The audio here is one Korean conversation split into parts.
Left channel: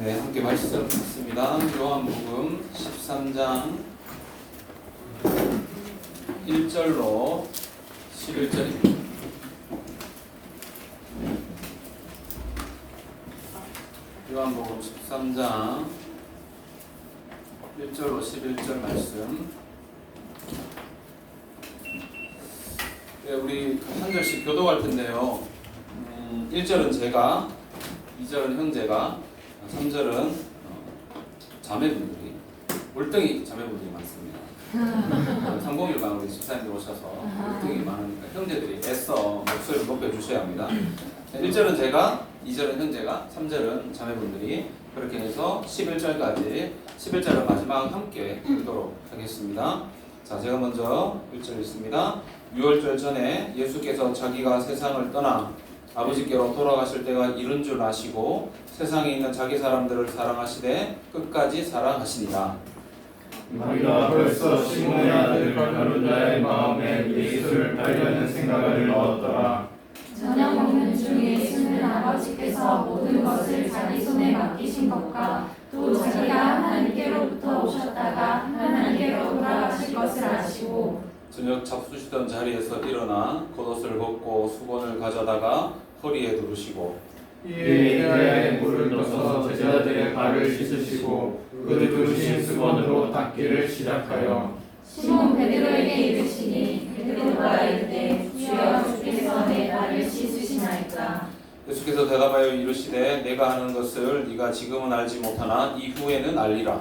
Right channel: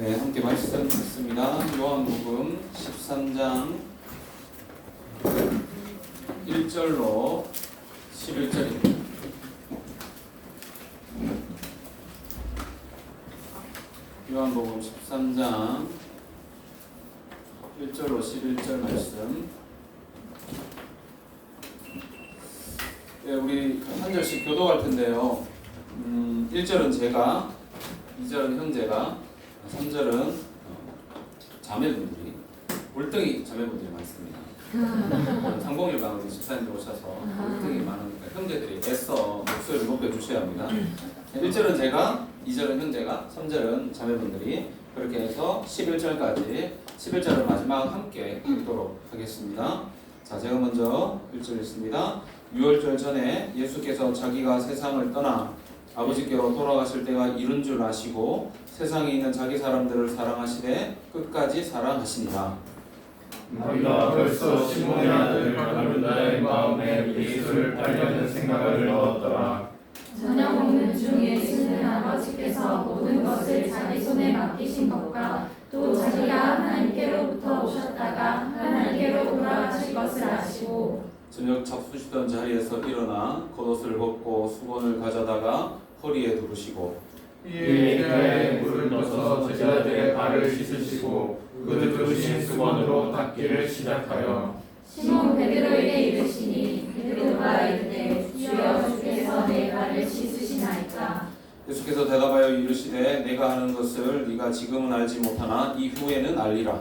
네, 함께 말씀 듣습니다. 요한복음 13장 1절로 11절입니다. 요한복음 13장 1절로 11절 말씀. 네, 우리 한 절씩 교독할 텐데요. 1절은 제가, 2절은 형제가, 3절은 자매분들이, 올등이 자매분들이 많습니다. 상봉일 강으로 집사님들 오셔서 올등이 많으니까 형제들이 애써 목소리를 높여주셔야 합니다. 1절은 제가, 2절은 형제가, 3절은 자매분들이, 그렇게 해서 11절까지 11절을 마지막 함께 읽도록 하겠습니다. 자, 제가 먼저 1절 읽습니다. 6월절 전에 예수께서 자기가 세상을 떠나 아버지께로 돌아가실 때가 이른 줄 아시고 세상에 있는 자기 사람들을 사랑하시되 끝까지 사랑하시니라. 우리가 벌써 시몬의 아들 가룟다의 마음에 예수를 알려는 생각을 넣었더라. 저녁 먹는 중 예수는 아버지께서 모든 것을 자기 손에 맡기신 것과 또 자기가 하나님께로부터 오셨다가 하나님께로 돌아가실 것을 아시고 저녁 잡수시던 자리에서 일어나 겉옷을 벗고 수건을 가져다가 허리에 두르시고 이에 이하에 물을 넣어서 제자들의 발을 씻으시고 그 두르신 수건으로 닦기를 시작하여 시몬 베드로에게 이르시니 베드로가 이르되 주여 주께서 내 발을 씻으시나이까. 예수께서 대답하여 이르시되 내가 하는 것을 네가 지금은 알지 못하나 이후에는 알리라.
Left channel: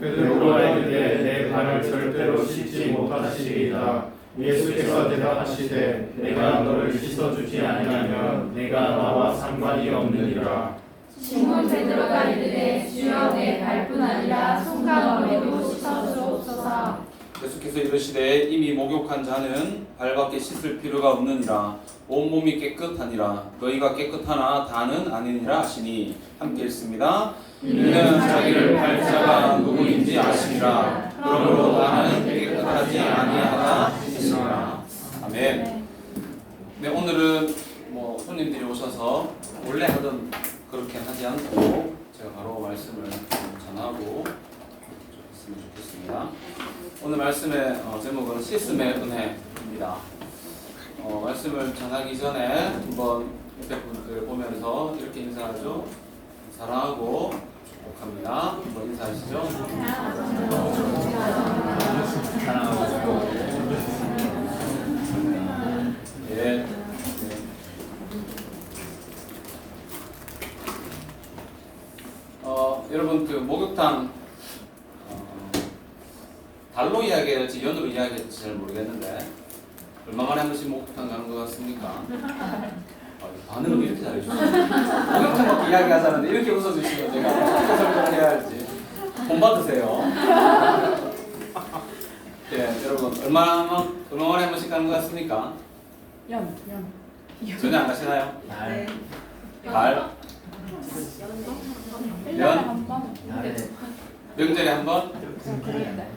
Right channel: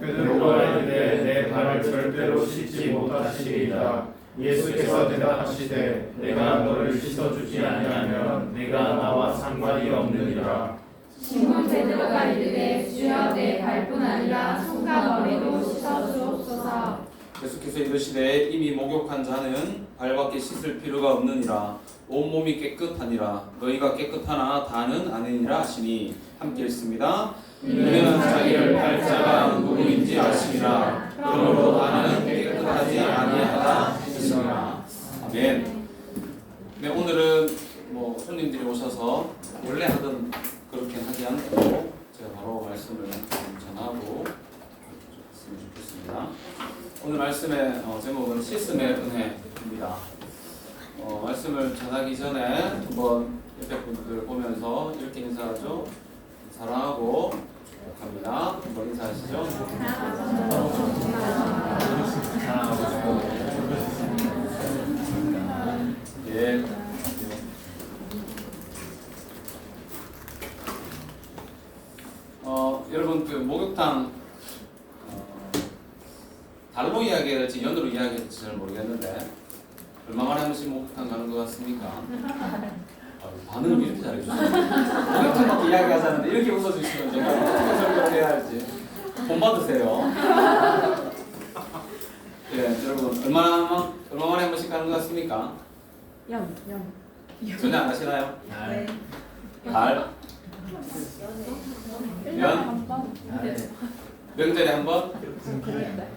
베드로가 이르되 내 발을 절대로 씻지 못하시리이다. 예수께서 대답하시되 내가 너를 씻어주지 아니하면 내가 나와 상관이 없느니라. 시몬 베드로가 이르되 주여 내 발뿐 아니라 손과 머리도 씻어 주옵소서. 예수께서 이르시되 이미 목욕한 자는 발밖에 씻을 필요가 없느니라. 온몸이 깨끗하니라. 너희가 깨끗하나 다는 아니니라 하시니. 함께 읽습니다. 이는 자기를 팔자가 누구인지 아시니라. 그러므로 나는 깨끗하지 아니하다 하시니라. 아멘. 네, 오늘은 손님들이 오셔서 원래 하던 그렇게 하지 않고 제가 바로 말씀을 전하고 했으면 좋겠습니다. 오늘 말씀의 제목은 씻음의 은혜입니다. 말씀을 전하기 전에 한번 옆에 분들 보면서 이렇게 인사하죠. 사랑하고 합니다. 한번 인사하시죠. 사랑하고 예. 여러분 그 목욕탕 달로 이야기할지 연으로 이야기할지 잘 모르겠는데 얼마 만에 한 번씩 목욕탕 가는 것 같습니까? 반응을 이렇게 잘해주시죠. 목욕탕밖에 이야기하자는데 이렇게 웃어주시면 제가 어떻게 설명을 해야 할지 본 받으세요. 예, 여러분 얼마 만에 한 번씩 가는 것 같습니까? 연. 전혀 안 가시나요? 네. 달? 1년에 한 번. 명절에 한 번? 그런데.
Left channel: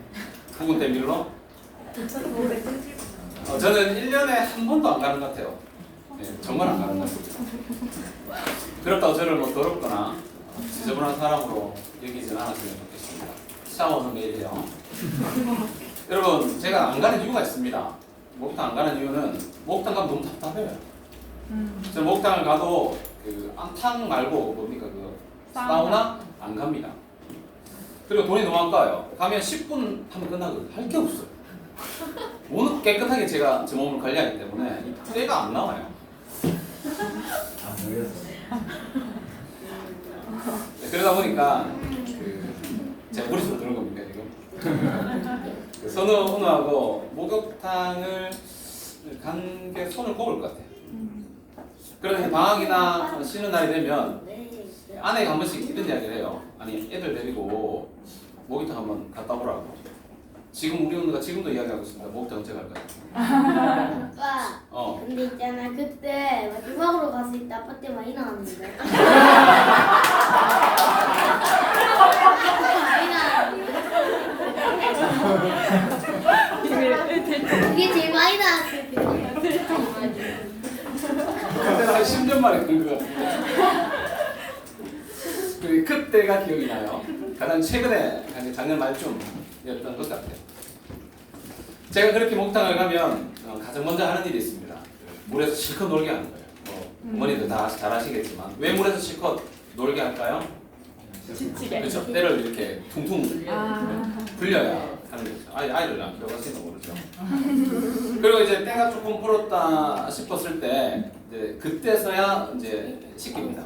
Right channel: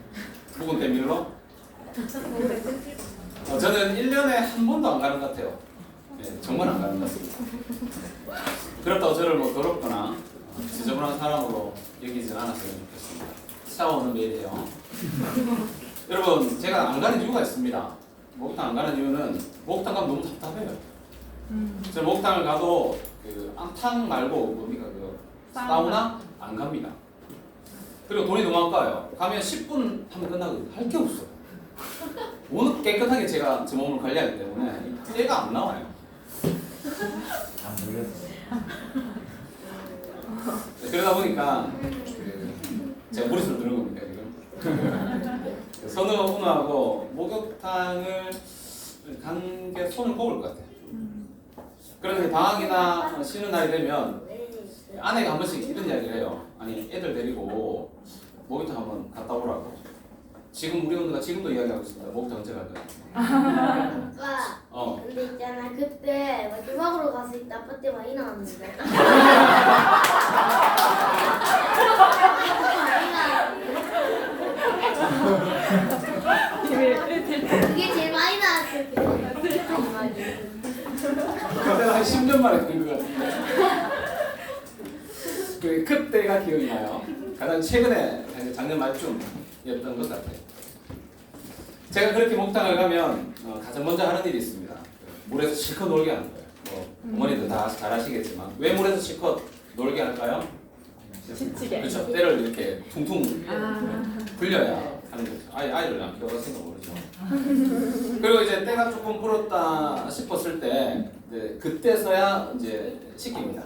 부근 때밀로? 저는 1년에 한 번도 안 가는 것 같아요. 네, 정말 안 가는 것 같습니다. 그렇다고 저를 더럽거나 지저분한 사람으로 여기진 않았으면 좋겠습니다. 샤워는 매일 해요. 여러분, 제가 안 가는 이유가 있습니다. 목욕탕 안 가는 이유는 목욕탕 가면 너무 답답해요. 저는 목욕탕을 가도 그 암탕 말고 뭡니까 그 사우나 안 갑니다. 그리고 돈이 너무 아까워요. 가면 10분 하면 끝나거든요. 할 게 없어요. 워낙 깨끗하게 제가 제 몸을 관리하기 때문에 때가 안 나와요. 그러다 보니까 제가 머릿속으로 드는 겁니까 지금? 선우하고 목욕탕을 간 게 손을 꼽을 것 같아요. 그래서 방학이나 쉬는 날이 되면 아내가 한 번씩 이런 이야기를 해요. 아니 애들 데리고 목욕탕 한번 갔다 오라고. 지금 우리 언니가 지금도 이야기하고 있습니다. 목욕탕 언제 갈 거야? 아빠. 근데 있잖아 그때 마지막으로 갔을 때 아빠 때 많이 나왔는데. 이게 제일 많이 나왔을 때. 그때가 한 10년 만에 그런 거 같아요. 그때가 기억이 나요. 가장 최근에 작년 말쯤이었던 것 같아요. 제가 그렇게 목탕을 가면 가장 먼저 하는 일이 있습니다. 물에서 실컷 놀게 하는 거예요. 어머니들 다 잘 아시겠지만 왜 물에서 실컷 놀게 할까요? 지치게. 그렇죠. 때를 이렇게 퉁퉁 아. 불려야 하는 거죠. 아이를 안 키워봤으니까 모르죠. 그리고 이제 때가 조금 불었다 싶었을 때 이제 그때서야 이제 씻깁니다.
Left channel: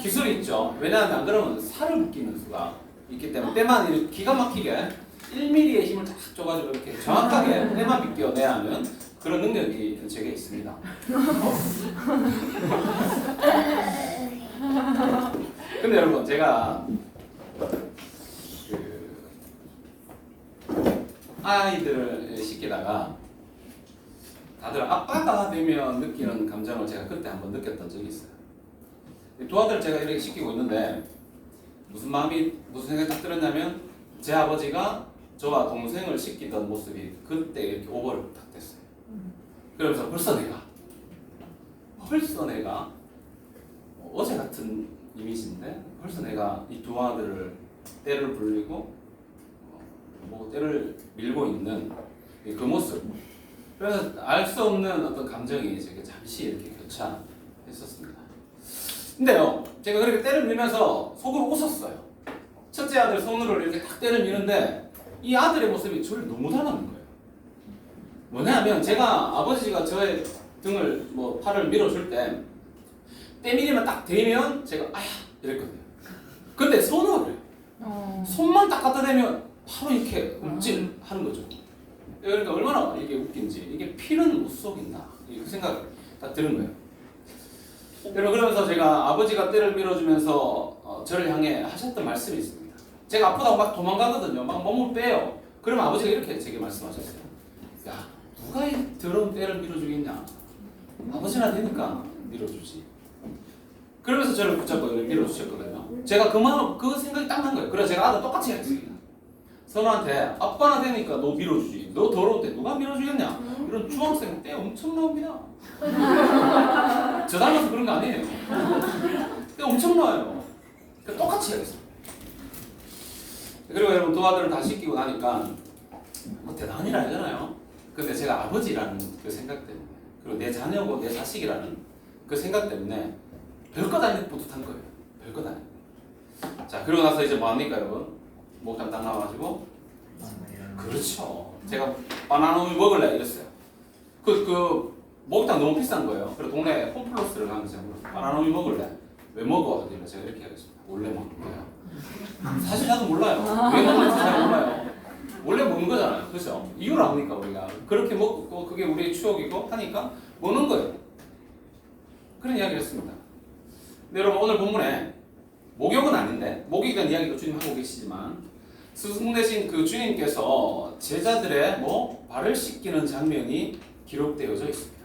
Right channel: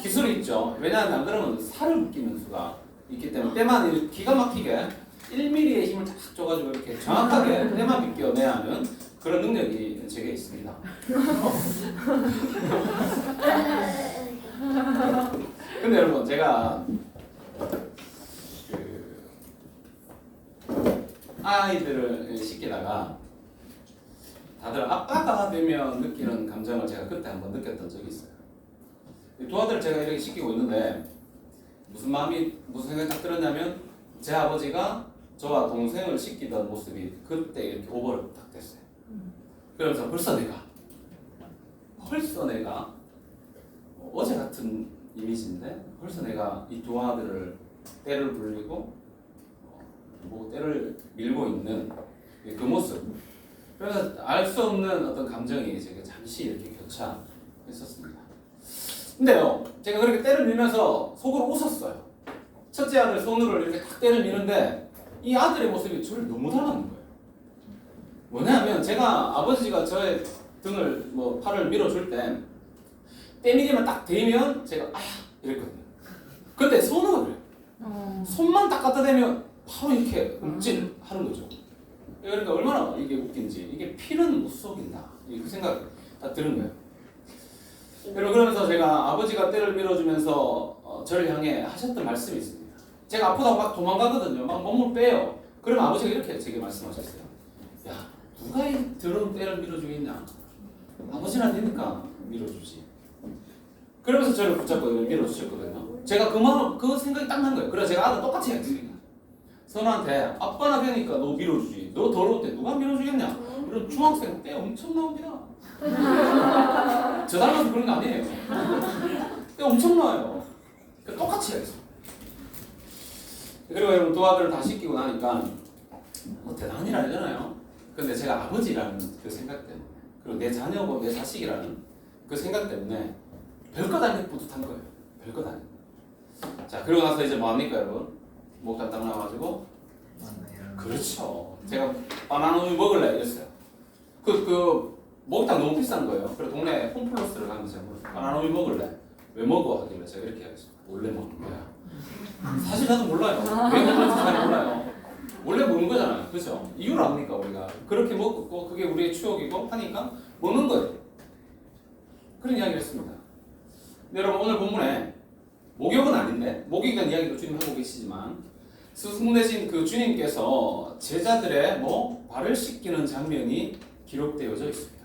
기술이 있죠. 왜냐하면 안 그러면 살을 묶이는 수가 있기 때문에 때만 이렇게 기가 막히게 1mm의 힘을 딱 줘가지고 이렇게 정확하게 때만 비껴내야 하는 그런 능력이 제게 있습니다. 근데 여러분 제가 아이들을 시키다가 다들 아빠가 되면 느끼는 감정을 제가 그때 한번 느꼈던 적이 있어요. 두 아들을 제가 이렇게 시키고 있는데 무슨 생각이 딱 들었냐면 제 아버지가 저와 동생을 시키던 모습이 그때 이렇게 오버를 딱 됐어요. 그러면서 벌써 내가 어제 같은 이미지인데 벌써 내가 이 두 아들을 때를 불리고 때를 밀고 있는 그 모습. 그래서 알 수 없는 어떤 감정이 제게 잠시 이렇게 교차했었습니다. 근데요, 제가 그렇게 때를 밀면서 속으로 웃었어요. 첫째 아들 손으로 이렇게 딱 때를 미는데 이 아들의 모습이 저를 너무 닮았는 거예요. 뭐냐면 제가 아버지가 저의 등을 팔을 밀어줄 때 때밀이만 딱 대면 제가 아야 이랬거든요. 근데 손으로 그래요. 손만 딱 갖다 대면 바로 이렇게 움찔하는 거죠. 그러니까 얼마나 이게 웃긴지 이게 피는 못 속인다 그 생각 딱 드는 거예요. 그러면서 제가 아버지가 때를 밀어주면서 저를 향해 하셨던 말씀이 있습니다. 제가 아프다고 막 도망가거든요. 막 몸을 빼요. 그러면 아버지가 이렇게 제게 말씀하셨어요. 야, 누가 이 더러운 때를 밀어주겠냐? 아버지나 되니까 밀어주지. 그러면서 저를 붙잡고 밀어주셨거든요. 제가 그 생각이 딱 난 거예요. 그래서 제가 아들 똑같이 했습니다. 선우한테 아빠나 되니까 너 밀어주지. 너 더러울 때 누가 밀어주겠냐? 이런 중학생 때 엄청 나옵니다. 저 닮아서 그런 거 아니에요. 때 엄청 나와요. 똑같이 했어요. 그리고 여러분 두 아들을 다 시키고 나니까 대단한 일 아니잖아요. 근데 제가 아버지라는 그 생각 때문에 그리고 내 자녀고 내 자식이라는 그 생각 때문에 별것 아닌 뿌듯한 거예요. 별것 아닌. 자 그리고 나서 이제 뭐 합니까 여러분? 목욕탕 딱 나와가지고 그렇죠. 제가 바나나 우유 먹을래 이랬어요. 그 목욕탕 너무 비싼 거예요. 그래서 동네 홈플러스를 가면서 바나나 우유 먹을래? 왜 먹어? 하길래 제가 이렇게 하겠습니다. 원래 먹는 거야. 사실 나도 몰라요. 왜 먹는지 잘 몰라요. 원래 먹는 거잖아요. 그렇죠? 이유를 아니까 우리가 그렇게 먹고 그게 우리의 추억이고 하니까 먹는 거예요. 그런 이야기를 했습니다. 근데 여러분 오늘 본문에 목욕은 아닌데 목욕에 대한 이야기도 주님 하고 계시지만 스승 되신 그 주님께서 제자들의 발을 씻기는 장면이 기록되어져 있습니다.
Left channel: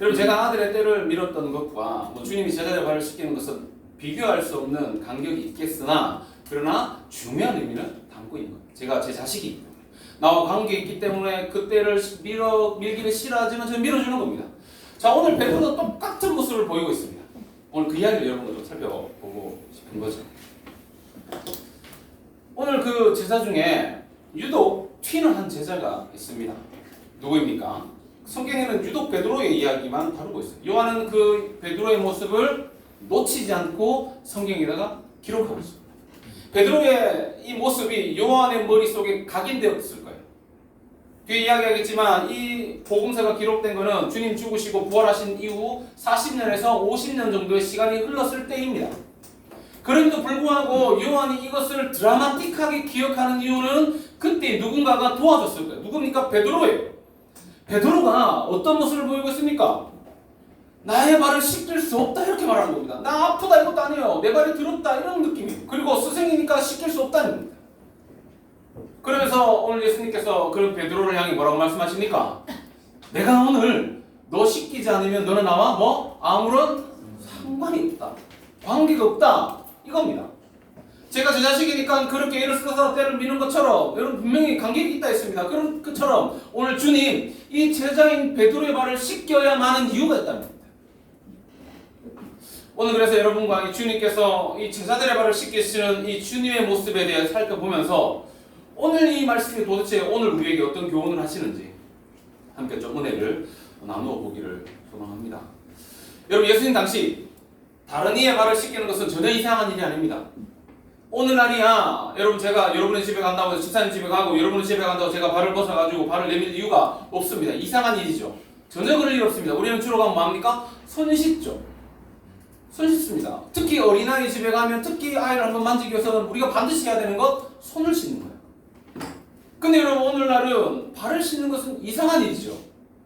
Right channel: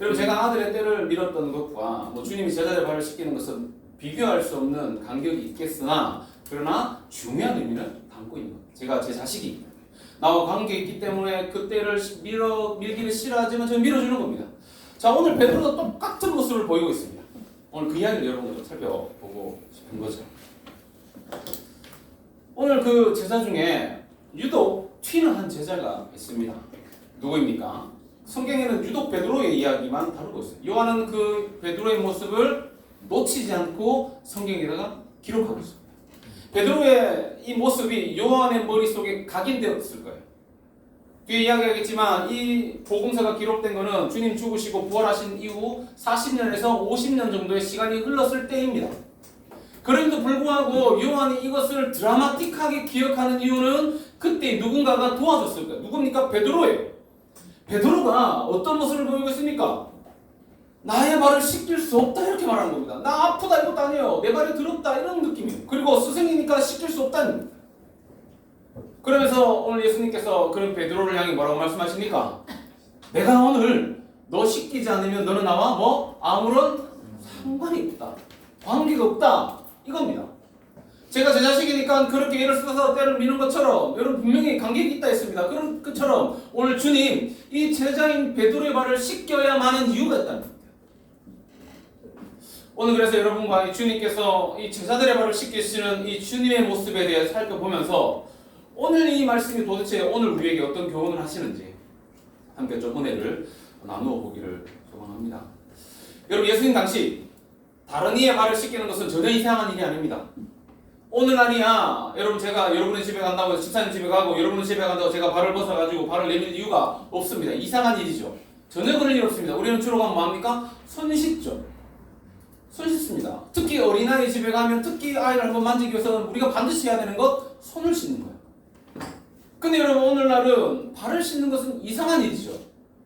여러분 제가 아들의 때를 밀었던 것과 주님이 제자들의 발을 씻기는 것은 비교할 수 없는 간격이 있겠으나 그러나 중요한 의미를 담고 있는 겁니다. 제가 제 자식이기 때문에 나와 관계가 있기 때문에 그 때를 밀기는 싫어하지만 저는 밀어주는 겁니다. 자 오늘 베드로도 똑같은 모습을 보이고 있습니다. 오늘 그 이야기를 여러분들과 살펴보고 싶은 거죠. 오늘 그 제자 중에 유독 튀는 한 제자가 있습니다. 누구입니까? 성경에는 유독 베드로의 이야기만 다루고 있어요. 요한은 그 베드로의 모습을 놓치지 않고 성경에다가 기록하고 있습니다. 베드로의 이 모습이 요한의 머릿속에 각인되었을 거예요. 뒤에 이야기하겠지만 이 복음서가 기록된 것은 주님 죽으시고 부활하신 이후 40년에서 50년 정도의 시간이 흘렀을 때입니다. 그럼에도 불구하고 요한이 이것을 드라마틱하게 기억하는 이유는 그때 누군가가 도와줬을 거예요. 누굽니까? 베드로예요. 베드로가 어떤 모습을 보이고 있습니까? 나의 발을 씻길 수 없다 이렇게 말하는 겁니다. 나 아프다 이것도 아니에요. 내 발이 더럽다 이런 느낌이에요. 그리고 스승이니까 씻길 수 없다는 겁니다. 그러면서 오늘 예수님께서 그런 베드로를 향해 뭐라고 말씀하십니까? 내가 오늘 너 씻기지 않으면 너는 나와 아무런 상관이 없다. 관계가 없다. 이겁니다. 제가 제 자식이니까 그렇게 예를 써서 때를 미는 것처럼 여러분 분명히 관계가 있다 했습니다. 그런 것처럼 오늘 주님 이 제자인 베드로의 발을 씻겨야만 하는 이유가 있다는 겁니다. 오늘 그래서 여러분과 이 주님께서 이 제자들의 발을 씻기시는 이 주님의 모습에 대해 살펴보면서 오늘 이 말씀이 도대체 오늘 우리에게 어떤 교훈을 하시는지 함께 좀 은혜를 나누어 보기를 소망합니다. 여러분, 예수님 당시 다른 이의 발을 씻기는 것은 전혀 이상한 일이 아닙니다. 오늘날이야 여러분, 제가 여러분의 집에 간다고 해서 집사님 집에 가고 여러분의 집에 간다고 제가 발을 벗어가지고 발을 내밀 이유가 없습니다. 이상한 일이죠. 전혀 그럴 일 없습니다. 우리는 주로 가면 뭐합니까? 손 씻죠. 손 씻습니다. 특히 어린아이 집에 가면 특히 아이를 한번 만지기 위해서는 우리가 반드시 해야 되는 것, 손을 씻는 거예요. 근데 여러분, 오늘날은 발을 씻는 것은 이상한 일이죠.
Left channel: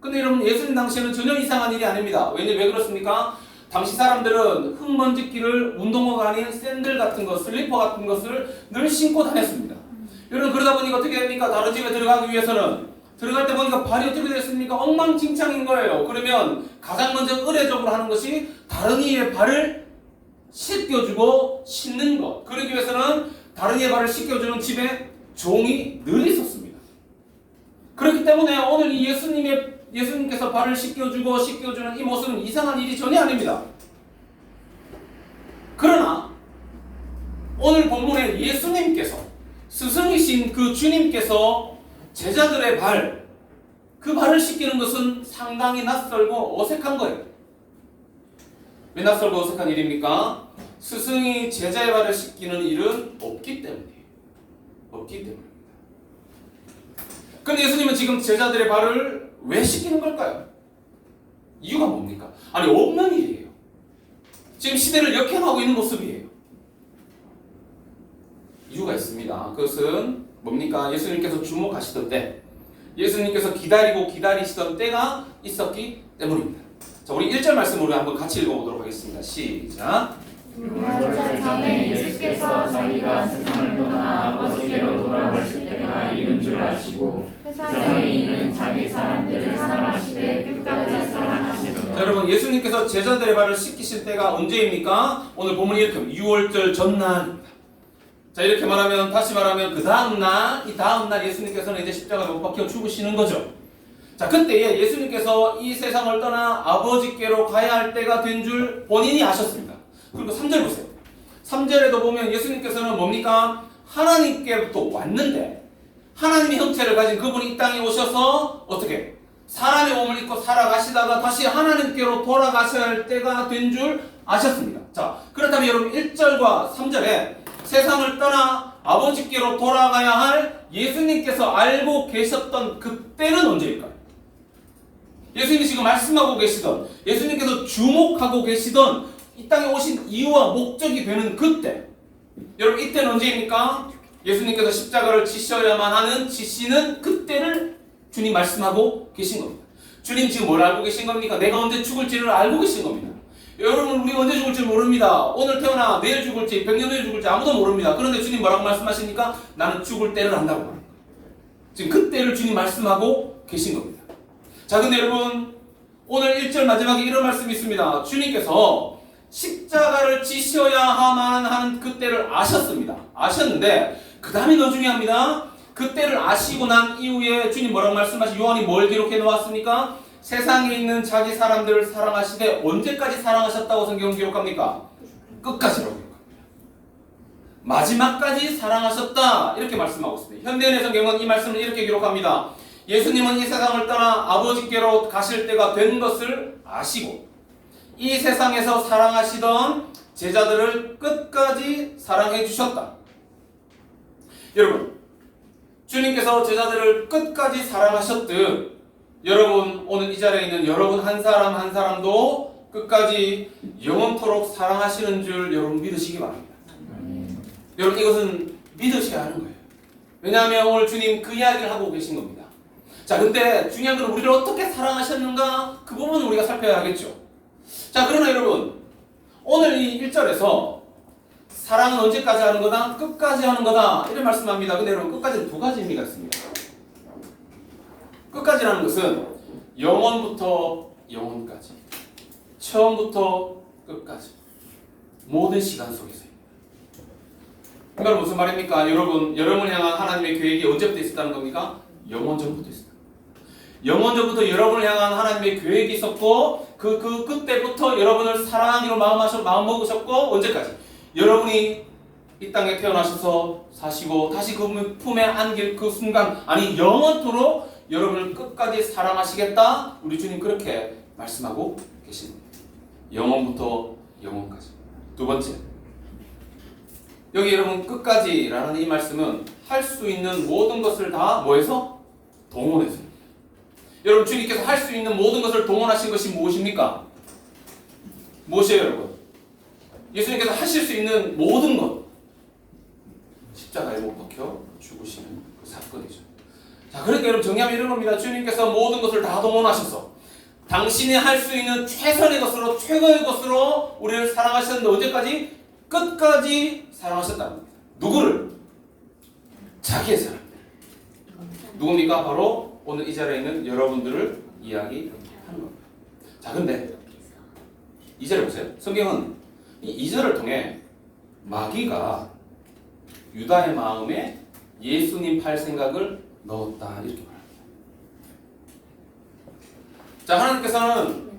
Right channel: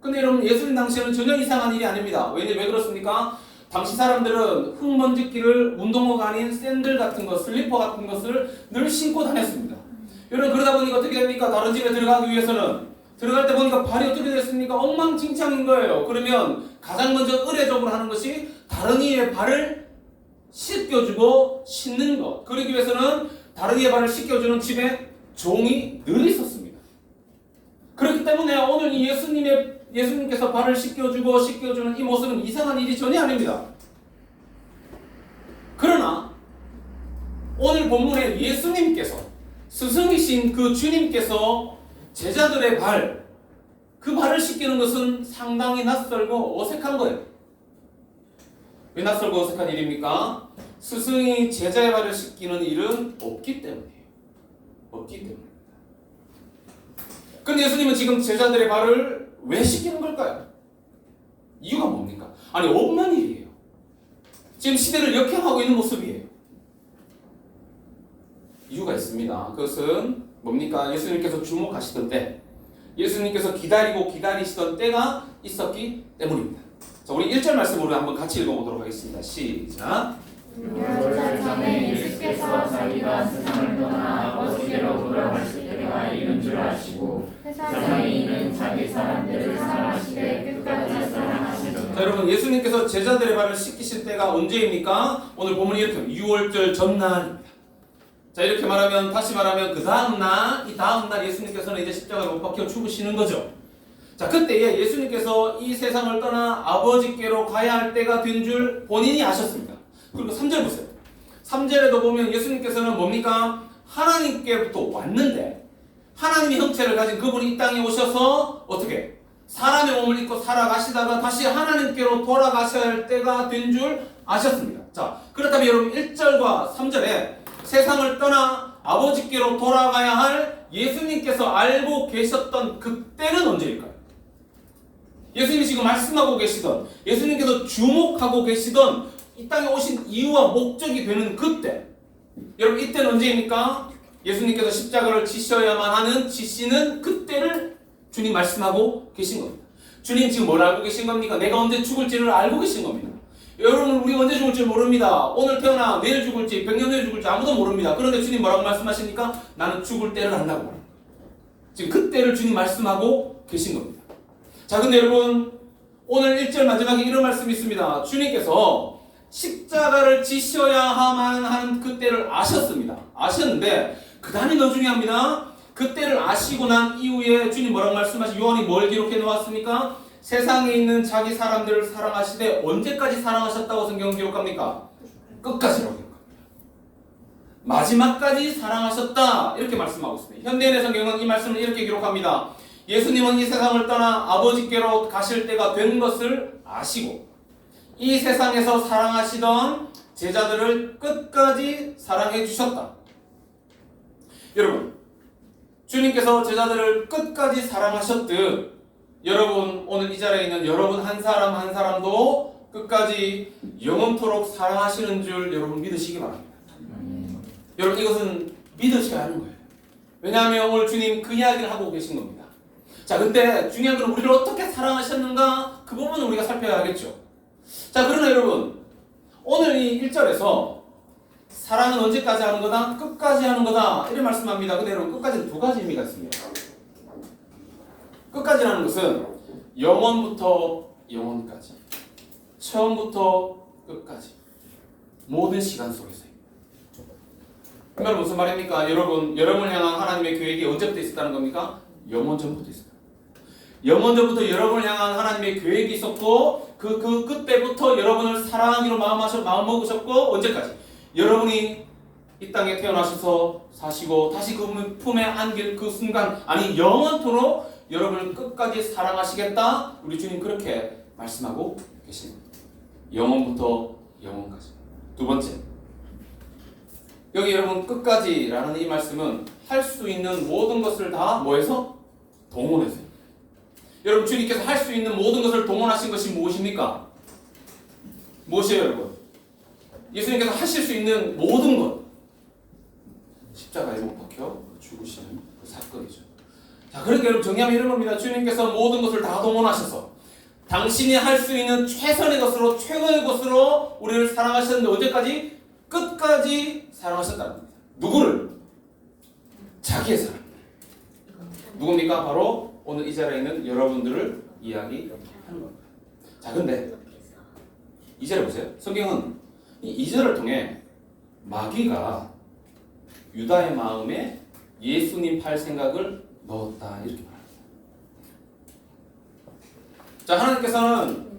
근데 여러분, 예수님 당시에는 전혀 이상한 일이 아닙니다. 왜 그렇습니까? 당시 사람들은 흙먼지기를 운동화가 아닌 샌들 같은 것, 슬리퍼 같은 것을 늘 신고 다녔습니다. 여러분, 그러다 보니까 어떻게 됩니까? 다른 집에 들어가기 위해서는 들어갈 때 보니까 발이 어떻게 됐습니까? 엉망진창인 거예요. 그러면 가장 먼저 의례적으로 하는 것이 다른 이의 발을 씻겨주고 씻는 것. 그러기 위해서는 다른 이의 발을 씻겨주는 집에 종이 늘 있었습니다. 그렇기 때문에 오늘 이 예수님께서 발을 씻겨주고 씻겨주는 이 모습은 이상한 일이 전혀 아닙니다. 그러나 오늘 본문에 예수님께서, 스승이신 그 주님께서 제자들의 발, 그 발을 씻기는 것은 상당히 낯설고 어색한 거예요. 왜 낯설고 어색한 일입니까? 스승이 제자의 발을 씻기는 일은 없기 때문이에요. 없기 때문입니다. 근데 예수님은 지금 제자들의 발을 왜 씻기는 걸까요? 이유가 뭡니까? 아니, 없는 일이에요. 지금 시대를 역행하고 있는 모습이에요. 이유가 있습니다. 그것은 뭡니까? 예수님께서 주목하시던 때, 예수님께서 기다리시던 때가 있었기 때문입니다. 자, 우리 1절 말씀으로 한번 같이 읽어보도록 하겠습니다. 시작. 6절 전에 예수께서 자기가 세상을 떠나 아버지께로 돌아가실 때가 이른 줄 아시고 세상에 있는 자기 사람들을 사랑하시되 끝까지 사랑하시더라. 자, 여러분, 예수님께서 제자들의 발을 씻기실 때가 언제입니까? 오늘 본문이 이렇게 6월절 전날. 자, 이렇게 말하면, 다시 말하면 그 다음날, 이 다음날 예수님께서는 이제 십자가에 못 박혀 죽으시는 거죠. 자, 그때에 예수님께서 이 세상을 떠나 아버지께로 가야 할 때가 된 줄 본인이 아셨습니다. 그리고 3절 보세요. 3절에도 보면 예수님께서는 뭡니까? 하나님께부터 왔는데 하나님의 형체를 가진 그분이 이 땅에 오셔서 어떻게? 사람의 몸을 입고 살아가시다가 다시 하나님께로 돌아가셔야 할 때가 된 줄 아셨습니다. 자, 그렇다면 여러분 1절과 3절에 세상을 떠나 아버지께로 돌아가야 할 예수님께서 알고 계셨던 그때는 언제일까요? 예수님이 지금 말씀하고 계시던, 예수님께서 주목하고 계시던 이 땅에 오신 이유와 목적이 되는 그때, 여러분 이때는 언제입니까? 예수님께서 십자가를 지셔야만 하는 지시는 그때를 주님 말씀하고 계신 겁니다. 주님 지금 뭘 알고 계신 겁니까? 내가 언제 죽을지를 알고 계신 겁니다. 여러분, 우리 언제 죽을지 모릅니다. 오늘 태어나 내일 죽을지 100년 후에 죽을지 아무도 모릅니다. 그런데 주님 뭐라고 말씀하시니까? 나는 죽을 때를 안다고 말합니다. 지금 그때를 주님 말씀하고 계신 겁니다. 자, 근데 여러분, 오늘 1절 마지막에 이런 말씀이 있습니다. 주님께서 십자가를 지셔야만 하는 그때를 아셨습니다. 아셨는데 그 다음이 더 중요합니다. 그때를 아시고 난 이후에 주님 뭐라고 말씀하시? 요한이 뭘 기록해 놓았습니까? 세상에 있는 자기 사람들을 사랑하시되 언제까지 사랑하셨다고 성경은 기록합니까? 끝까지라고 기록합니다. 마지막까지 사랑하셨다, 이렇게 말씀하고 있습니다. 현대인의 성경은 이 말씀을 이렇게 기록합니다. 예수님은 이 세상을 떠나 아버지께로 가실 때가 된 것을 아시고 이 세상에서 사랑하시던 제자들을 끝까지 사랑해 주셨다. 여러분, 주님께서 제자들을 끝까지 사랑하셨듯 여러분, 오늘 이 자리에 있는 여러분 한 사람 한 사람도 끝까지 영원토록 사랑하시는 줄 여러분 믿으시기 바랍니다. 여러분, 이것은 믿으셔야 하는 거예요. 왜냐하면 오늘 주님 그 이야기를 하고 계신 겁니다. 자, 근데 중요한 건 우리를 어떻게 사랑하셨는가, 그 부분을 우리가 살펴야 하겠죠. 자, 그러나 여러분, 오늘 이 1절에서 사랑은 언제까지 하는 거다? 끝까지 하는 거다, 이런 말씀합니다. 근데 여러분, 끝까지는 두 가지 의미가 있습니다. 끝까지라는 것은 영원부터 영원까지, 처음부터 끝까지, 모든 시간 속에서입니다. 그 말은 무슨 말입니까? 여러분, 여러분을 향한 하나님의 계획이 언제부터 있었다는 겁니까? 영원 전부터 있었다. 영원전부터 여러분을 향한 하나님의 계획이 있었고 그때부터 여러분을 사랑하기로 마음먹으셨고 언제까지? 여러분이 이 땅에 태어나셔서 사시고 다시 그 품에 안길 그 순간 아니 영원토록 여러분을 끝까지 사랑하시겠다. 우리 주님 그렇게 말씀하고 계십니다. 영원부터 영원까지. 두 번째, 여기 여러분 끝까지라는 이 말씀은 할 수 있는 모든 것을 다 뭐해서? 동원해서. 여러분 주님께서 할 수 있는 모든 것을 동원하신 것이 무엇입니까? 무엇이에요 여러분? 예수님께서 하실 수 있는 모든 것 십자가에 못 박혀 죽으시는 그 사건이죠. 자, 그러니까 여러분 정리하면 이런 겁니다. 주님께서 모든 것을 다 동원하셔서 당신이 할 수 있는 최선의 것으로 최고의 것으로 우리를 사랑하셨는데 언제까지? 끝까지 사랑하셨다는 겁니다. 누구를? 자기의 사람. 누굽니까? 바로 오늘 이 자리에 있는 여러분들을 이야기하는 겁니다. 자, 근데 이 자리 보세요. 성경은 이 2절을 통해 마귀가 유다의 마음에 예수님 팔 생각을 넣었다 이렇게 말합니다. 자, 하나님께서는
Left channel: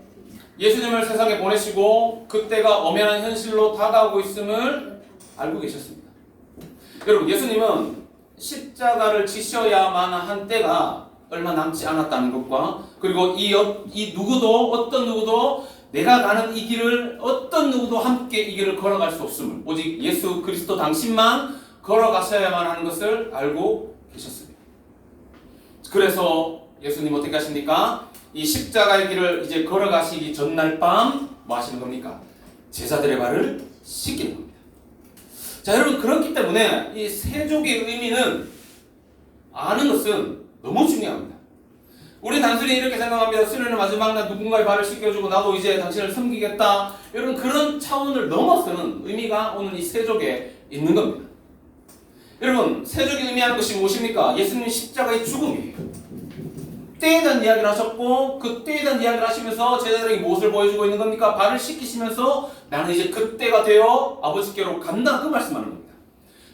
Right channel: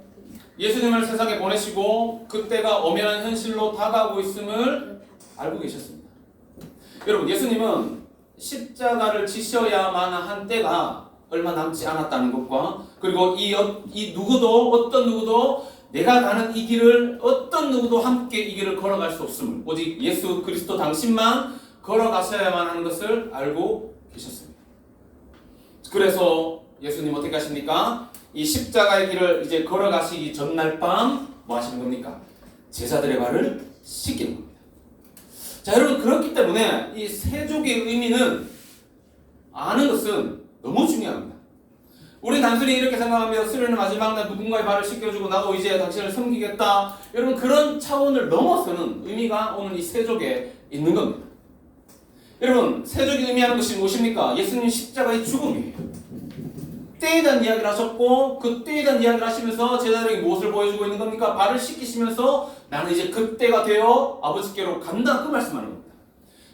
예수님을 세상에 보내시고 그때가 엄연한 현실로 다가오고 있음을 알고 계셨습니다. 여러분 예수님은 십자가를 지셔야만 한 때가 얼마 남지 않았다는 것과 그리고 이 누구도 어떤 누구도 내가 가는 이 길을 어떤 누구도 함께 이 길을 걸어갈 수 없음을 오직 예수 그리스도 당신만 걸어가셔야만 하는 것을 알고 계셨습니다. 그래서 예수님 어떻게 하십니까? 이 십자가의 길을 이제 걸어가시기 전날 밤 뭐 하시는 겁니까? 제자들의 발을 씻기는 겁니다. 자, 여러분 그렇기 때문에 이 세족의 의미는 아는 것은 너무 중요합니다. 우리 단순히 이렇게 생각합니다. 수련의 마지막 날 누군가의 발을 씻겨주고 나도 이제 당신을 섬기겠다. 여러분 그런 차원을 넘어서는 의미가 오늘 이 세족에 있는 겁니다. 여러분 세족이 의미하는 것이 무엇입니까? 예수님 십자가의 죽음이에요. 때에 대한 이야기를 하셨고 그 때에 대한 이야기를 하시면서 제자들에게 무엇을 보여주고 있는 겁니까? 발을 씻기시면서 나는 이제 그때가 되어 아버지께로 간다 그 말씀하는 겁니다.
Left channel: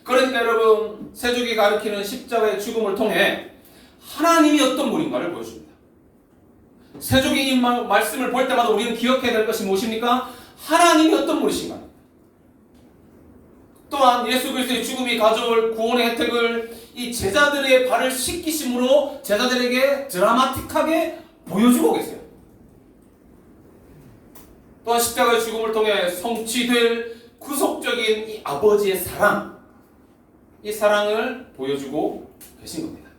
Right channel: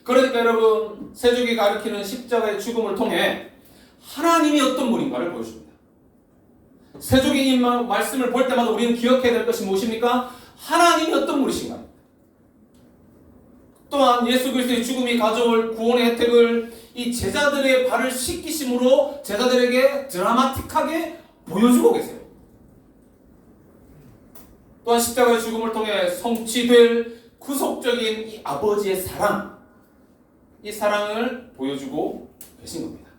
그러니까 여러분 세족이 가리키는 십자가의 죽음을 통해 하나님이 어떤 분인가를 보여줍니다. 세족이 이 말씀을 볼 때마다 우리는 기억해야 될 것이 무엇입니까? 하나님이 어떤 분이신가? 또한 예수 그리스도의 죽음이 가져올 구원의 혜택을 이 제자들의 발을 씻기심으로 제자들에게 드라마틱하게 보여주고 계세요. 또한 십자가의 죽음을 통해 성취될 구속적인 이 아버지의 사랑, 이 사랑을 보여주고 계신 겁니다.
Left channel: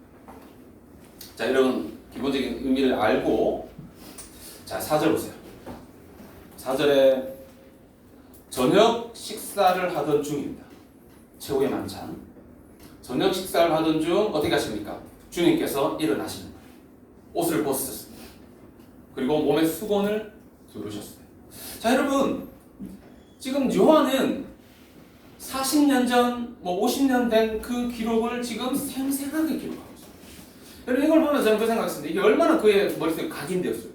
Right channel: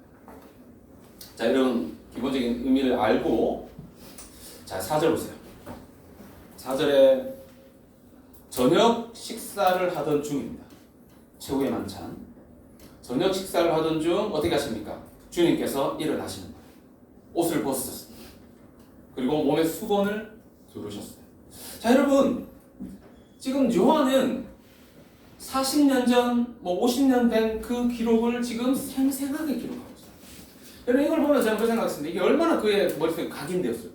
자, 여러분 기본적인 의미를 알고 자 4절 보세요. 4절에 저녁 식사를 하던 중입니다. 최후의 만찬. 저녁 식사를 하던 중 어떻게 하십니까? 주님께서 일어나시는 거예요. 옷을 벗으셨습니다. 그리고 몸에 수건을 두르셨어요. 자, 여러분 지금 요한은 40년 전, 50년 된 그 기록을 지금 생생하게 기록하고 있어요. 여러분 이걸 보면 저는 그 생각했습니다. 이게 얼마나 그의 머릿속에 각인되었을까?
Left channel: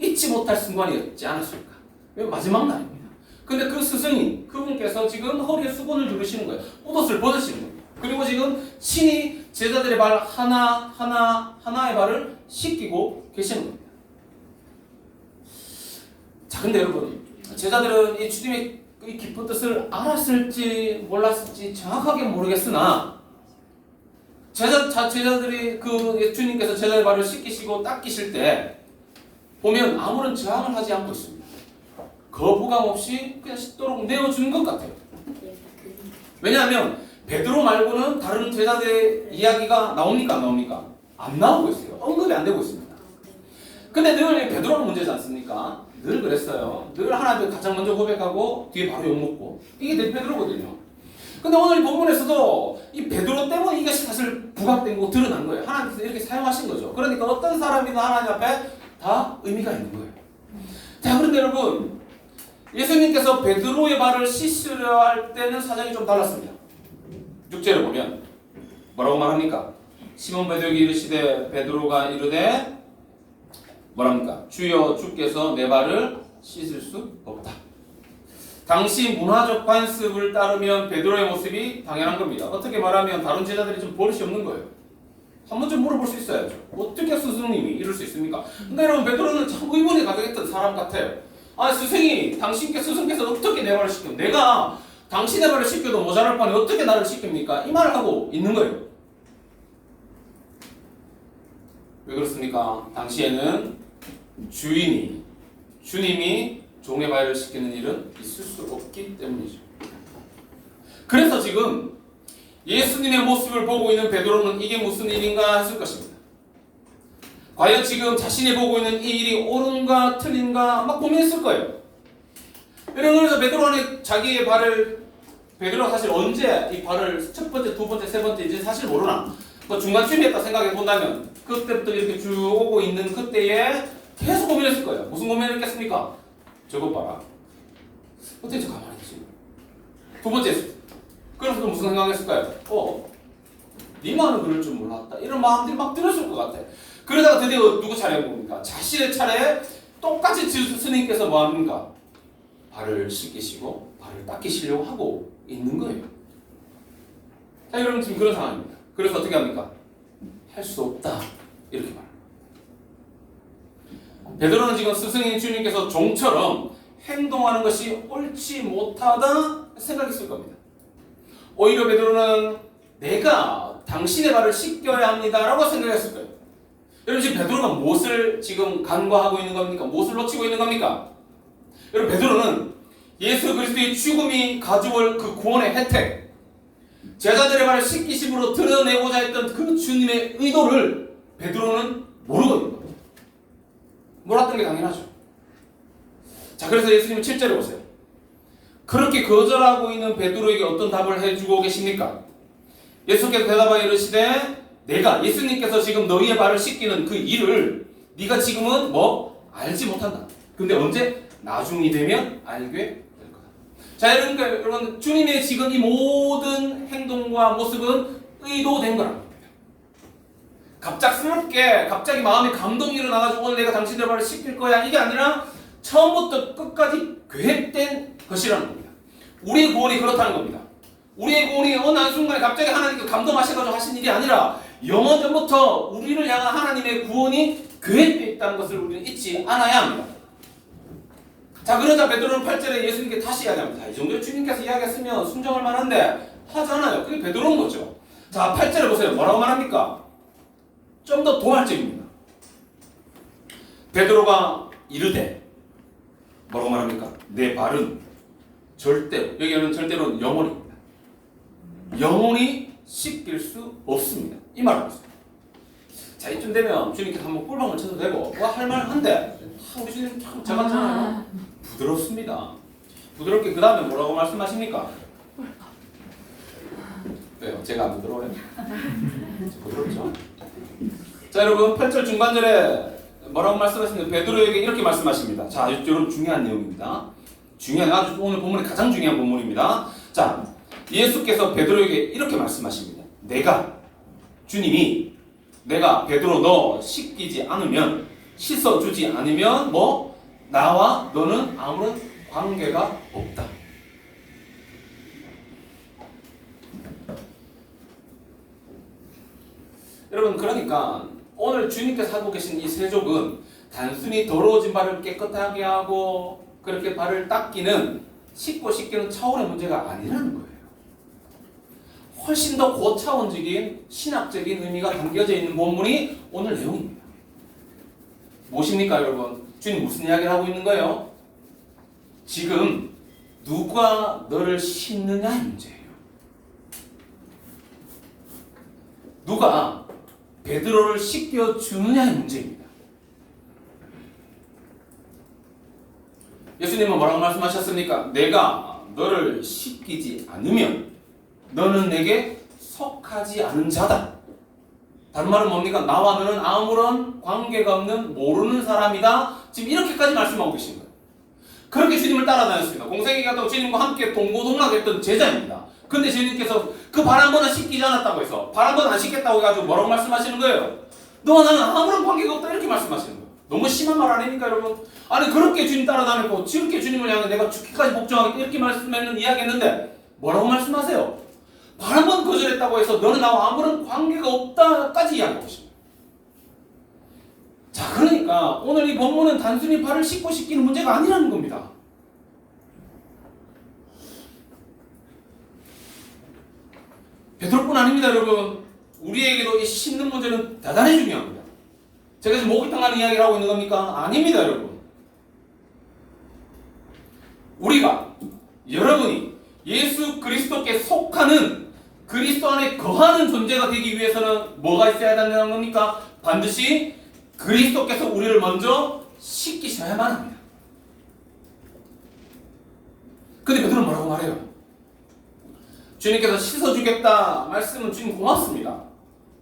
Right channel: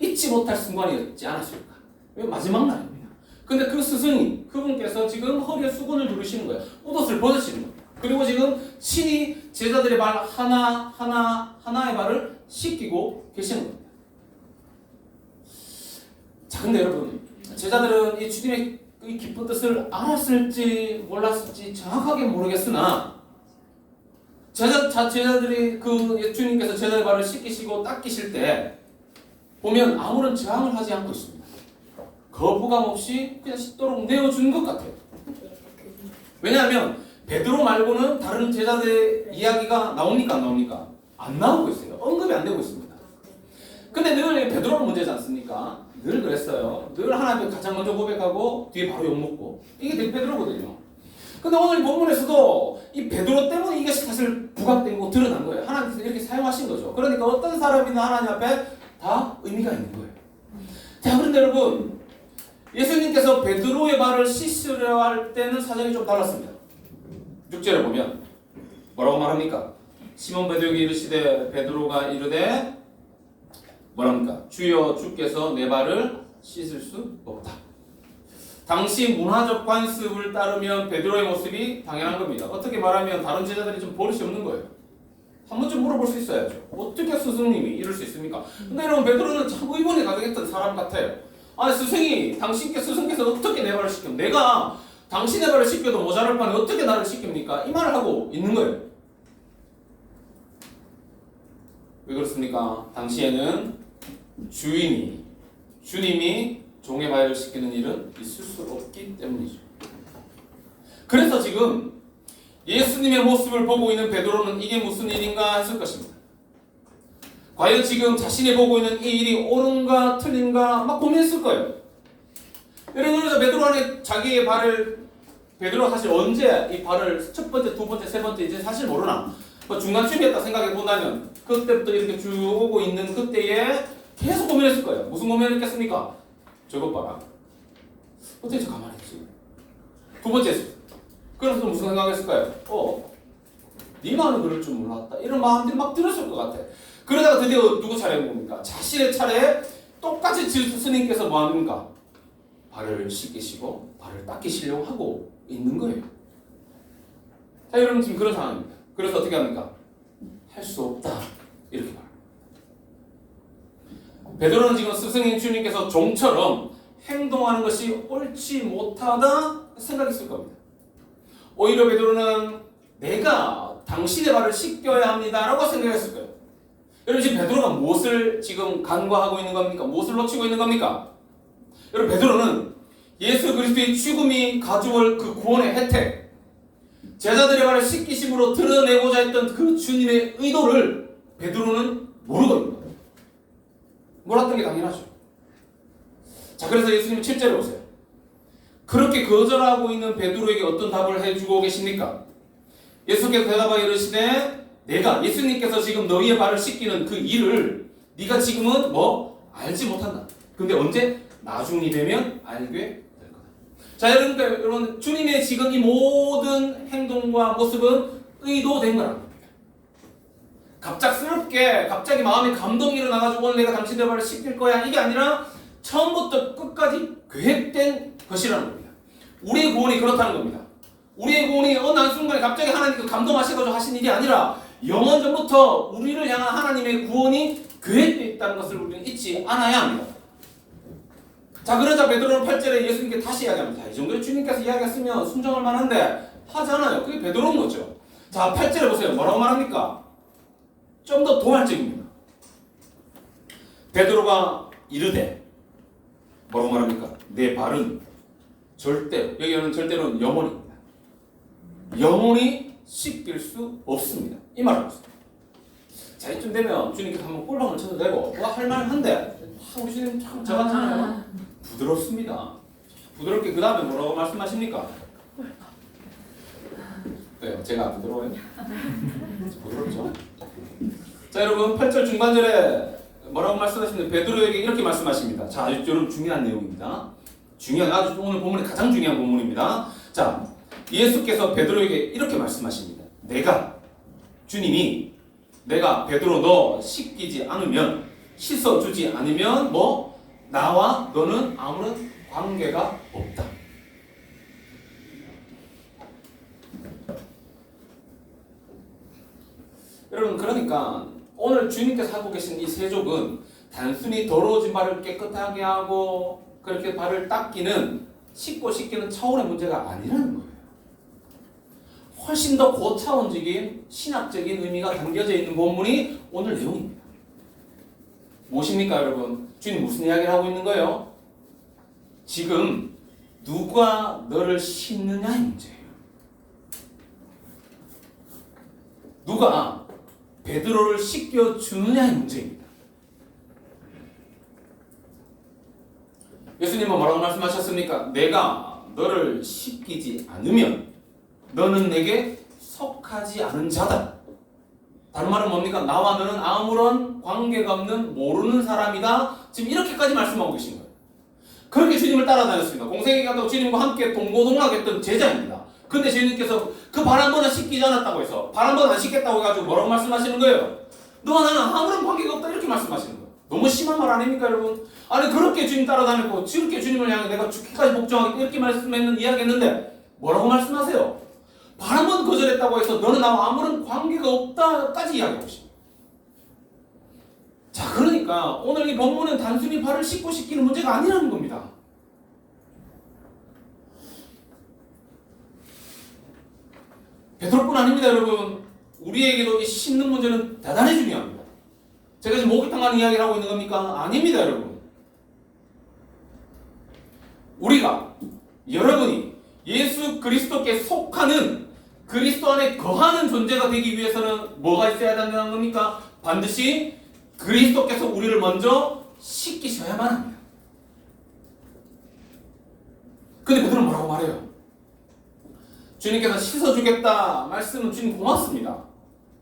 잊지 못할 순간이었지 않았을까? 왜 마지막 날입니다. 근데 그 스승님, 그분께서 지금 허리에 수건을 두르시는 거예요. 옷을 벗으시는 거예요. 그리고 지금 친히 제자들의 발 하나의 발을 씻기고 계시는 겁니다. 자, 근데 여러분, 제자들은 이 주님의 이 깊은 뜻을 알았을지 몰랐을지 정확하게 모르겠으나 제자들이 그 주님께서 제자의 발을 씻기시고 닦이실 때 보면 아무런 저항을 하지 않고 있습니다. 거부감 없이 그냥 씻도록 내어준 것 같아요. 왜냐하면 베드로 말고는 다른 제자들의 이야기가 나옵니까? 안 나옵니까? 안 나오고 있어요. 언급이 안 되고 있습니다. 근데 늘 베드로가 문제지 않습니까? 늘 그랬어요. 늘 하나님께 가장 먼저 고백하고 뒤에 바로 욕먹고 이게 늘 베드로거든요. 근데 오늘 이 본문에서도 이 베드로 때문에 이게 사실 부각된 거 드러난 거예요. 하나님께서 이렇게 사용하신 거죠. 그러니까 어떤 사람이나 하나님 앞에 다 의미가 있는 거예요. 자, 그런데 여러분 예수님께서 베드로의 발을 씻으려 할 때는 사정이 좀 달랐습니다. 6절에 보면 뭐라고 말합니까? 시몬 베드로에게 이르시되 베드로가 이르되 뭐랍니까? 주여 주께서 내 발을 씻을 수 없다. 당시 문화적 관습을 따르면 베드로의 모습이 당연한 겁니다. 어떻게 말하면 다른 제자들이 좀 버릇이 없는 거예요. 한 번쯤 물어볼 수 있어야죠. 어떻게 스승님이 이럴 수 있습니까? 근데 여러분 베드로는 참 의문이 가득했던 사람 같아요. 아 스승께서 어떻게 내 발을 씻겨? 내가 당신의 발을 씻겨도 모자랄 판에 어떻게 나를 씻깁니까? 이 말을 하고 있는 거예요. 왜 그렇습니까? 당시에는 주님이 종의 발을 씻기는 일은 있을 수 없기 때문이죠. 그래서 지금 예수님의 모습을 보고 있는 베드로는 이게 무슨 일인가 했을 것입니다. 과연 지금 자신이 보고 있는 이 일이 옳은가 틀린가 막 고민했을 거예요. 여러분, 그래서 베드로는 자기의 발을, 베드로가 사실 언제 이 발을 첫 번째, 두 번째, 세 번째 이제 사실 모르나, 뭐 중간쯤이었다 생각해 본다면 그때부터 이렇게 쭉 오고 있는 그때에 계속 고민했을 거예요. 무슨 고민을 했겠습니까? 저것 봐라. 어떻게 저 가만히 있지? 두 번째, 그래서 무슨 생각했을까요? 니만은 그럴 줄 몰랐다. 이런 마음들이 막 들었을 것 같아. 그러다가 드디어 누구 차례인 겁니까? 자신의 차례에 똑같이 스님께서 뭐 합니까? 발을 씻기시고 발을 닦이시려고 하고 있는 거예요. 자, 여러분 지금 그런 상황입니다. 그래서 어떻게 합니까? 할 수 없다. 이렇게 말합니다. 베드로는 지금 스승인 주님께서 종처럼 행동하는 것이 옳지 못하다 생각했을 겁니다. 오히려 베드로는 내가 당신의 발을 씻겨야 합니다라고 생각했을 거예요. 여러분 지금 베드로가 무엇을 지금 간과하고 있는 겁니까? 무엇을 놓치고 있는 겁니까? 여러분 베드로는 예수 그리스도의 죽음이 가져올 그 구원의 혜택, 제자들의 발을 씻기심으로 드러내고자 했던 그 주님의 의도를 베드로는 모르거든요. 몰랐던 게 당연하죠. 자, 그래서 예수님은 7절에 보세요. 그렇게 거절하고 있는 베드로에게 어떤 답을 해주고 계십니까? 예수께서 대답하여 이르시되 내가 예수님께서 지금 너희의 발을 씻기는 그 일을 네가 지금은 알지 못한다. 근데 언제? 나중이 되면 알게 될 거다. 자, 여러분 주님의 지금 이 모든 행동과 모습은 의도된 거라는 겁니다. 갑자기 마음에 감동이 일어나가지고 오늘 내가 당신의 발을 씻길 거야 이게 아니라 처음부터 끝까지 계획된 것이라는 겁니다. 우리의 구원이 그렇다는 겁니다. 우리의 구원이 어느 한순간에 갑자기 하나님께 감동하셔가지고 하신 일이 아니라 영원 전부터 우리를 향한 하나님의 구원이 계획되어 있다는 것을 우리는 잊지 않아야 합니다. 자, 그러자 베드로는 8절에 예수님께 다시 이야기합니다. 이 정도로 주님께서 이야기했으면 순종할 만한데 하잖아요. 그게 베드로인 거죠. 자, 8절에 보세요. 뭐라고 말합니까? 좀 더 도발적입니다. 베드로가 이르되 뭐라고 말합니까? 내 발은 절대로, 여기는 절대로는 영원입니다. 영원히 씻길 수 없습니다. 이 말을 하셨어요. 자, 이쯤 되면 주님께서 한번 꿀방울 쳐도 되고 할 만한데 우리 주님 참 저같잖아요. 부드럽습니다. 부드럽게 그 다음에 뭐라고 말씀하십니까? 왜요? 제가 안 부드러워요? 부드럽죠? 자, 여러분 8절 중반절에 뭐라고 말씀하시는데 베드로에게 이렇게 말씀하십니다. 자, 여러분 중요한 내용입니다. 아주 오늘 본문의 가장 중요한 본문입니다. 자, 예수께서 베드로에게 이렇게 말씀하십니다. 주님이 내가 베드로 너 씻기지 않으면, 씻어주지 않으면 나와 너는 아무런 관계가 없다. 여러분 그러니까 오늘 주님께서 하고 계신 이 세족은 단순히 더러워진 발을 깨끗하게 하고 그렇게 발을 닦기는 씻기는 차원의 문제가 아니라는 거예요. 훨씬 더 고차원적인 신학적인 의미가 담겨져 있는 본문이 오늘 내용입니다. 무엇입니까 여러분? 주님 무슨 이야기를 하고 있는 거예요? 지금 누가 너를 씻느냐의 문제예요. 누가 베드로를 씻겨주느냐의 문제입니다. 예수님은 뭐라고 말씀하셨습니까? 내가 너를 씻기지 않으면 너는 내게 속하지 않은 자다. 다른 말은 뭡니까? 나와 너는 아무런 관계가 없는 모르는 사람이다. 지금 이렇게까지 말씀하고 계신 거예요. 그렇게 주님을 따라다녔습니다. 공생이 가도 주님과 함께 동고동락했던 제자입니다. 근데 주님께서 그 발 한 번은 씻기지 않았다고 해서 발 한 번 안 씻겠다고 해가지고 뭐라고 말씀하시는 거예요? 너와 나는 아무런 관계가 없다 이렇게 말씀하시는 거예요. 너무 심한 말 아닙니까 여러분? 아니 그렇게 주님 따라다녔고 저렇게 주님을 향해 내가 죽기까지 복종하겠다 이렇게 말씀했는 이야기했는데 뭐라고 말씀하세요? 한 번 거절했다고 해서 너는 나와 아무런 관계가 없다까지 이야기하고 싶어요. 자, 그러니까 오늘 이 본문은 단순히 발을 씻고 씻기는 문제가 아니라는 겁니다. 베드로뿐 아닙니다, 여러분. 우리에게도 이 씻는 문제는 대단히 중요합니다. 제가 지금 목욕탕 이야기를 하고 있는 겁니까? 아닙니다, 여러분. 우리가, 여러분이 예수 그리스도께 속하는 그리스도 안에 거하는 존재가 되기 위해서는 뭐가 있어야 된다는 겁니까? 반드시 그리스도께서 우리를 먼저 씻기셔야만 합니다. 근데 베드로는 뭐라고 말해요? 주님께서 씻어주겠다 말씀은 주님 고맙습니다.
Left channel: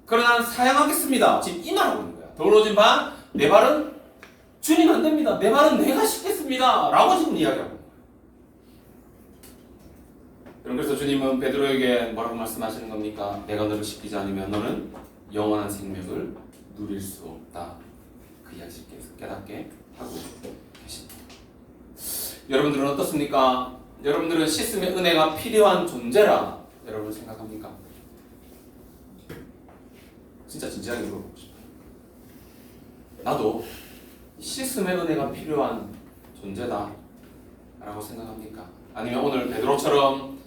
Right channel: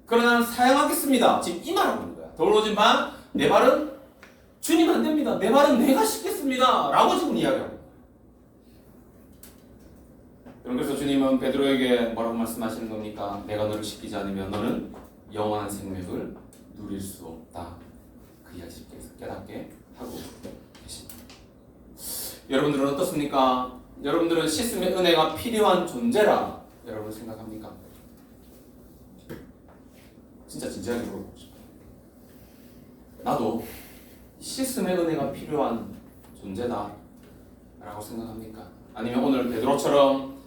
그러나 사양하겠습니다. 지금 이 말하고 있는 거야. 더러워진 바 내 발은 주님 안 됩니다. 내 발은 내가 씻겠습니다. 라고 지금 이야기하고 있는 거예요. 그래서 주님은 베드로에게 뭐라고 말씀하시는 겁니까? 내가 너를 씻기지 않으면 너는 영원한 생명을 누릴 수 없다. 그 이야기께서 깨닫게 하고 계십니다. 여러분들은 어떻습니까? 여러분들은 씻음의 은혜가 필요한 존재라 여러분 생각합니까? 진짜 진지하게 물어보고 싶어요. 나도 씻음의 은혜가 필요한 존재다 라고 생각합니까? 아니면 오늘 베드로처럼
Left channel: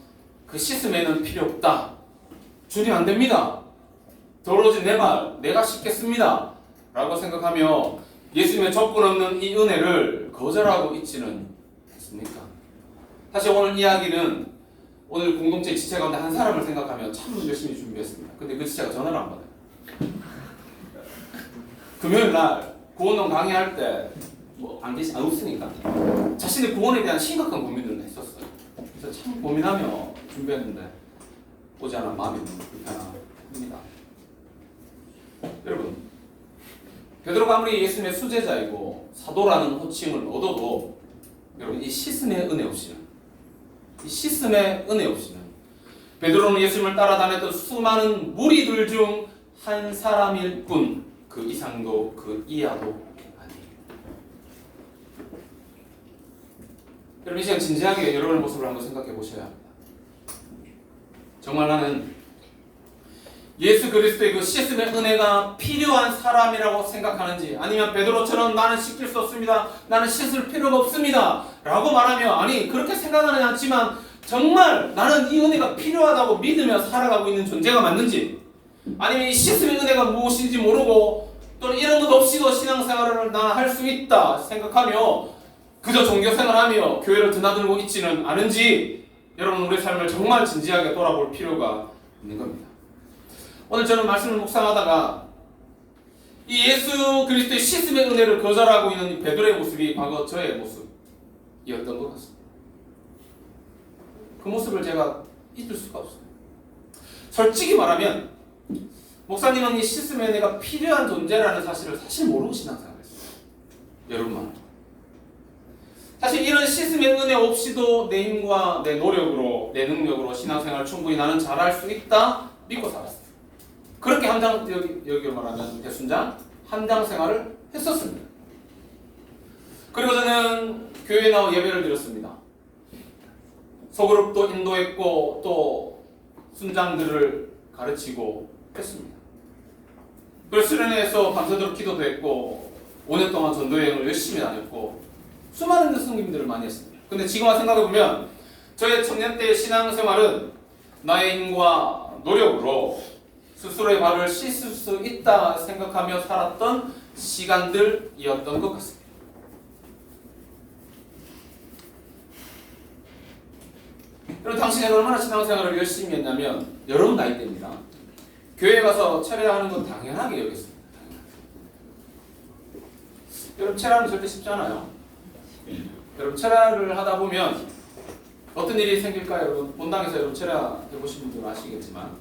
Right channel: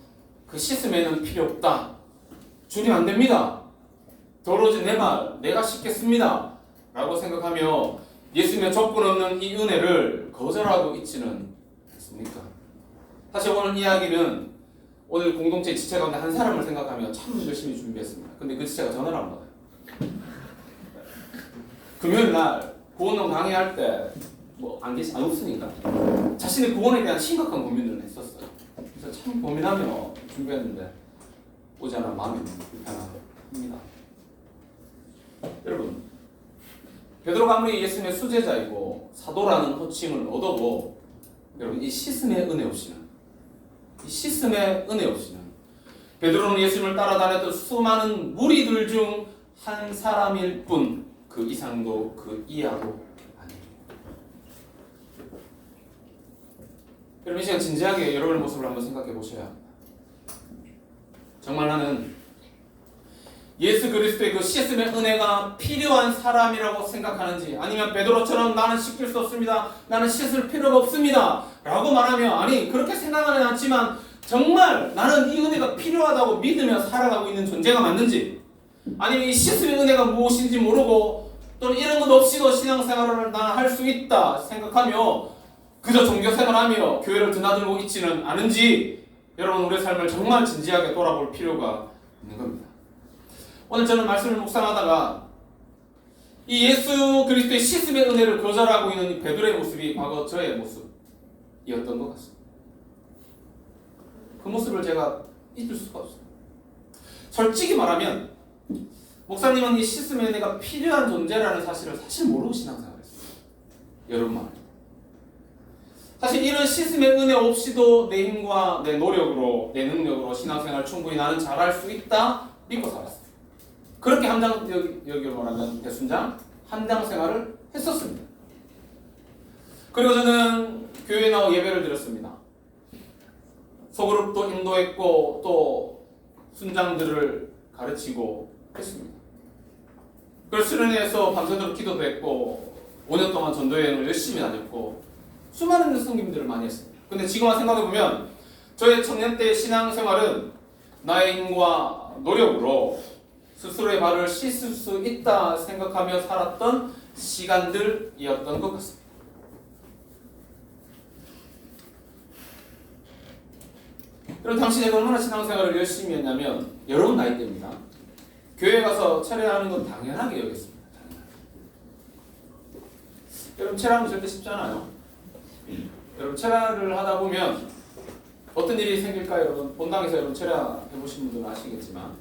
그 씻음에는 필요 없다, 주님 안 됩니다, 더러워진 내 발 내가 씻겠습니다 라고 생각하며 예수님의 조건 없는 이 은혜를 거절하고 있지는 않습니까? 사실 오늘 이야기는 오늘 공동체 지체 가운데 한 사람을 생각하며 참 열심히 준비했습니다. 근데 그 지체가 전화를 안 받아요. 금요일 날 구원론 강의할 때 뭐 안 웃으니까 자신의 구원에 대한 심각한 고민을 했었어요. 그래서 참 고민하며 준비했는데 오지 않아 마음이 너무 불편합니다. 여러분, 베드로가 아무리 예수님의 수제자이고 사도라는 호칭을 얻어도 여러분 이 씻음의 은혜 없이는 베드로는 예수님을 따라다녔던 수많은 무리들 중 한 사람일 뿐 그 이상도 그 이하도 아니에요. 여러분 이 시간 진지하게 여러분의 모습을 한번 생각해 보셔야 합니다. 정말 나는 예수 그리스도의 그 씻음의 은혜가 필요한 사람이라고 생각하는지, 아니면 베드로처럼 나는 씻길 수 없습니다, 나는 씻을 필요가 없습니다 라고 말하며, 아니 그렇게 생각하지 않지만 정말 나는 이 은혜가 필요하다고 믿으며 살아가고 있는 존재가 맞는지, 아니면 이 씻음의 은혜가 무엇인지 모르고 또는 이런 것 없이도 신앙생활을 나는 할 수 있다 생각하며 그저 종교생활하며 교회를 드나들고 있지는 않은지, 여러분 우리의 삶을 정말 진지하게 돌아볼 필요가 있는 겁니다. 오늘 저는 말씀을 묵상하다가 이 예수 그리스도의 씻음의 은혜를 거절하고 있는 이 베드로의 모습이 과거 저의 모습이었던 것 같습니다. 그 모습을 제가 잊을 수가 없어요. 솔직히 말하면 목사님은 이 씻음의 은혜가 필요한 존재라는 사실을 사실 모르고 신앙생활했어요. 여러분만. 사실 이런 씻음의 은혜 없이도 내 힘과 내 노력으로, 내 능력으로 신앙생활 충분히 나는 잘할 수 있다 믿고 살았어요. 그렇게 여기 말하면 대순장 함장 생활을 했었습니다. 그리고 저는 교회에 나와 예배를 드렸습니다. 소그룹도 인도했고 또 순장들을 가르치고 했습니다. 그래서 수련회에서 밤새도록 기도도 했고 5년 동안 전도여행을 열심히 다녔고 수많은 성김들을 많이 했습니다. 근데 지금 와서 생각해보면 저의 청년 때의 신앙생활은 나의 힘과 노력으로 스스로의 발을 씻을 수 있다 생각하며 살았던 시간들이었던 것 같습니다. 여러분 당시 내가 얼마나 신앙생활을 열심히 했냐면 여러분 나이대입니다. 교회 가서 철회하는 건 당연하게 여겼습니다. 여러분 철회하는 절대 쉽지 않아요. 여러분 철회를 하다 보면 어떤 일이 생길까요? 여러분 본당에서 여러분 철회해보신 분들은 아시겠지만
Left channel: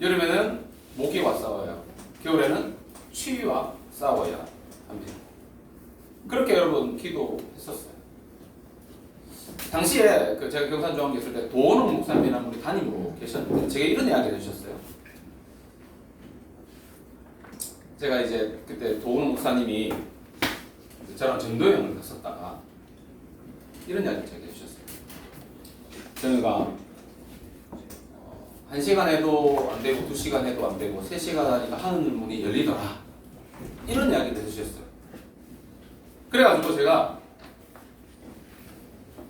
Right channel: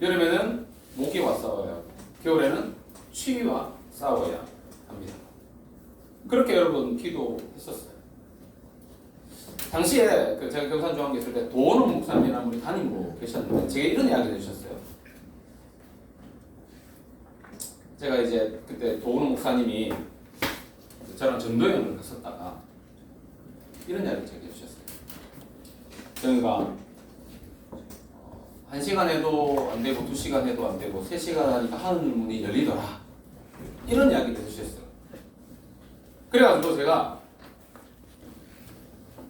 여름에는 모기와 싸워야 하고 겨울에는 추위와 싸워야 합니다. 그렇게 여러분 기도했었어요. 당시에 제가 경산중앙교 있을 때 도원웅 목사님이라는 분이 담임으로 계셨는데 제게 이런 이야기를 해주셨어요. 제가 이제 그때 도원웅 목사님이 저랑 전도여행을 갔었다가 이런 이야기를 제게 해주셨어요. 저희가 1시간 해도 안 되고 2시간 해도 안 되고 3시간 하니까 하늘 문이 열리더라. 이런 이야기를 해주셨어요. 그래가지고 제가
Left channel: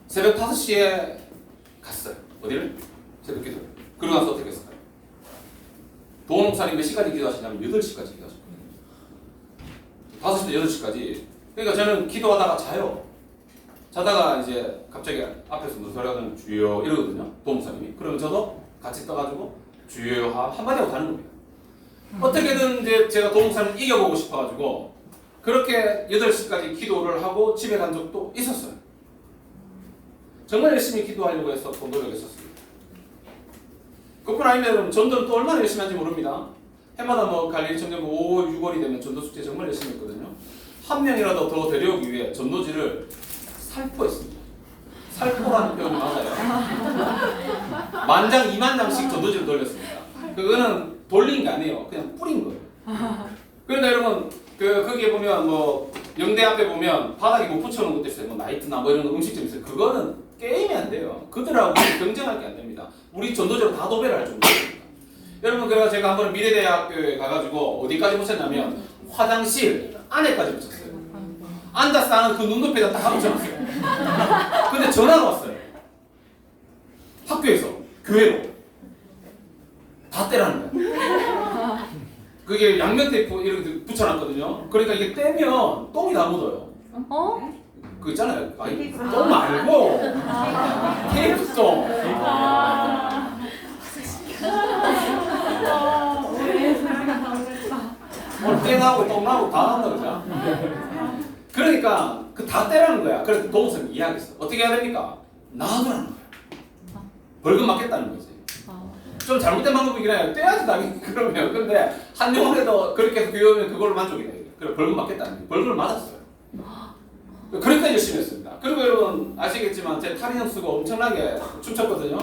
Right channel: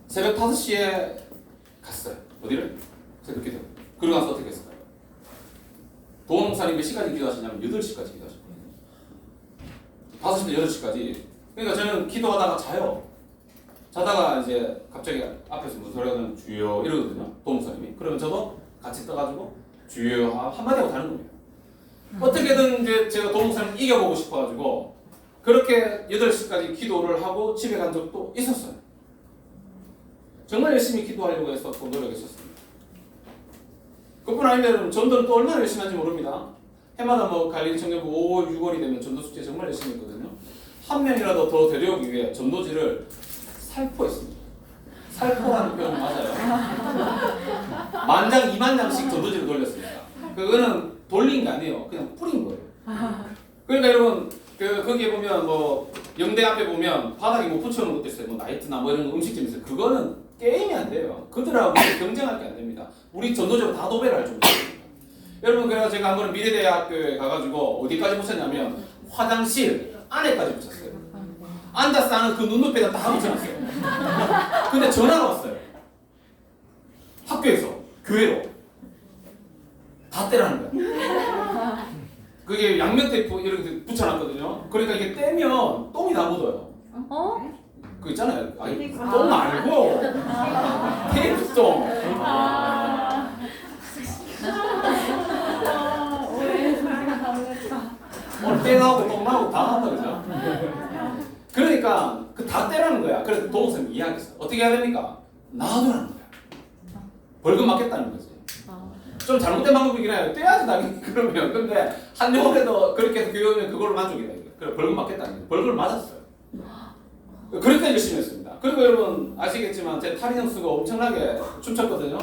새벽 5시에 갔어요. 어디를? 새벽 기도. 그러고 나서 어떻게 했을까요? 도원 목사님 몇 시까지 기도하시냐면 8시까지 기도하셨거든요. 5시부터 8시까지. 그러니까 저는 기도하다가 자요. 자다가 이제 갑자기 앞에서 무슨 소리가 나면 주여 이러거든요. 도원 목사님이. 그러면 저도 같이 떠가지고 주여 한마디 하고 가는 겁니다. 어떻게든 이제 제가 도원 목사님 이겨보고 싶어가지고 그렇게 8시까지 기도를 하고 집에 간 적도 있었어요. 정말 열심히 기도하려고 해서 또 노력했었습니다. 그뿐 아니면 전도는 또 얼마나 열심히 하는지 모릅니다. 해마다 뭐 갈릴리 청년부 5월, 6월이 되면 전도 숙제 정말 열심히 했거든요. 한 명이라도 더 데려오기 위해 전도지를 살포했습니다. 살포라는 표현이 맞아요. 10,000장, 20,000장씩 전도지를 돌렸습니다. 그거는 돌린 게 아니에요. 그냥 뿌린 거예요. 그러니까 여러분 거기에 보면 뭐 영대 앞에 보면 바닥에 못 붙여놓은 것도 있어요. 뭐 나이트나 뭐 이런 음식점 있어요. 그거는 게임이 안 돼요. 그들하고 경쟁할 게 안 됩니다. 우리 전도적으로 다 도배를 할 정도입니다. 여러분 그래서 제가 한번 미래대학교에 가가지고 어디까지 붙였냐면 화장실 안에까지 붙였어요. 앉아서 하는 그 눈높이에다 다 붙여놨어요. 근데 전화가 왔어요. 학교에서 교회로 다 떼라는 거예요. 그게 양면 테이프 이렇게 붙여놨거든요. 그러니까 이게 떼면 똥이 다 묻어요. 어? 그 있잖아요. 아니 똥 말고 테이프 똥. 우리 사랑이 나오겠다. 땡하고 똥하고 다 한다 그죠? 그러니까 그 다 떼라는 거야. 그래서 도무선 이야기했어. 어떻게 해야 됩니까? 놔두라는 거야. 벌금 맞겠다는 거지. 좀 잘못된 방법이긴 해요. 떼야지 당연히 그러면. 근데 한 영혼에도 그렇게 해서 교육하면 그걸로 만족이 돼요. 그래 벌금 맞겠다는 거예요. 벌금을 맞았어요. 그러니까 열심히 했습니다. 그리고 여러분 아시겠지만 제 탈인형 쓰고 엄청나게 춤췄거든요.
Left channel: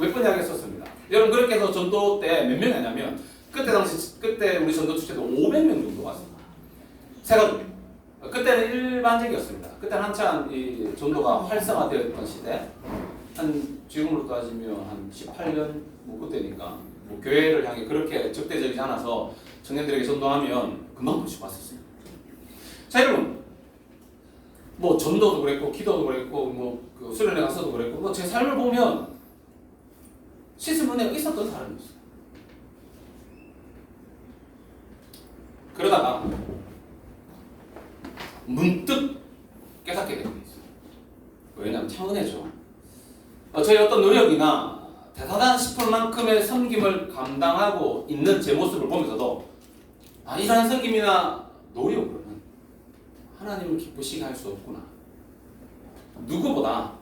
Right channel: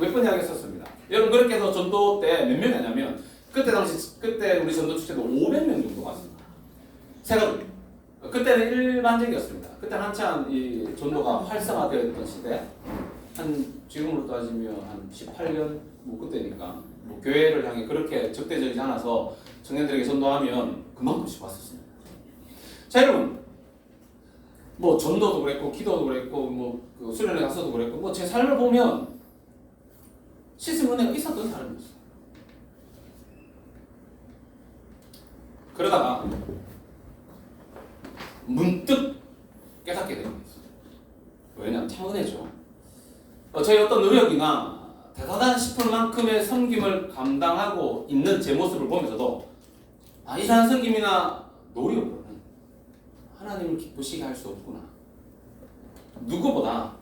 몇 번 이야기했었습니다. 여러분 그렇게 해서 전도 때 몇 명이 했냐면 그때 우리 전도 축제도 500명 정도 왔습니다. 세가족. 그때는 일반적이었습니다. 그때는 한참 이 전도가 활성화되어 있던 시대. 한 지금으로 따지면 한 18년 뭐 그때니까 뭐 교회를 향해 그렇게 적대적이지 않아서 청년들에게 전도하면 그만큼씩 왔었어요. 자 여러분 뭐 전도도 그랬고 기도도 그랬고 뭐그 수련회 가서도 그랬고 뭐 제 삶을 보면 씻은 은혜가 있었던 사람이었어요. 그러다가 문득 깨닫게 되는 게 있어요. 왜냐하면 참 은혜죠. 저희 어떤 노력이나 대단하다 싶을 만큼의 섬김을 감당하고 있는 제 모습을 보면서도 이러한 섬김이나 노력으로는 하나님을 기쁘시게 할 수 없구나. 누구보다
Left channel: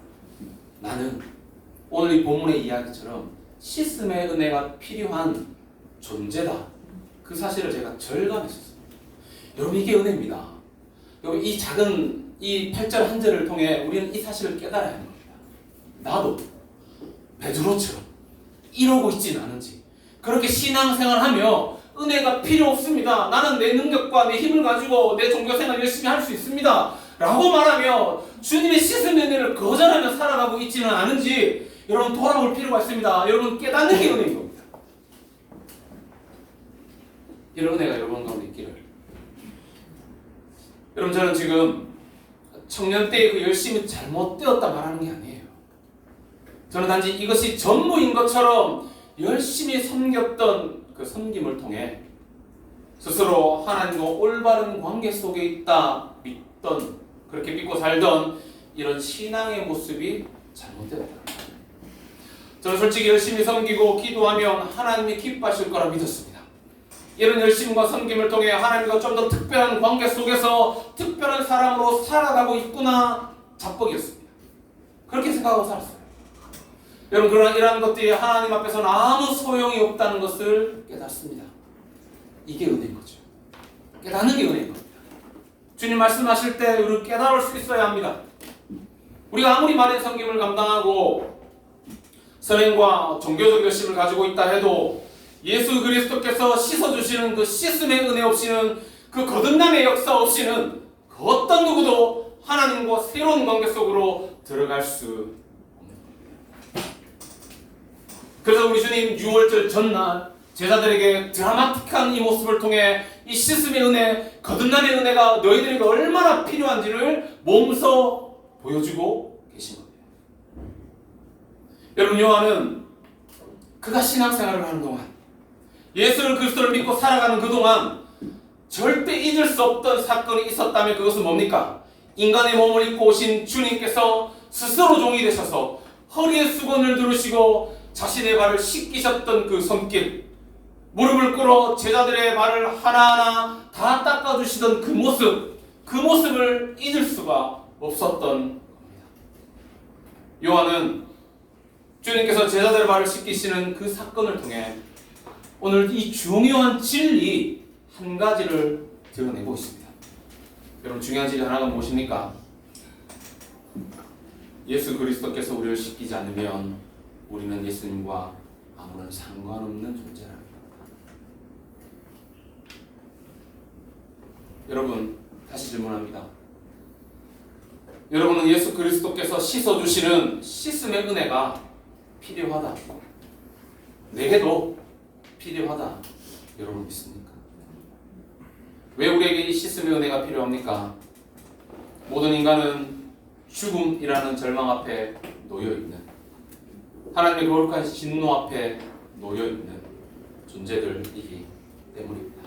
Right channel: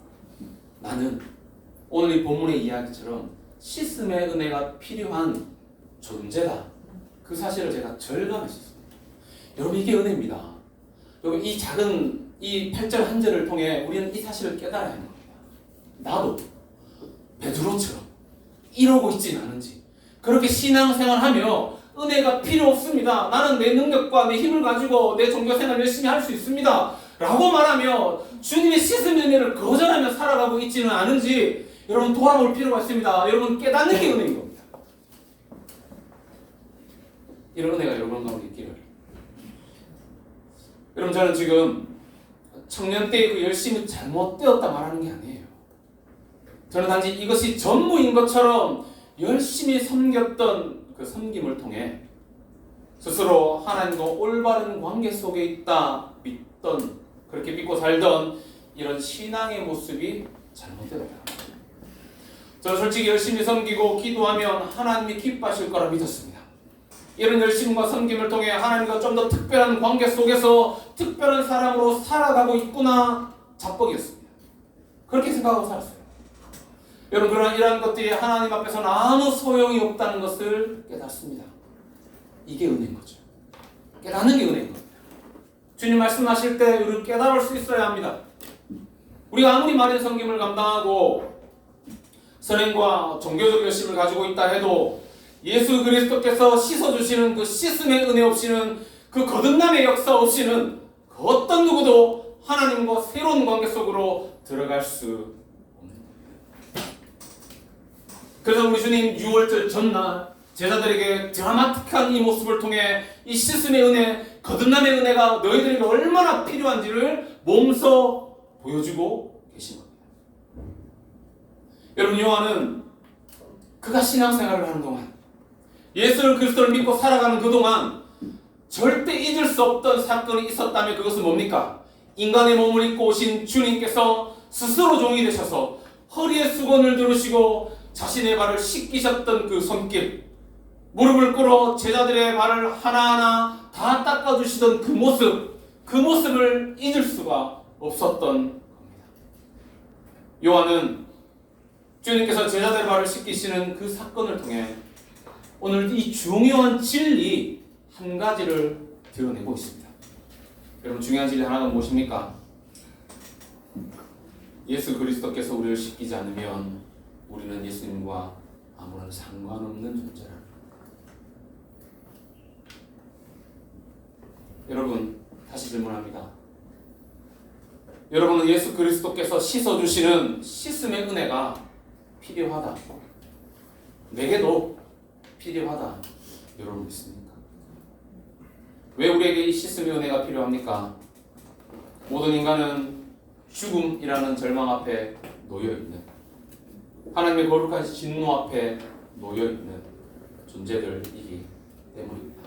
나는 오늘 이 본문의 이야기처럼 씻음의 은혜가 필요한 존재다. 그 사실을 제가 절감했었어요. 여러분 이게 은혜입니다. 여러분 이 작은 이 8절 한 절을 통해 우리는 이 사실을 깨달아야 하는 겁니다. 나도 베드로처럼 이러고 있지는 않은지 그렇게 신앙생활하며 은혜가 필요 없습니다. 나는 내 능력과 내 힘을 가지고 내 종교생활 열심히 할 수 있습니다. 라고 말하며 주님의 씻음의 은혜를 거절하며 살아가고 있지는 않은지 여러분 돌아볼 필요가 있습니다. 여러분 깨닫는 게 은혜인 겁니다. 이런 은혜가 여러분 가운데 있기를. 여러분 저는 지금 청년 때의 그 열심이 잘못되었다 말하는 게 아니에요. 저는 단지 이것이 전부인 것처럼 열심히 섬겼던 그 섬김을 통해 스스로 하나님과 올바른 관계 속에 있다 믿던 그렇게 믿고 살던 이런 신앙의 모습이 잘못되었다. 저는 솔직히 열심히 섬기고 기도하면 하나님이 기뻐하실 거라 믿었습니다. 이런 열심과 섬김을 통해 하나님과 좀 더 특별한 관계 속에서 특별한 사람으로 살아가고 있구나 자뻑이었습니다. 그렇게 생각하고 살았어요. 여러분 그러나 이러한 것들이 하나님 앞에서는 아무 소용이 없다는 것을 깨닫습니다. 이게 은혜인 거죠. 깨닫는 게 은혜인 겁니다. 주님 말씀하실 때 우리를 깨달을 수 있어야 합니다. 우리가 아무리 많은 섬김을 감당하고 선행과 종교적 열심을 가지고 있다 해도 예수 그리스도께서 씻어주시는 그 씻음의 은혜 없이는 그 거듭남의 역사 없이는 그 어떤 누구도 하나님과 새로운 관계 속으로 들어갈 수 없는 겁니다. 그래서 우리 주님 예수님 유월절 전날 제자들에게 드라마틱한 이 모습을 통해 이 씻음의 은혜, 거듭남의 은혜가 너희들에게 얼마나 필요한지를 몸소 보여주고 계신 겁니다. 여러분, 요한은 그가 신앙생활을 하는 동안, 예수 그리스도를 믿고 살아가는 그동안 절대 잊을 수 없던 사건이 있었다면 그것은 뭡니까? 인간의 몸을 입고 오신 주님께서 스스로 종이 되셔서 허리에 수건을 두르시고 자신의 발을 씻기셨던 그 손길, 무릎을 꿇어 제자들의 발을 하나하나 다 닦아주시던 그 모습을 잊을 수가 없었던 겁니다. 요한은 주님께서 제자들의 발을 씻기시는 그 사건을 통해 오늘 이 중요한 진리 한 가지를 드러내고 있습니다. 여러분, 중요한 진리 하나가 무엇입니까? 예수 그리스도께서 우리를 씻기지 않으면 우리는 예수님과 아무런 상관없는 존재라. 여러분, 다시 질문합니다. 여러분은 예수 그리스도께서 씻어주시는 씻음의 은혜가 필요하다, 내게도 필요하다, 여러분 믿습니까? 왜 우리에게 이 씻음의 은혜가 필요합니까? 모든 인간은 죽음이라는 절망 앞에 놓여있는, 하나님의 거룩한 진노 앞에 놓여있는 존재들이기 때문입니다.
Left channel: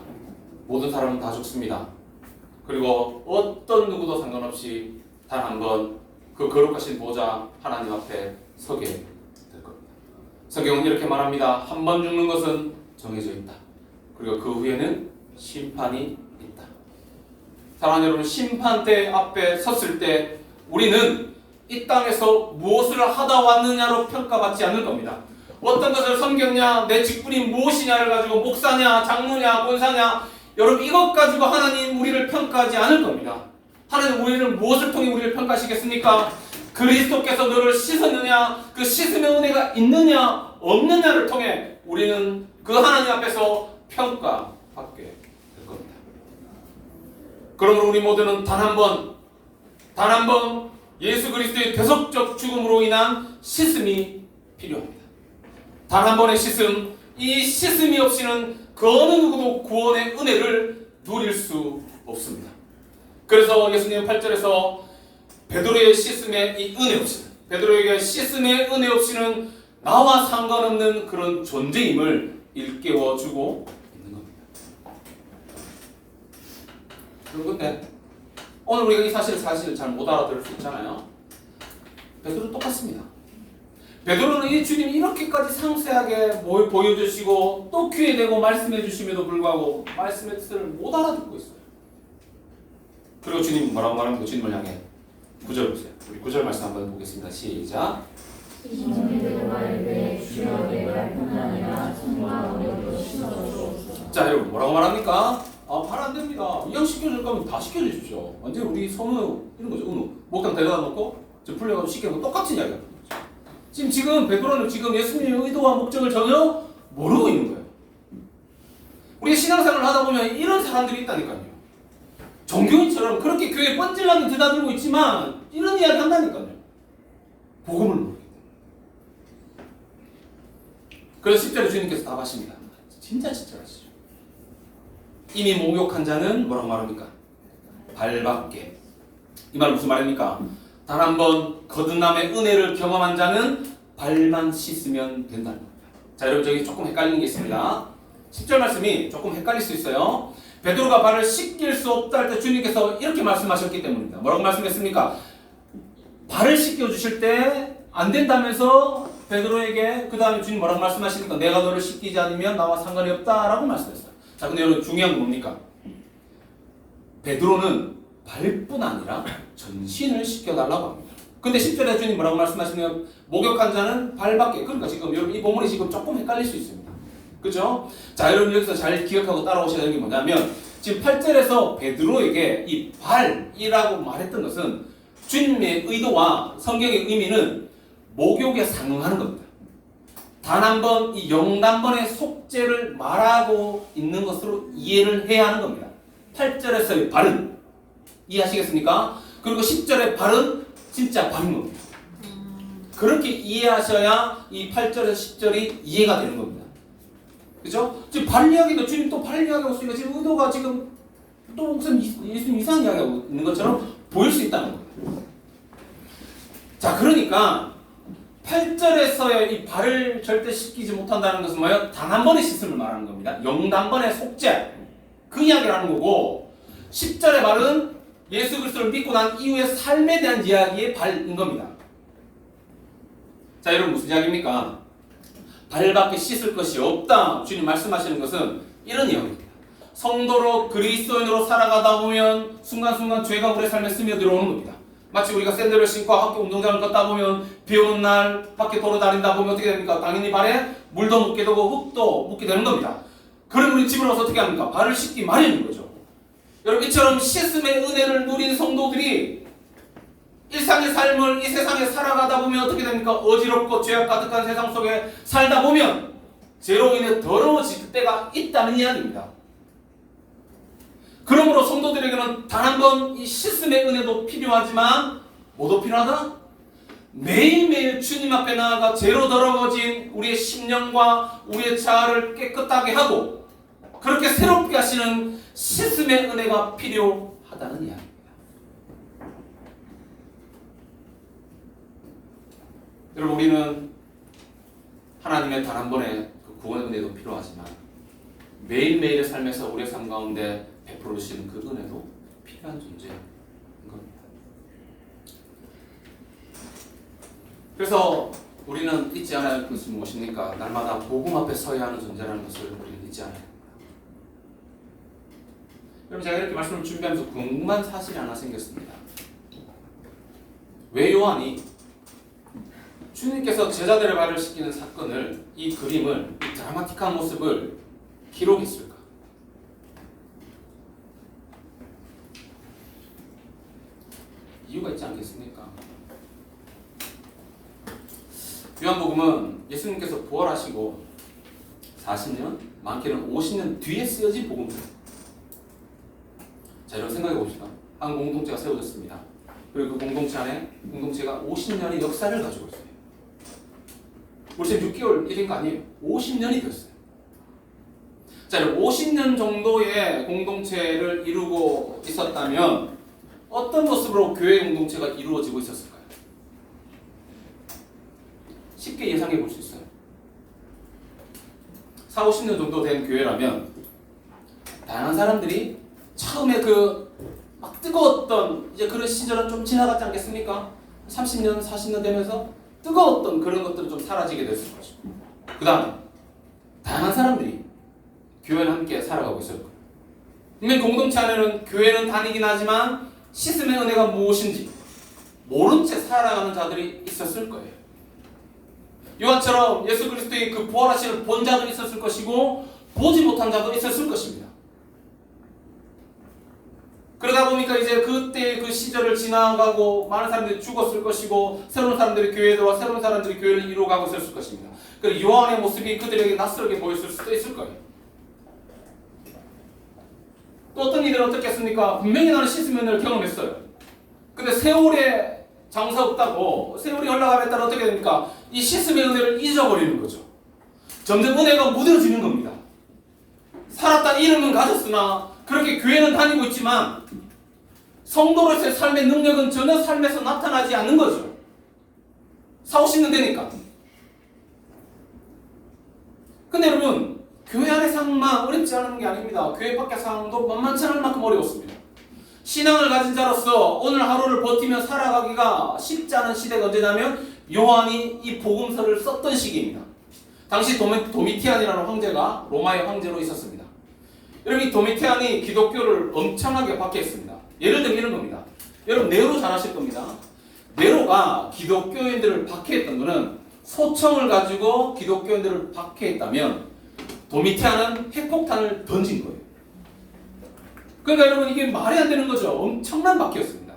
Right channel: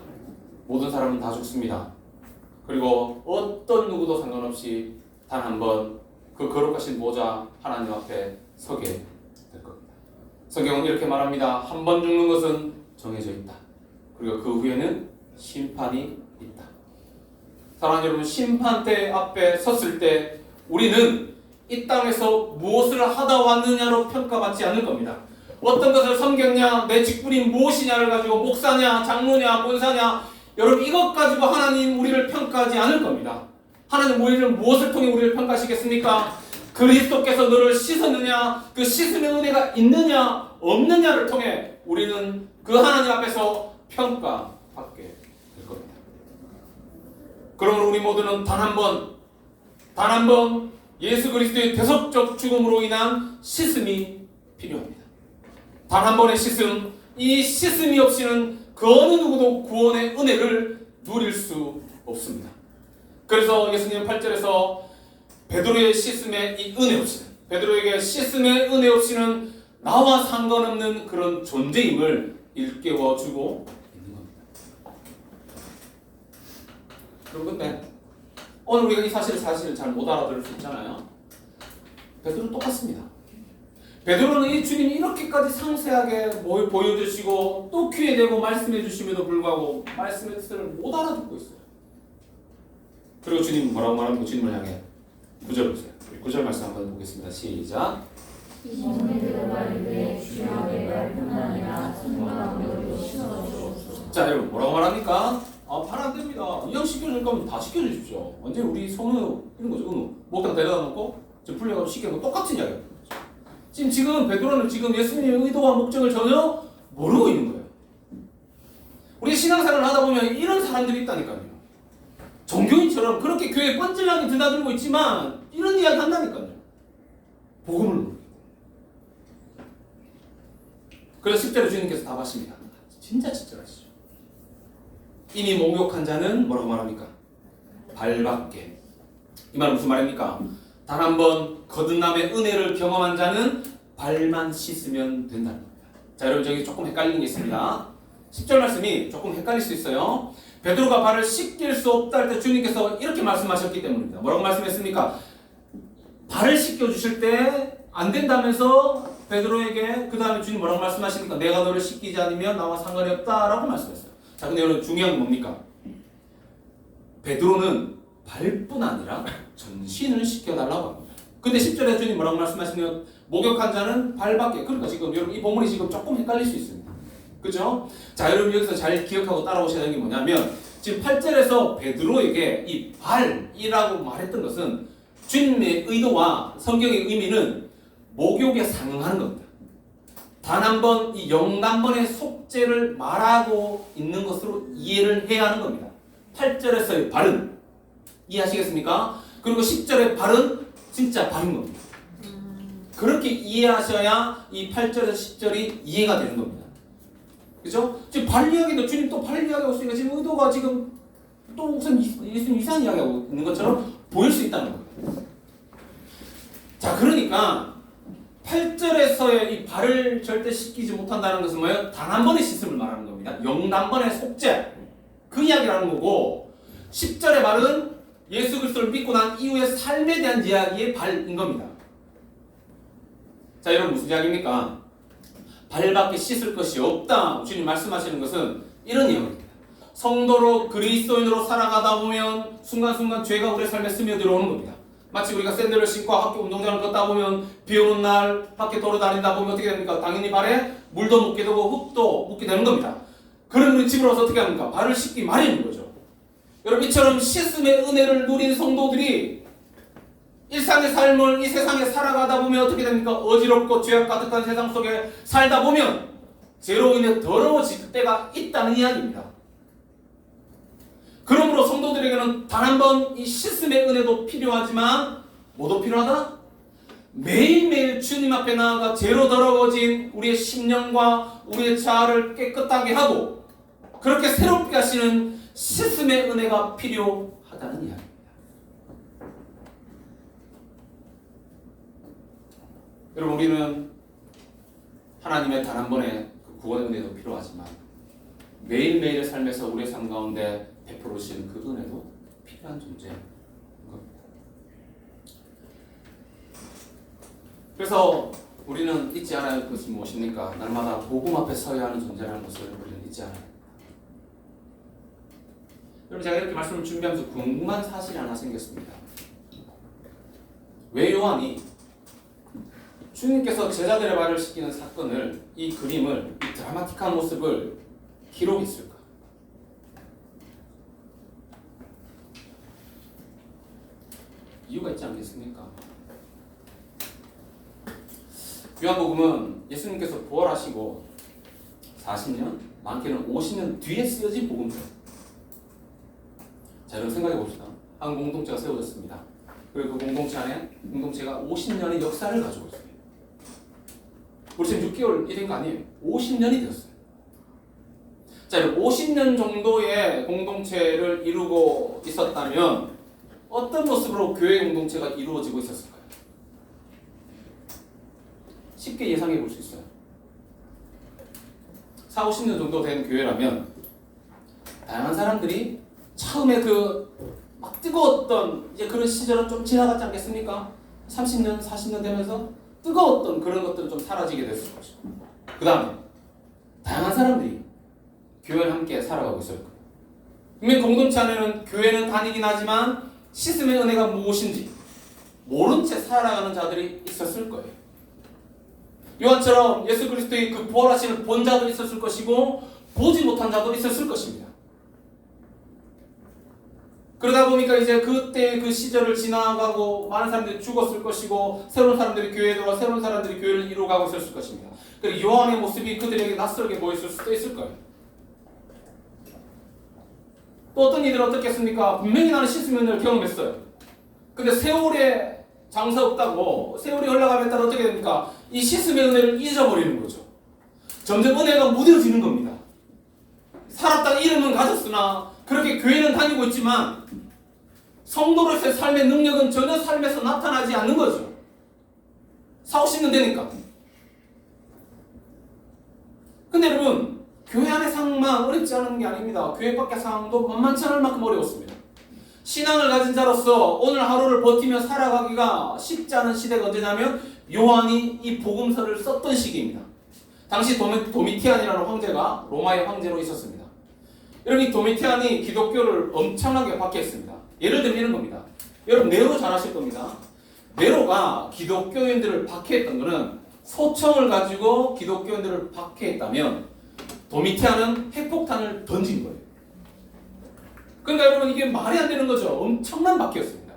모든 사람은 다 죽습니다. 그리고 어떤 누구도 상관없이 단 한 번 그 거룩하신 보좌 하나님 앞에 서게 될 겁니다. 성경은 이렇게 말합니다. 한 번 죽는 것은 정해져 있다. 그리고 그 후에는 심판이 있다. 사랑하는 여러분, 심판대 앞에 섰을 때 우리는 이 땅에서 무엇을 하다 왔느냐로 평가받지 않을 겁니다. 어떤 것을 섬겼냐, 내 직분이 무엇이냐를 가지고 목사냐, 장로냐, 권사냐, 여러분 이것 가지고 하나님 우리를 평가하지 않을 겁니다. 하나님 우리를 무엇을 통해 우리를 평가하시겠습니까? 그리스도께서 너를 씻었느냐, 그 씻음의 은혜가 있느냐 없느냐를 통해 우리는 그 하나님 앞에서 평가받게 될 겁니다. 그러므로 우리 모두는 단 한 번 예수 그리스도의 대속적 죽음으로 인한 씻음이 필요합니다. 단 한 번의 씻음, 이 씻음이 없이는 그 어느 누구도 구원의 은혜를 누릴 수 없습니다. 그래서 예수님은 8절에서 베드로의 씻음의 이 은혜 없이는, 베드로에게 씻음의 은혜 없이는 나와 상관없는 그런 존재임을 일깨워주고 있는 겁니다. 그런데 오늘 우리가 이 사실을 잘 못 알아들을 수 있잖아요. 베드로는 똑같습니다. 베드로는 이 주님이 이렇게까지 상세하게 보여주시고 또 귀에 대고 말씀해 주심에도 불구하고 말씀의 뜻을 못 알아듣고 있어요. 그리고 주님 뭐라고 말하는 거, 주님을 향해 9절 보세요. 우리 9절 말씀 한번 보겠습니다. 시작. 자, 여러분 뭐라고 말합니까? 발 안 됩니다. 이왕 시켜줄 거면 다 시켜주십시오. 완전히 우리 선우 이런 거죠. 은우 목욕탕 데려다 놓고 저 풀려가지고 시키고 똑같은 이야기야. 지금 베드로는 지금 예수님의 의도와 목적을 전혀 모르고 있는 거예요. 우리 신앙생활을 하다 보면 이런 사람들이 있다니까요. 종교인처럼 그렇게 교회에 뻔질나게 드나들고 있지만 이런 이야기 한다니까요. 복음을 모르겠다. 그래서 10절에 주님께서 답하십니다. 진짜 친절하시죠. 이미 목욕한 자는 뭐라고 말합니까? 발밖에. 이 말은 무슨 말입니까? 단 한 번 거듭남의 은혜를 경험한 자는 발만 씻으면 된다는 겁니다. 자, 여러분 저기 조금 헷갈리는 게 있습니다. 10절 말씀이 조금 헷갈릴 수 있어요. 베드로가 발을 씻길 수 없다 할 때 주님께서 이렇게 말씀하셨기 때문입니다. 뭐라고 말씀했습니까? 발을 씻겨주실 때 안 된다면서 베드로에게 그 다음에 주님 뭐라고 말씀하십니까? 내가 너를 씻기지 않으면 나와 상관이 없다라고 말씀했어요. 자, 근데 여러분 중요한 건 뭡니까? 베드로는 발뿐 아니라 전신을 씻겨달라고 합니다. 근데 10절에 주님 뭐라고 말씀하시면 목욕한 자는 발밖에. 그러니까 지금 여러분 이 본문이 지금 조금 헷갈릴 수 있습니다. 그죠? 자, 여러분 여기서 잘 기억하고 따라오셔야 되는 게 뭐냐면 지금 8절에서 베드로에게 이 발이라고 말했던 것은 주님의 의도와 성경의 의미는 목욕에 상응하는 겁니다. 단 한 번 이 영단번의 속죄를 말하고 있는 것으로 이해를 해야 하는 겁니다. 8절에서의 발은 이해하시겠습니까? 그리고 10절의 발은 진짜 발인 겁니다. 그렇게 이해하셔야 이 8절에서 10절이 이해가 되는 겁니다. 그죠? 지금 발 이야기도 주님 또 발 이야기하고 있으니까 지금 의도가 지금 또 무슨 예수님 이상한 이야기하고 있는 것처럼 보일 수 있다는 겁니다. 자, 그러니까 8절에서의 이 발을 절대 씻기지 못한다는 것은 뭐예요? 단 한 번의 씻음을 말하는 겁니다. 영단번의 속죄. 그 이야기를 하는 거고 10절의 발은 예수 그리스도를 믿고 난 이후의 삶에 대한 이야기의 발인 겁니다. 자, 여러분 무슨 이야기입니까? 발밖에 씻을 것이 없다. 주님 말씀하시는 것은 이런 이야기입니다. 성도로 그리스도인으로 살아가다 보면 순간순간 죄가 우리의 삶에 스며들어오는 겁니다. 마치 우리가 샌들을 신고 학교 운동장을 걷다 보면 비 오는 날 밖에 돌아다니다 보면 어떻게 됩니까? 당연히 발에 물도 묻게 되고 흙도 묻게 되는 겁니다. 그럼 우리 집으로 와서 어떻게 합니까? 발을 씻기 마련인 거죠. 여러분 이처럼 씻음의 은혜를 누린 성도들이 일상의 삶을 이 세상에 살아가다 보면 어떻게 됩니까? 어지럽고 죄악 가득한 세상 속에 살다 보면 죄로 인해 더러워질 때가 있다는 이야기입니다. 그러므로 성도들에게는 단 한 번 이 씻음의 은혜도 필요하지만 뭐도 필요하다? 매일매일 주님 앞에 나아가 죄로 더러워진 우리의 심령과 우리의 자아를 깨끗하게 하고 그렇게 새롭게 하시는 씻음의 은혜가 필요하다는 이야기입니다. 여러분 우리는 하나님의 단 한 번의 그 구원의 은혜도 필요하지만 매일매일의 삶에서 우리의 삶 가운데 베풀어 주시는 그 은혜도 필요한 존재인 겁니다. 그래서 우리는 잊지 않아야 할 것이 무엇입니까? 날마다 복음 앞에 서야 하는 존재라는 것을 우리는 잊지 않아야 합니다. 여러분 제가 이렇게 말씀을 준비하면서 궁금한 사실이 하나 생겼습니다. 왜 요한이 주님께서 제자들의 발을 씻기는 사건을 이 그림을 이 드라마틱한 모습을 기록했을까? 이유가 있지 않겠습니까? 요한복음은 예수님께서 부활하시고 40년, 많게는 50년 뒤에 쓰여진 복음서입니다. 자, 여러분 생각해 봅시다. 한 공동체가 세워졌습니다. 그리고 그 공동체 안에 공동체가 50년의 역사를 가지고 있어요. 우리 지금 6개월 일인 거 아니에요. 50년이 되었어요. 자, 여러분 50년 정도의 공동체를 이루고 있었다면 어떤 모습으로 교회 공동체가 이루어지고 있었을까요? 쉽게 예상해 볼 수 있어요. 4, 50년 정도 된 교회라면 다양한 사람들이 처음에 그 막 뜨거웠던 이제 그런 시절은 좀 지나갔지 않겠습니까? 30년, 40년 되면서 뜨거웠던 그런 것들은 좀 사라지게 됐을 것이고 그 다음에 다양한 사람들이 교회와 함께 살아가고 있을 거예요. 분명 공동체 안에는 교회는 다니긴 하지만 씻음의 은혜가 무엇인지 모른 채 살아가는 자들이 있었을 거예요. 요한처럼 예수 그리스도의 그 부활하심을 본 자도 있었을 것이고 보지 못한 자도 있었을 것입니다. 그러다 보니까 이제 그때 그 시절을 지나가고 많은 사람들이 죽었을 것이고 새로운 사람들이 교회에 들어와 새로운 사람들이 교회를 이루어가고 있었을 것입니다. 그리고 요한의 모습이 그들에게 낯설게 보였을 수도 있을 거예요. 또 어떤 이들은 어떻겠습니까? 분명히 나는 씻음의 은혜를 경험했어요. 근데 세월에 장사 없다고 세월이 흘러감에 따라 어떻게 됩니까? 이 씻음의 은혜를 잊어버리는 거죠. 점점 은혜가 무뎌지는 겁니다. 살았다 이름은 가졌으나 그렇게 교회는 다니고 있지만 성도로서의 삶의 능력은 전혀 삶에서 나타나지 않는 거죠. 4, 50년 되니까. 근데 여러분 교회 안의 상황만 어렵지 않은 게 아닙니다. 교회 밖의 상황도 만만치 않을 만큼 어려웠습니다. 신앙을 가진 자로서 오늘 하루를 버티며 살아가기가 쉽지 않은 시대가 언제냐면 요한이 이 복음서를 썼던 시기입니다. 당시 도미티안이라는 황제가 로마의 황제로 있었습니다. 여러분 이 도미티안이 기독교를 엄청나게 박해했습니다. 예를 들면 이런 겁니다. 여러분 네로 잘 아실 겁니다. 네로가 기독교인들을 박해했던 것은 소총을 가지고 기독교인들을 박해했다면 도미티안은 핵폭탄을 던진 거예요. 그러니까 여러분 이게 말이 안 되는 거죠. 엄청난 박해였습니다.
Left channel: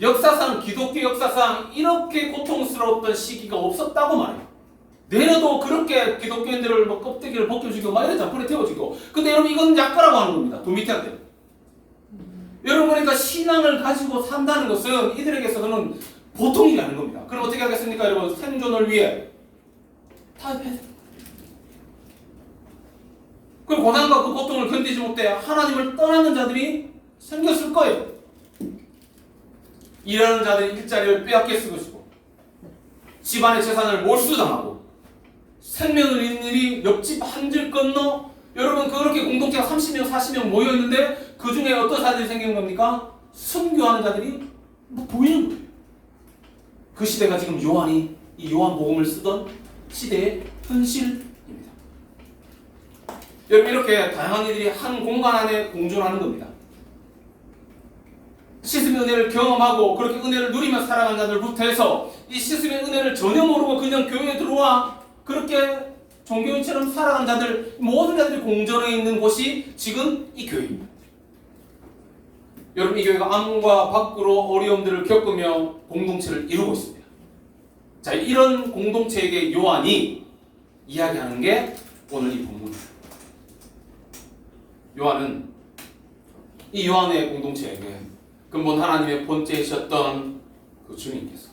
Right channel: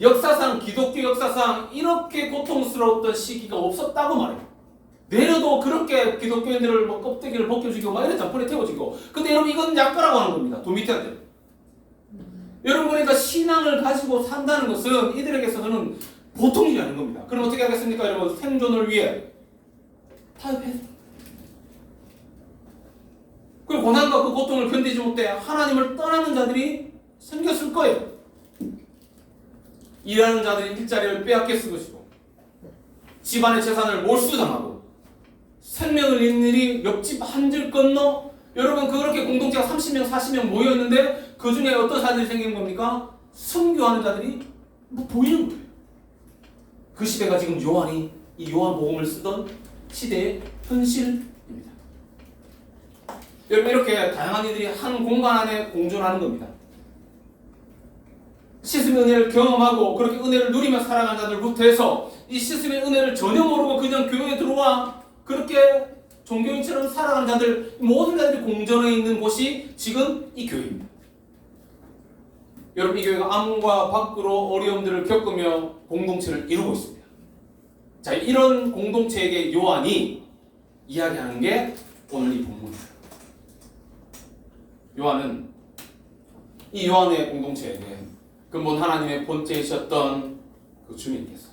역사상 기독교 역사상 이렇게 고통스러웠던 시기가 없었다고 말해요. 내려도 그렇게 기독교인들을 뭐 껍데기를 벗겨주고 막 이래 불에 태워주고. 근데 여러분 이건 약가라고 하는 겁니다. 도미티안들. 여러분 그러니까 신앙을 가지고 산다는 것은 이들에게서는 보통 일이 아닌 겁니다. 그럼 어떻게 하겠습니까, 여러분? 생존을 위해 타협해야 됩니다. 그 고난과 그 고통을 견디지 못해 하나님을 떠나는 자들이 생겼을 거예요. 일하는 자들이 일자리를 빼앗겼을 것이고, 집안의 재산을 몰수당하고, 생명을 잃는 일이 옆집 한 줄 건너, 여러분 그렇게 공동체가 30명, 40명 모여있는데 그 중에 어떤 사람들이 생긴 겁니까? 순교하는 자들이 뭐 보이는 거예요. 그 시대가 지금 요한이 이 요한복음을 쓰던 시대의 현실입니다. 여러분 이렇게 다양한 이들이 한 공간 안에 공존하는 겁니다. 씻음의 은혜를 경험하고 그렇게 은혜를 누리며 살아가는 자들부터 해서 이 씻음의 은혜를 전혀 모르고 그냥 교회에 들어와 그렇게 종교인처럼 살아가는 자들, 모든 자들이 공존해 있는 곳이 지금 이 교회입니다. 여러분 이 교회가 안과 밖으로 어려움들을 겪으며 공동체를 이루고 있습니다. 자, 이런 공동체에게 요한이 이야기하는 게 오늘 이 본문이에요. 요한은 이 요한의 공동체에게 근본 하나님의 본체이셨던 그 주님께서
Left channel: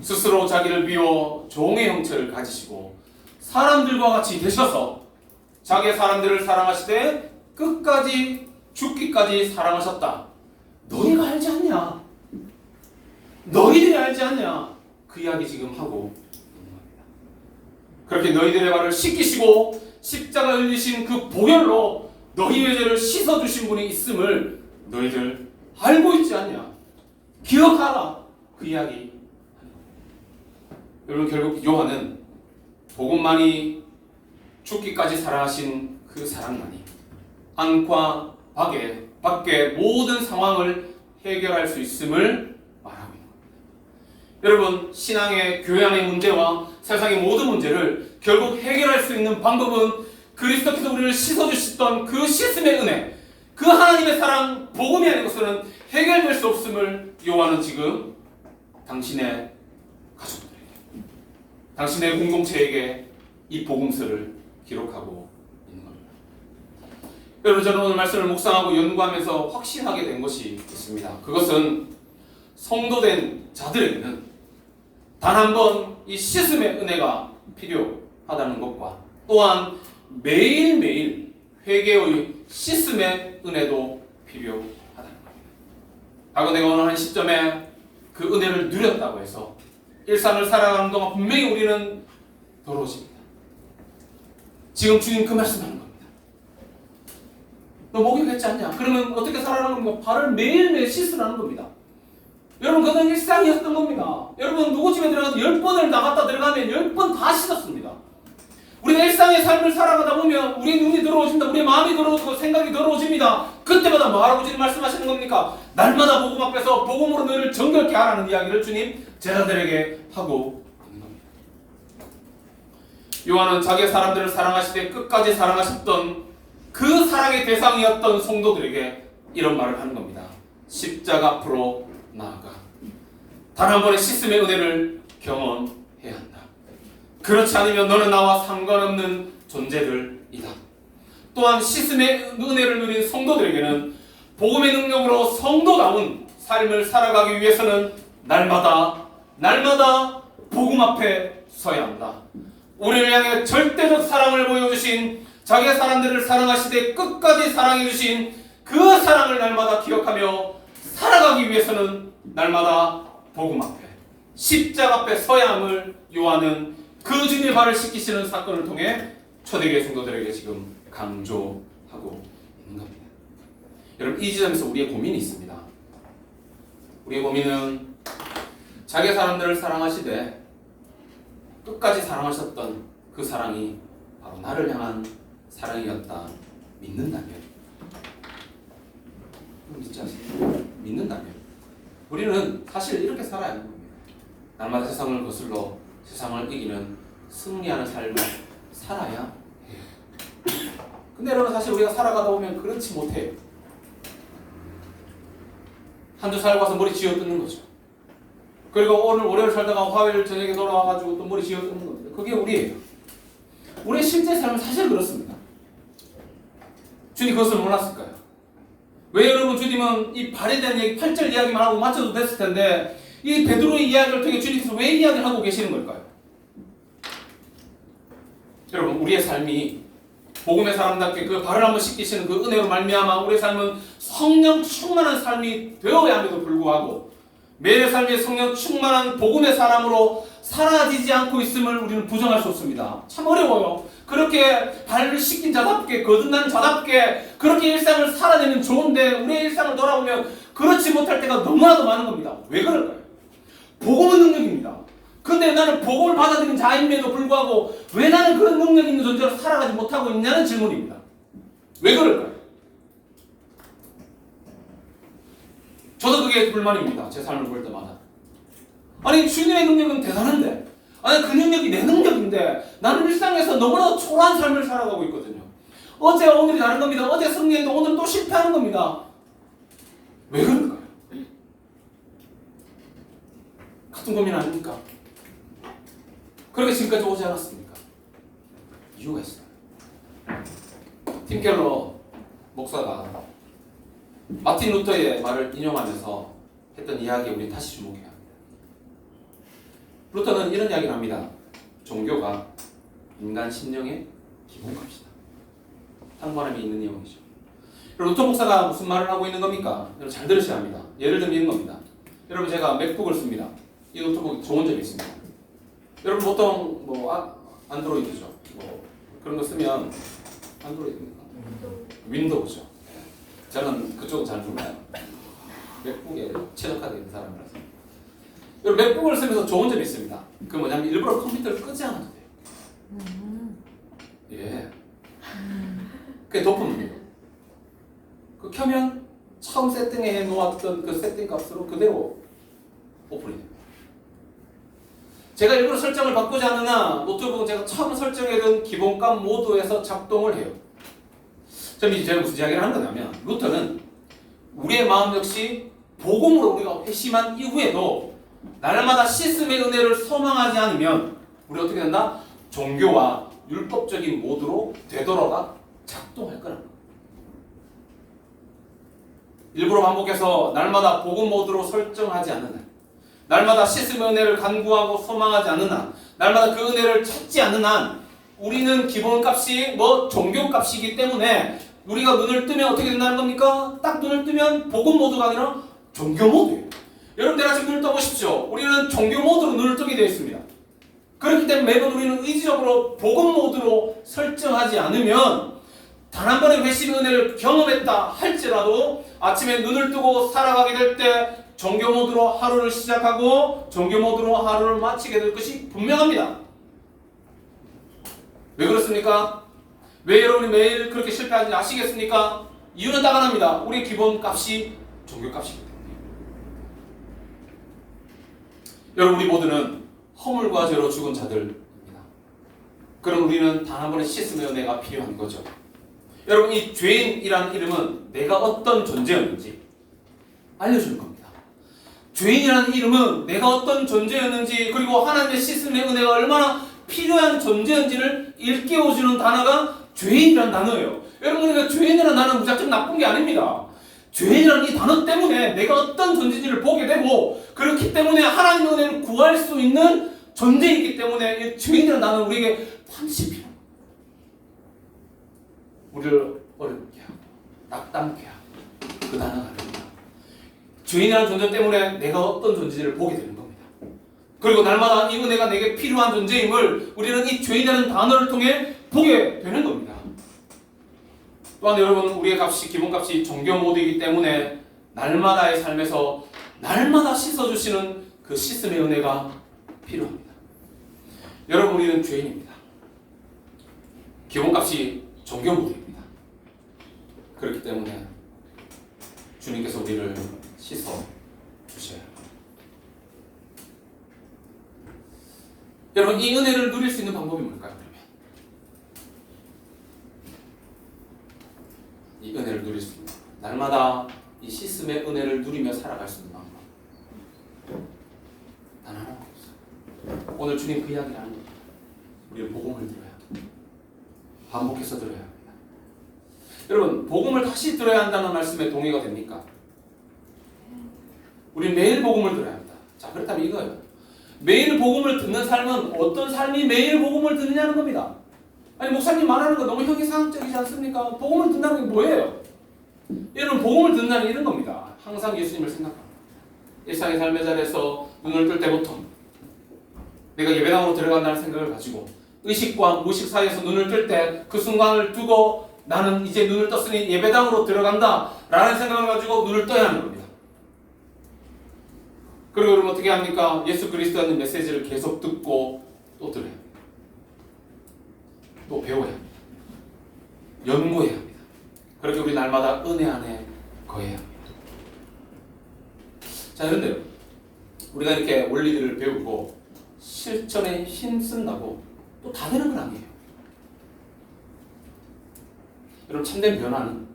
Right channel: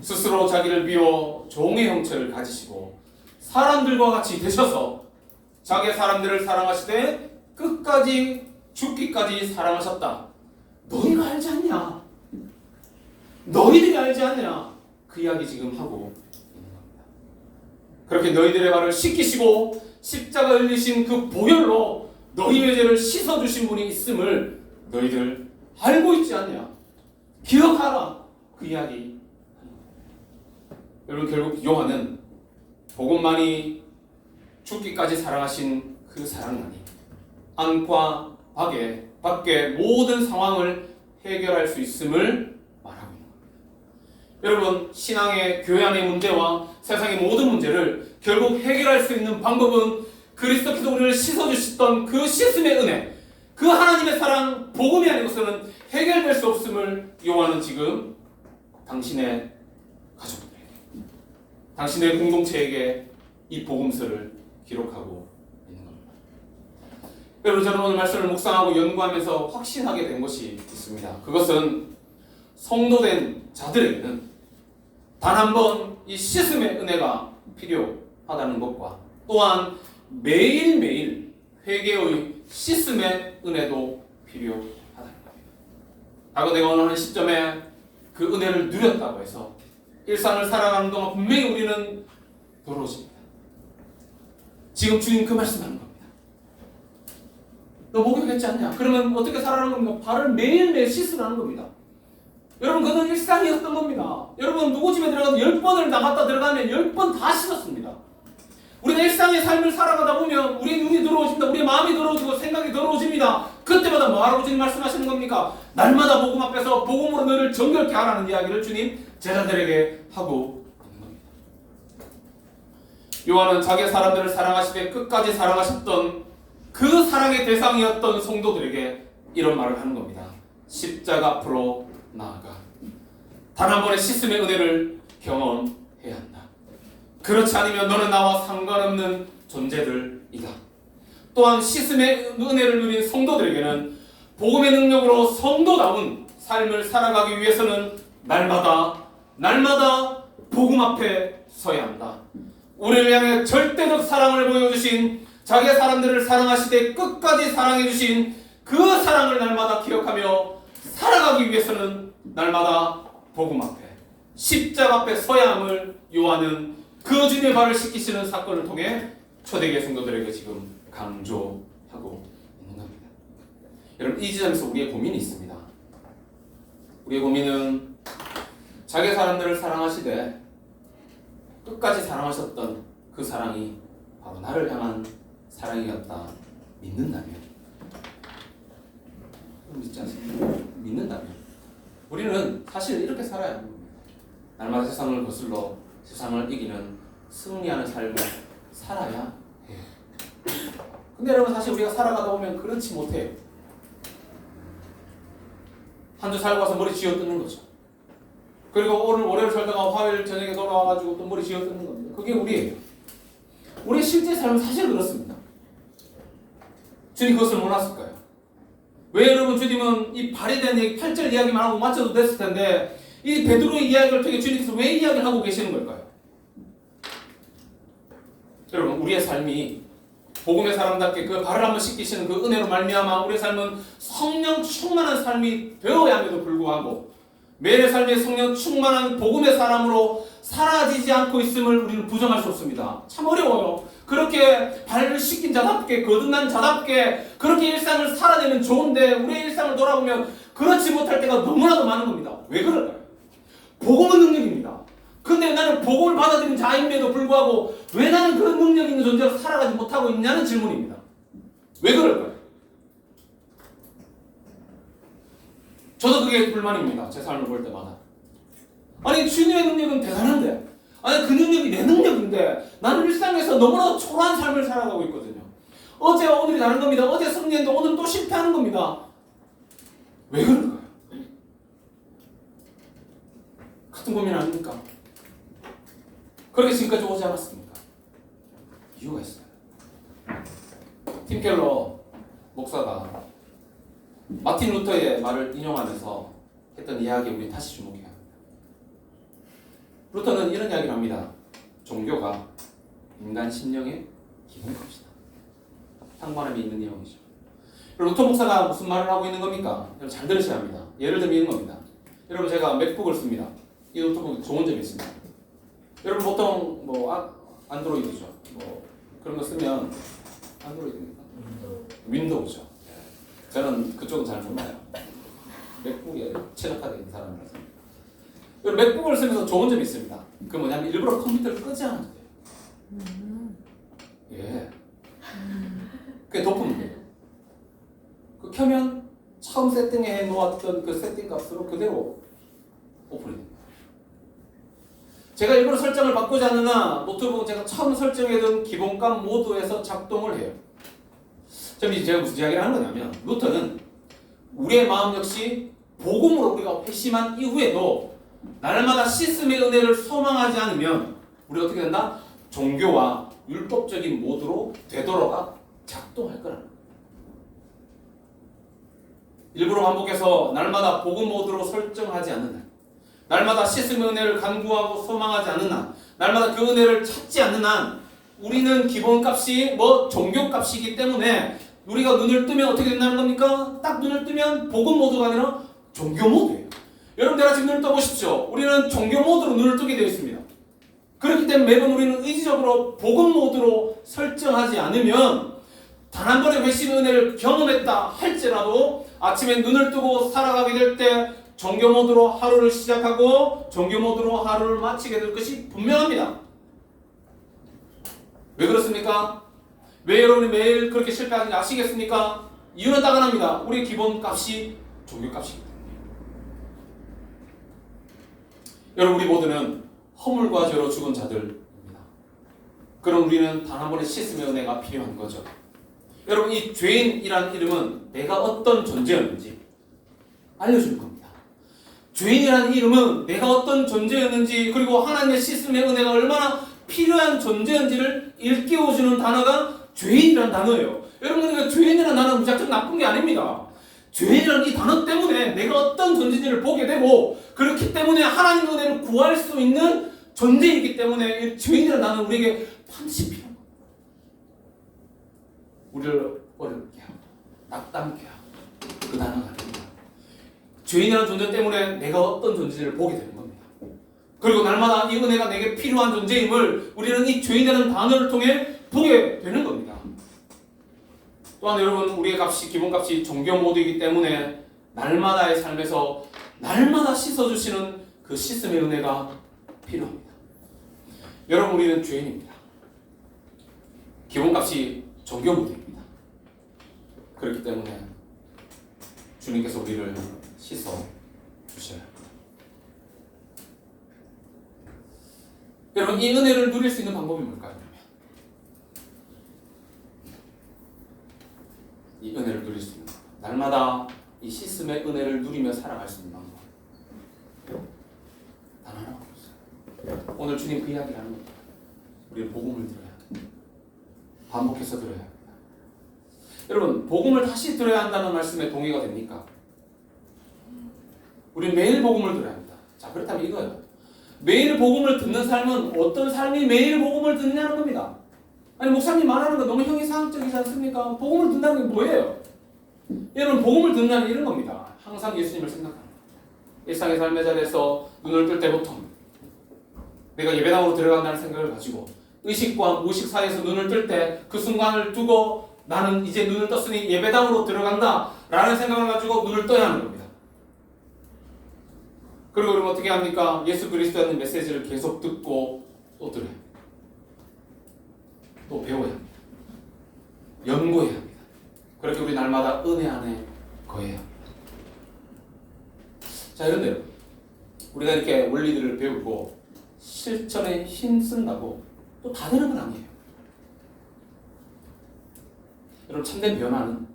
스스로 자기를 비워 종의 형체를 가지시고 사람들과 같이 되셔서 자기의 사람들을 사랑하시되 끝까지 죽기까지 사랑하셨다. 너희가 알지 않냐? 너희들이 알지 않냐? 그 이야기 지금 하고 있는 겁니다. 그렇게 너희들의 발을 씻기시고 십자가 열리신 그 보혈로 너희의 죄를 씻어주신 분이 있음을 너희들 알고 있지 않냐? 기억하라. 그 이야기. 여러분 결국 요한은 복음만이 죽기까지 사랑하신 그 사랑만이 안과 밖의 모든 상황을 해결할 수 있음을 말하고 있는 겁니다. 여러분 신앙의 교회 안의 문제와 세상의 모든 문제를 결국 해결할 수 있는 방법은 그리스도께서 우리를 씻어주셨던 그 씻음의 은혜, 그 하나님의 사랑, 복음이 아니고서는 해결될 수 없음을 요한은 지금 당신의 가족들에게, 당신의 공동체에게 이 복음서를 기록하고 있는 겁니다. 여러분 저는 오늘 말씀을 묵상하고 연구하면서 확신하게 된 것이 있습니다. 그것은 성도된 자들에게는 단 한 번 이 씻음의 은혜가 필요하다는 것과 또한 매일매일 회개의 씻음의 은혜도 필요하다는 겁니다. 과거 내가 어느 한 시점에 그 은혜를 누렸다고 해서 일상을 살아가는 동안 분명히 우리는 더러워집니다. 지금 주님 그 말씀하는 겁니다. 너 목욕했지 않냐? 그러면 어떻게 살아가는 겁니까? 발을 매일매일 씻으라는 겁니다. 여러분 그건 일상이었던 겁니다. 여러분 누구 집에 들어가서 10번을 나갔다 들어가면 10번 다 씻었습니다. 우리가 일상의 삶을 살아가다 보면 우리의 눈이 더러워집니다. 우리의 마음이 더러워지고 생각이 더러워집니다. 그때마다 뭐하라고 지금 말씀하시는 겁니까? 날마다 복음 앞에서 복음으로 너를 정결케 하라는 이야기를 주님 제자들에게 하고 있는 겁니다. 요한은 자기의 사람들을 사랑하시되 끝까지 사랑하셨던 그 사랑의 대상이었던 성도들에게 이런 말을 하는 겁니다. 십자가 앞으로 나아가 단 한 번의 씻음의 은혜를 경험해야 한다. 그렇지 않으면 너는 나와 상관없는 존재들이다. 또한 씻음의 은혜를 누린 성도들에게는 복음의 능력으로 성도다운 삶을 살아가기 위해서는 날마다 복음 앞에 서야 한다. 우리를 향해 절대적 사랑을 보여주신 자기의 사람들을 사랑하시되 끝까지 사랑해주신 그 사랑을 날마다 기억하며 살아가기 위해서는 날마다 복음 앞에 십자가 앞에 서야 함을 요한은 그 주님의 발을 씻기시는 사건을 통해 초대교회 성도들에게 지금 강조하고 있는 겁니다. 여러분 이 지점에서 우리의 고민이 있습니다. 우리의 고민은 자기 사람들을 사랑하시되 끝까지 사랑하셨던 그 사랑이 바로 나를 향한 사랑이었다 믿는다면, 믿지 않습니까? 믿는다면 우리는 사실 이렇게 살아야 하는 겁니다. 날마다 세상을 거슬러 세상을 이기는 승리하는 삶을 살아야 해요. 근데 여러분 사실 우리가 살아가다 보면 그렇지 못해요. 한주 살고 와서 머리 쥐어뜯는 거죠. 그리고 오늘 월요일 살다가 화요일 저녁에 돌아와가지고 또 머리 쥐어뜯는 겁니다. 그게 우리예요. 우리의 실제 삶은 사실 그렇습니다. 주님 그것을 몰랐을까요? 왜 여러분 주님은 이 발에 대한 얘기 8절 이야기만 하고 맞춰도 됐을 텐데 이 베드로의 이야기를 통해 주님께서 왜 이야기를 하고 계시는 걸까요? 여러분, 우리의 삶이 복음의 사람답게 그 발을 한번 씻기시는 그 은혜로 말미암아 우리의 삶은 성령 충만한 삶이 되어야 함에도 불구하고 매일의 삶에 성령 충만한 복음의 사람으로 사라지지 않고 있음을 우리는 부정할 수 없습니다. 참 어려워요. 그렇게 발을 씻긴 자답게 거듭난 자답게 그렇게 일상을 살아내면 좋은데 우리의 일상을 돌아보면 그렇지 못할 때가 너무나도 많은 겁니다. 왜 그럴까요? 복음은 능력입니다. 근데 나는 복음을 받아들인 자임에도 불구하고 왜 나는 그런 능력 있는 존재로 살아가지 못하고 있냐는 질문입니다. 왜 그럴까요? 저도 그게 불만입니다. 제 삶을 볼 때마다. 아니 주님의 능력은 대단한데 아니 그 능력이 내 능력인데 나는 일상에서 너무나 초라한 삶을 살아가고 있거든요. 어제와 오늘이 다른 겁니다. 어제 승리했는데 오늘 또 실패하는 겁니다. 왜 그럴까요? 같은 고민 아닙니까? 그렇게 지금까지 오지 않았습니까? 이유가 있어요. 팀 켈러 목사가 마틴 루터의 말을 인용하면서 했던 이야기에 우리 다시 주목해야 합니다. 루터는 이런 이야기를 합니다. 종교가 인간 심령의 기본값이다. 상관함이 있는 내용이죠. 루터 목사가 무슨 말을 하고 있는 겁니까? 여러분 잘 들으셔야 합니다. 예를 들면 이런 겁니다. 여러분 제가 맥북을 씁니다. 이 노트북이 좋은 점이 있습니다. 여러분 보통 뭐 안드로이드죠. 뭐 그런 거 쓰면 안드로이드입니까? 윈도우죠. 저는 그쪽은 잘 몰라요. 맥북에 최적화되어 있는 사람이라서. 여러분 맥북을 쓰면서 좋은 점이 있습니다. 그 뭐냐면 일부러 컴퓨터를 끄지 않아도 돼요. 예. 그게 도프면 돼요. 그 켜면 처음 세팅해 놓았던 그 세팅 값으로 그대로 오픈이 됩니다. 제가 일부러 설정을 바꾸지 않으나 노트북은 제가 처음 설정해둔 기본값 모드에서 작동을 해요. 제가 무슨 이야기를 하는 거냐면 루터는 우리의 마음 역시 복음으로 우리가 회심한 이후에도 날마다 시스템의 은혜를 소망하지 않으면 우리가 어떻게 된다? 종교와 율법적인 모드로 되돌아가 작동할 거라는 거예요. 일부러 반복해서 날마다 복음 모드로 설정하지 않는 날, 날마다 시스템의 은혜를 간구하고 소망하지 않는 한, 날마다 그 은혜를 찾지 않는 한 우리는 기본값이 종교값이기 때문에 우리가 눈을 뜨면 어떻게 된다는 겁니까? 딱 눈을 뜨면 복음 모드가 아니라 종교 모드예요. 여러분들 지금 눈을 떠보십시오. 우리는 종교 모드로 눈을 뜨게 되어 있습니다. 그렇기 때문에 매번 우리는 의지적으로 복음 모드로 설정하지 않으면 단 한 번의 회심의 은혜를 경험했다 할지라도 아침에 눈을 뜨고 살아가게 될 때 종교 모드로 하루를 시작하고 종교 모드로 하루를 마치게 될 것이 분명합니다. 왜 그렇습니까? 왜 여러분이 매일 그렇게 실패하는지 아시겠습니까? 이유는 딱 하나입니다. 우리의 기본값이 종교값이기 때문에. 여러분 우리 모두는 허물과 죄로 죽은 자들입니다. 그럼 우리는 단 한 번의 시스템의 은혜가 필요한 거죠. 여러분 이 죄인이라는 이름은 내가 어떤 존재였는지 알려주는 겁니다. 죄인이라는 이름은 내가 어떤 존재였는지 그리고 하나님의 시스템의 은혜가 얼마나 필요한 존재인지를 일깨워주는 단어가 죄인이라는 단어예요. 여러분 그러니까 죄인이라는 단어는 무작정 나쁜 게 아닙니다. 죄인이라는 이 단어 때문에 내가 어떤 존재인지를 보게 되고 그렇기 때문에 하나님의 은혜를 구할 수 있는 존재이기 때문에 죄인이라는 단어는 우리에게 반드시 필요합니다. 우리를 어렵게 하고 낙담케 하고 그 단어가 아닙니다. 죄인이라는 존재 때문에 내가 어떤 존재인지를 보게 되는 겁니다. 그리고 날마다 이 은혜가 내게 필요한 존재임을 우리는 이 죄인이라는 단어를 통해 보게 되는 겁니다. 또한 여러분 우리의 값이 기본값이 종교 모드이기 때문에 날마다의 삶에서 날마다 씻어주시는 그 씻음의 은혜가 필요합니다. 여러분 우리는 죄인입니다. 기본값이 종교 모드입니다. 그렇기 때문에 주님께서 우리를 씻어 주셔야 합니다. 여러분 이 은혜를 누릴 수 있는 방법이 뭘까요? 그러면 이 은혜를 누릴 수 있는 방법, 날마다 이 시스템의 은혜를 누리며 살아갈 수 있는 방법 단 하나가 없어요. 오늘 주님 그 이야기를 하는 겁니다. 우리는 복음을 들어야 합니다. 반복해서 들어야 합니다. 여러분 복음을 다시 들어야 한다는 말씀에 동의가 됩니까? 우리는 매일 복음을 들어야 합니다. 자, 그렇다면 이거예요. 매일 복음을 듣는 삶은 어떤 삶이 매일 복음을 듣느냐는 겁니다. 아니 목사님 말하는 거 너무 형이상적이지 않습니까? 복음을 듣는다는 게 뭐예요? 여러분 복음을 듣는다는 게 이런 겁니다. 항상 예수님을 생각합니다. 일상의 삶의 자리에서 눈을 뜰 때부터 내가 예배당으로 들어간다는 생각을 가지고 의식과 무의식 사이에서 눈을 뜰 때 그 순간을 두고 나는 이제 눈을 떴으니 예배당으로 들어간다 라는 생각을 가지고 눈을 떠야 하는 겁니다. 그리고 그럼 어떻게 합니까? 예수 그리스도라는 메시지를 계속 듣고 또 들어야 합니다. 또 배워야 합니다. 연구해야 합니다. 그렇게 우리 날마다 은혜 안에 거해야 합니다. 자, 그런데 우리가 이렇게 원리들을 배우고 실천에 힘쓴다고 또 다 되는 건 아니에요. 여러분 참된 변화는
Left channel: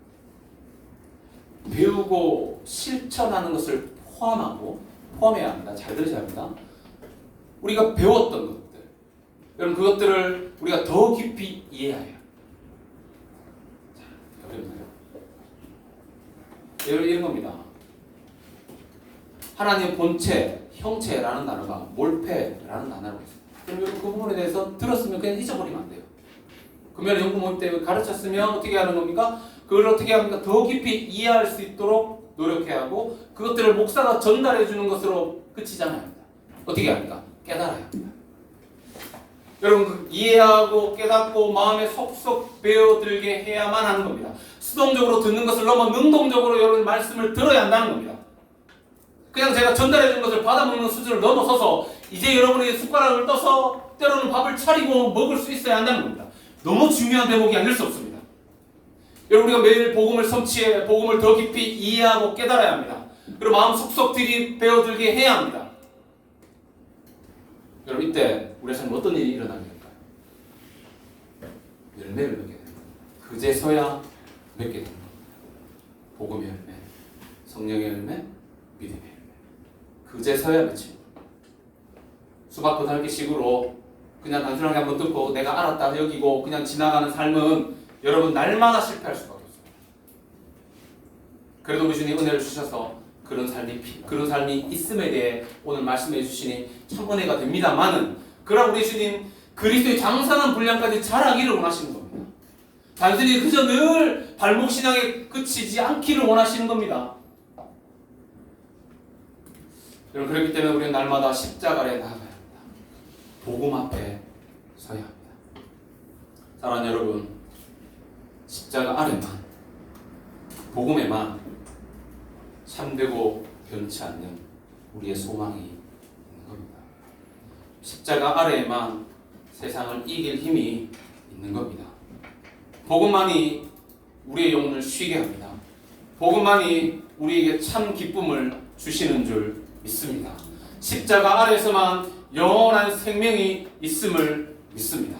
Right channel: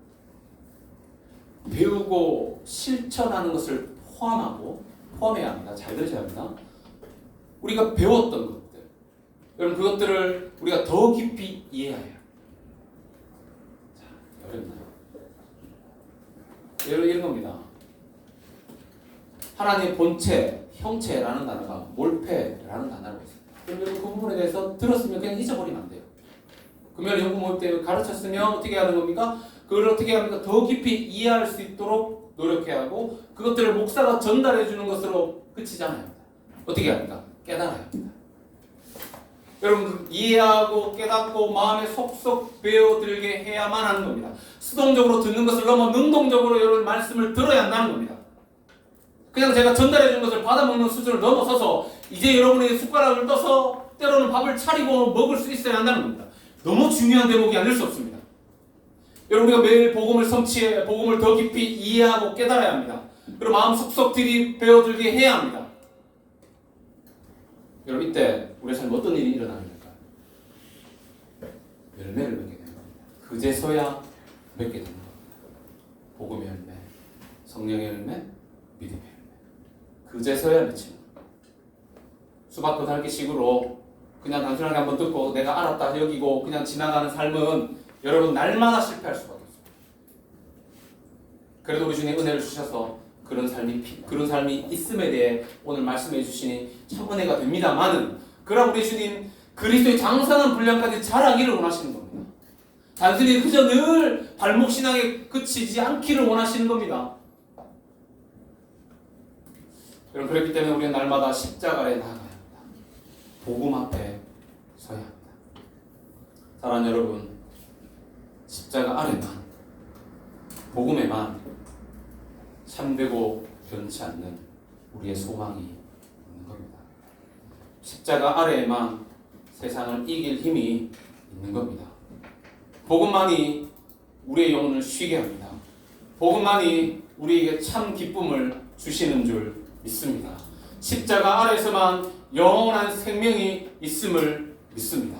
배우고 실천하는 것을 포함해야 합니다. 잘 들으셔야 합니다. 우리가 배웠던 것들, 여러분 그것들을 우리가 더 깊이 이해해야 해요. 자, 어렵나요? 여러분 이런 겁니다. 하나님의 본체, 형체라는 단어가 몰패라는 단어가 있어요. 그러면 그 부분에 대해서 들었으면 그냥 잊어버리면 안 돼요. 금요일 연구 모임 때 가르쳤으면 어떻게 하는 겁니까? 그걸 어떻게 합니까? 더 깊이 이해할 수 있도록 노력해야 하고 그것들을 목사가 전달해 주는 것으로 그치지 않아야 합니다. 어떻게 합니까? 깨달아야 합니다. 여러분 이해하고 깨닫고 마음에 속속 배워들게 해야만 하는 겁니다. 수동적으로 듣는 것을 넘어 능동적으로 여러분 말씀을 들어야 한다는 겁니다. 그냥 제가 전달해 준 것을 받아먹는 수준을 넘어서서 이제 여러분이 숟가락을 떠서 때로는 밥을 차리고 먹을 수 있어야 한다는 겁니다. 너무 중요한 대목이 아닐 수 없습니다. 여러분 우리가 매일 복음을 성취해 복음을 더 깊이 이해하고 깨달아야 합니다. 그리고 마음 속속 배워들게 해야 합니다. 여러분 이때 우리 삶에 어떤 일이 일어나게 될까요? 열매를 맺게 되는 겁니다. 그제서야 맺게 되는 겁니다. 복음의 열매, 성령의 열매, 믿음의 열매. 그제서야 맺히는 겁니다. 수박 겉핥기식으로 그냥 단순하게 한번 듣고 내가 알았다 여기고 그냥 지나가는 삶은 여러분 날마다 실패할 수밖에 없습니다. 그래도 우리 주님 은혜를 주셔서 그런 삶이 있음에 대해 오늘 말씀해 주시니 참 은혜가 됩니다만은 그러나 우리 주님 그리스도의 장성한 분량까지 자라기를 원하시는 겁니다. 단순히 그저 늘 발목 신앙에 그치지 않기를 원하시는 겁니다. 여러분 그렇기 때문에 우리는 날마다 십자가에 나아가야 합니다. 복음 앞에 서야 합니다. 사랑하는 여러분, 십자가 아래만, 복음에만 참되고 변치 않는 우리의 소망이 있는 겁니다. 십자가 아래에만 세상을 이길 힘이 있는 겁니다. 복음만이 우리의 영혼을 쉬게 합니다. 복음만이 우리에게 참 기쁨을 주시는 줄 믿습니다. 십자가 아래에서만 영원한 생명이 있음을 믿습니다.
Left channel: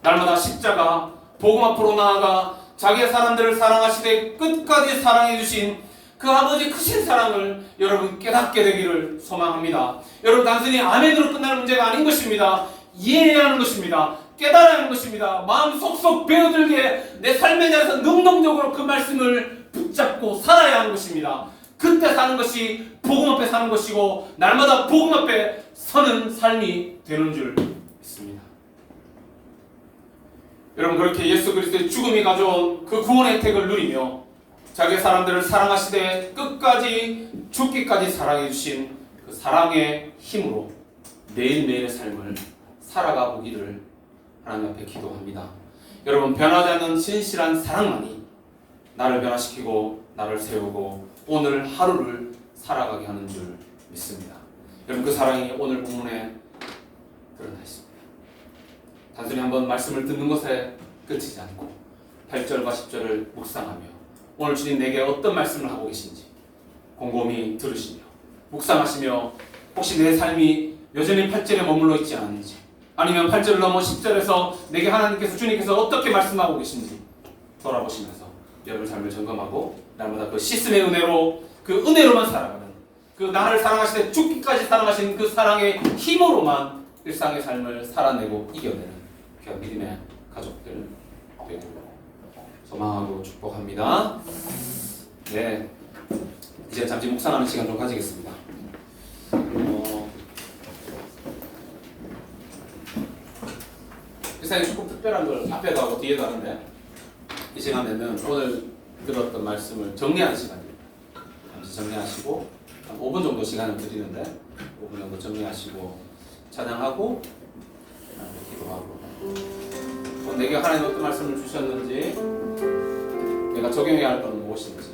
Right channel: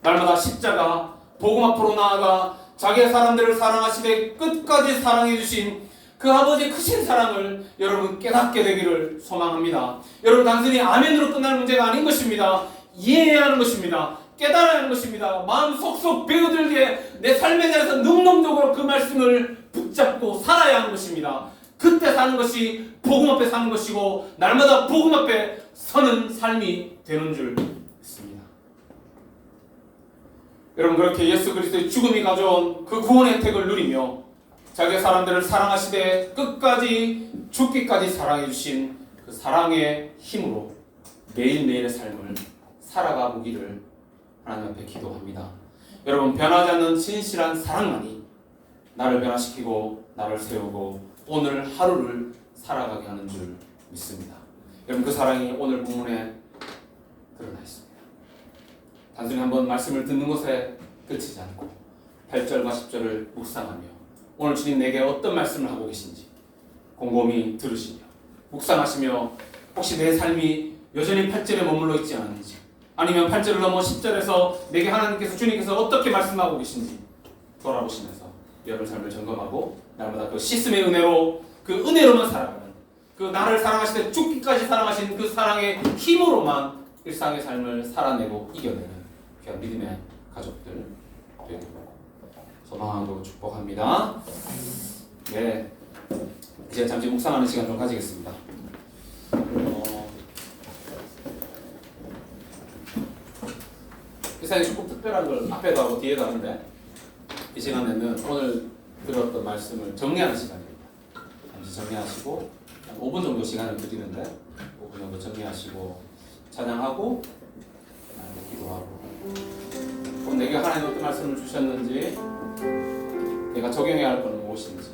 날마다 십자가 복음 앞으로 나아가 자기의 사람들을 사랑하시되 끝까지 사랑해 주신 그 아버지의 크신 사랑을 여러분 깨닫게 되기를 소망합니다. 여러분 단순히 아멘으로 끝날 문제가 아닌 것입니다. 이해해야 하는 것입니다. 깨달아야 하는 것입니다. 마음 속속 배워들게 내 삶에 대해서 능동적으로 그 말씀을 붙잡고 살아야 하는 것입니다. 그때 사는 것이 복음 앞에 사는 것이고 날마다 복음 앞에 서는 삶이 되는 줄 믿습니다. 여러분 그렇게 예수 그리스도의 죽음이 가져온 그 구원의 혜택을 누리며 자기의 사람들을 사랑하시되 끝까지 죽기까지 사랑해 주신 그 사랑의 힘으로 매일매일의 삶을 살아가 보기를 하나님 앞에 기도합니다. 여러분 변하지 않는 진실한 사랑만이 나를 변화시키고 나를 세우고 오늘 하루를 살아가게 하는 줄 믿습니다. 여러분 그 사랑이 오늘 본문에 드러나 있습니다. 단순히 한번 말씀을 듣는 것에 그치지 않고 8절과 10절을 묵상하며 오늘 주님 내게 어떤 말씀을 하고 계신지 곰곰이 들으시며 묵상하시며 혹시 내 삶이 여전히 8절에 머물러 있지 않은지 아니면 8절을 넘어 10절에서 내게 하나님께서 주님께서 어떻게 말씀하고 계신지 돌아보시면서 여러분 삶을 점검하고 날마다 그 씻음의 은혜로 그 은혜로만 살아가는 그 나를 사랑하시되 죽기까지 사랑하신 그 사랑의 힘으로만 일상의 삶을 살아내고 이겨내는 귀한 믿음의 가족들 되고 소망하고 축복합니다. 네, 이제 잠시 묵상하는 시간 좀 가지겠습니다. 시간이 조금 특별한 걸 앞에도 하고 뒤에도 하는데 이 시간 되면 오늘 들었던 말씀을 정리하는 시간입니다. 잠시 정리하시고 한 5분 정도 시간을 드리는데 5분 정도 정리하시고 찬양하고 기도하고 내게 하나님 어떤 말씀을 주셨는지 내가 적용해야 할 것은 무엇인지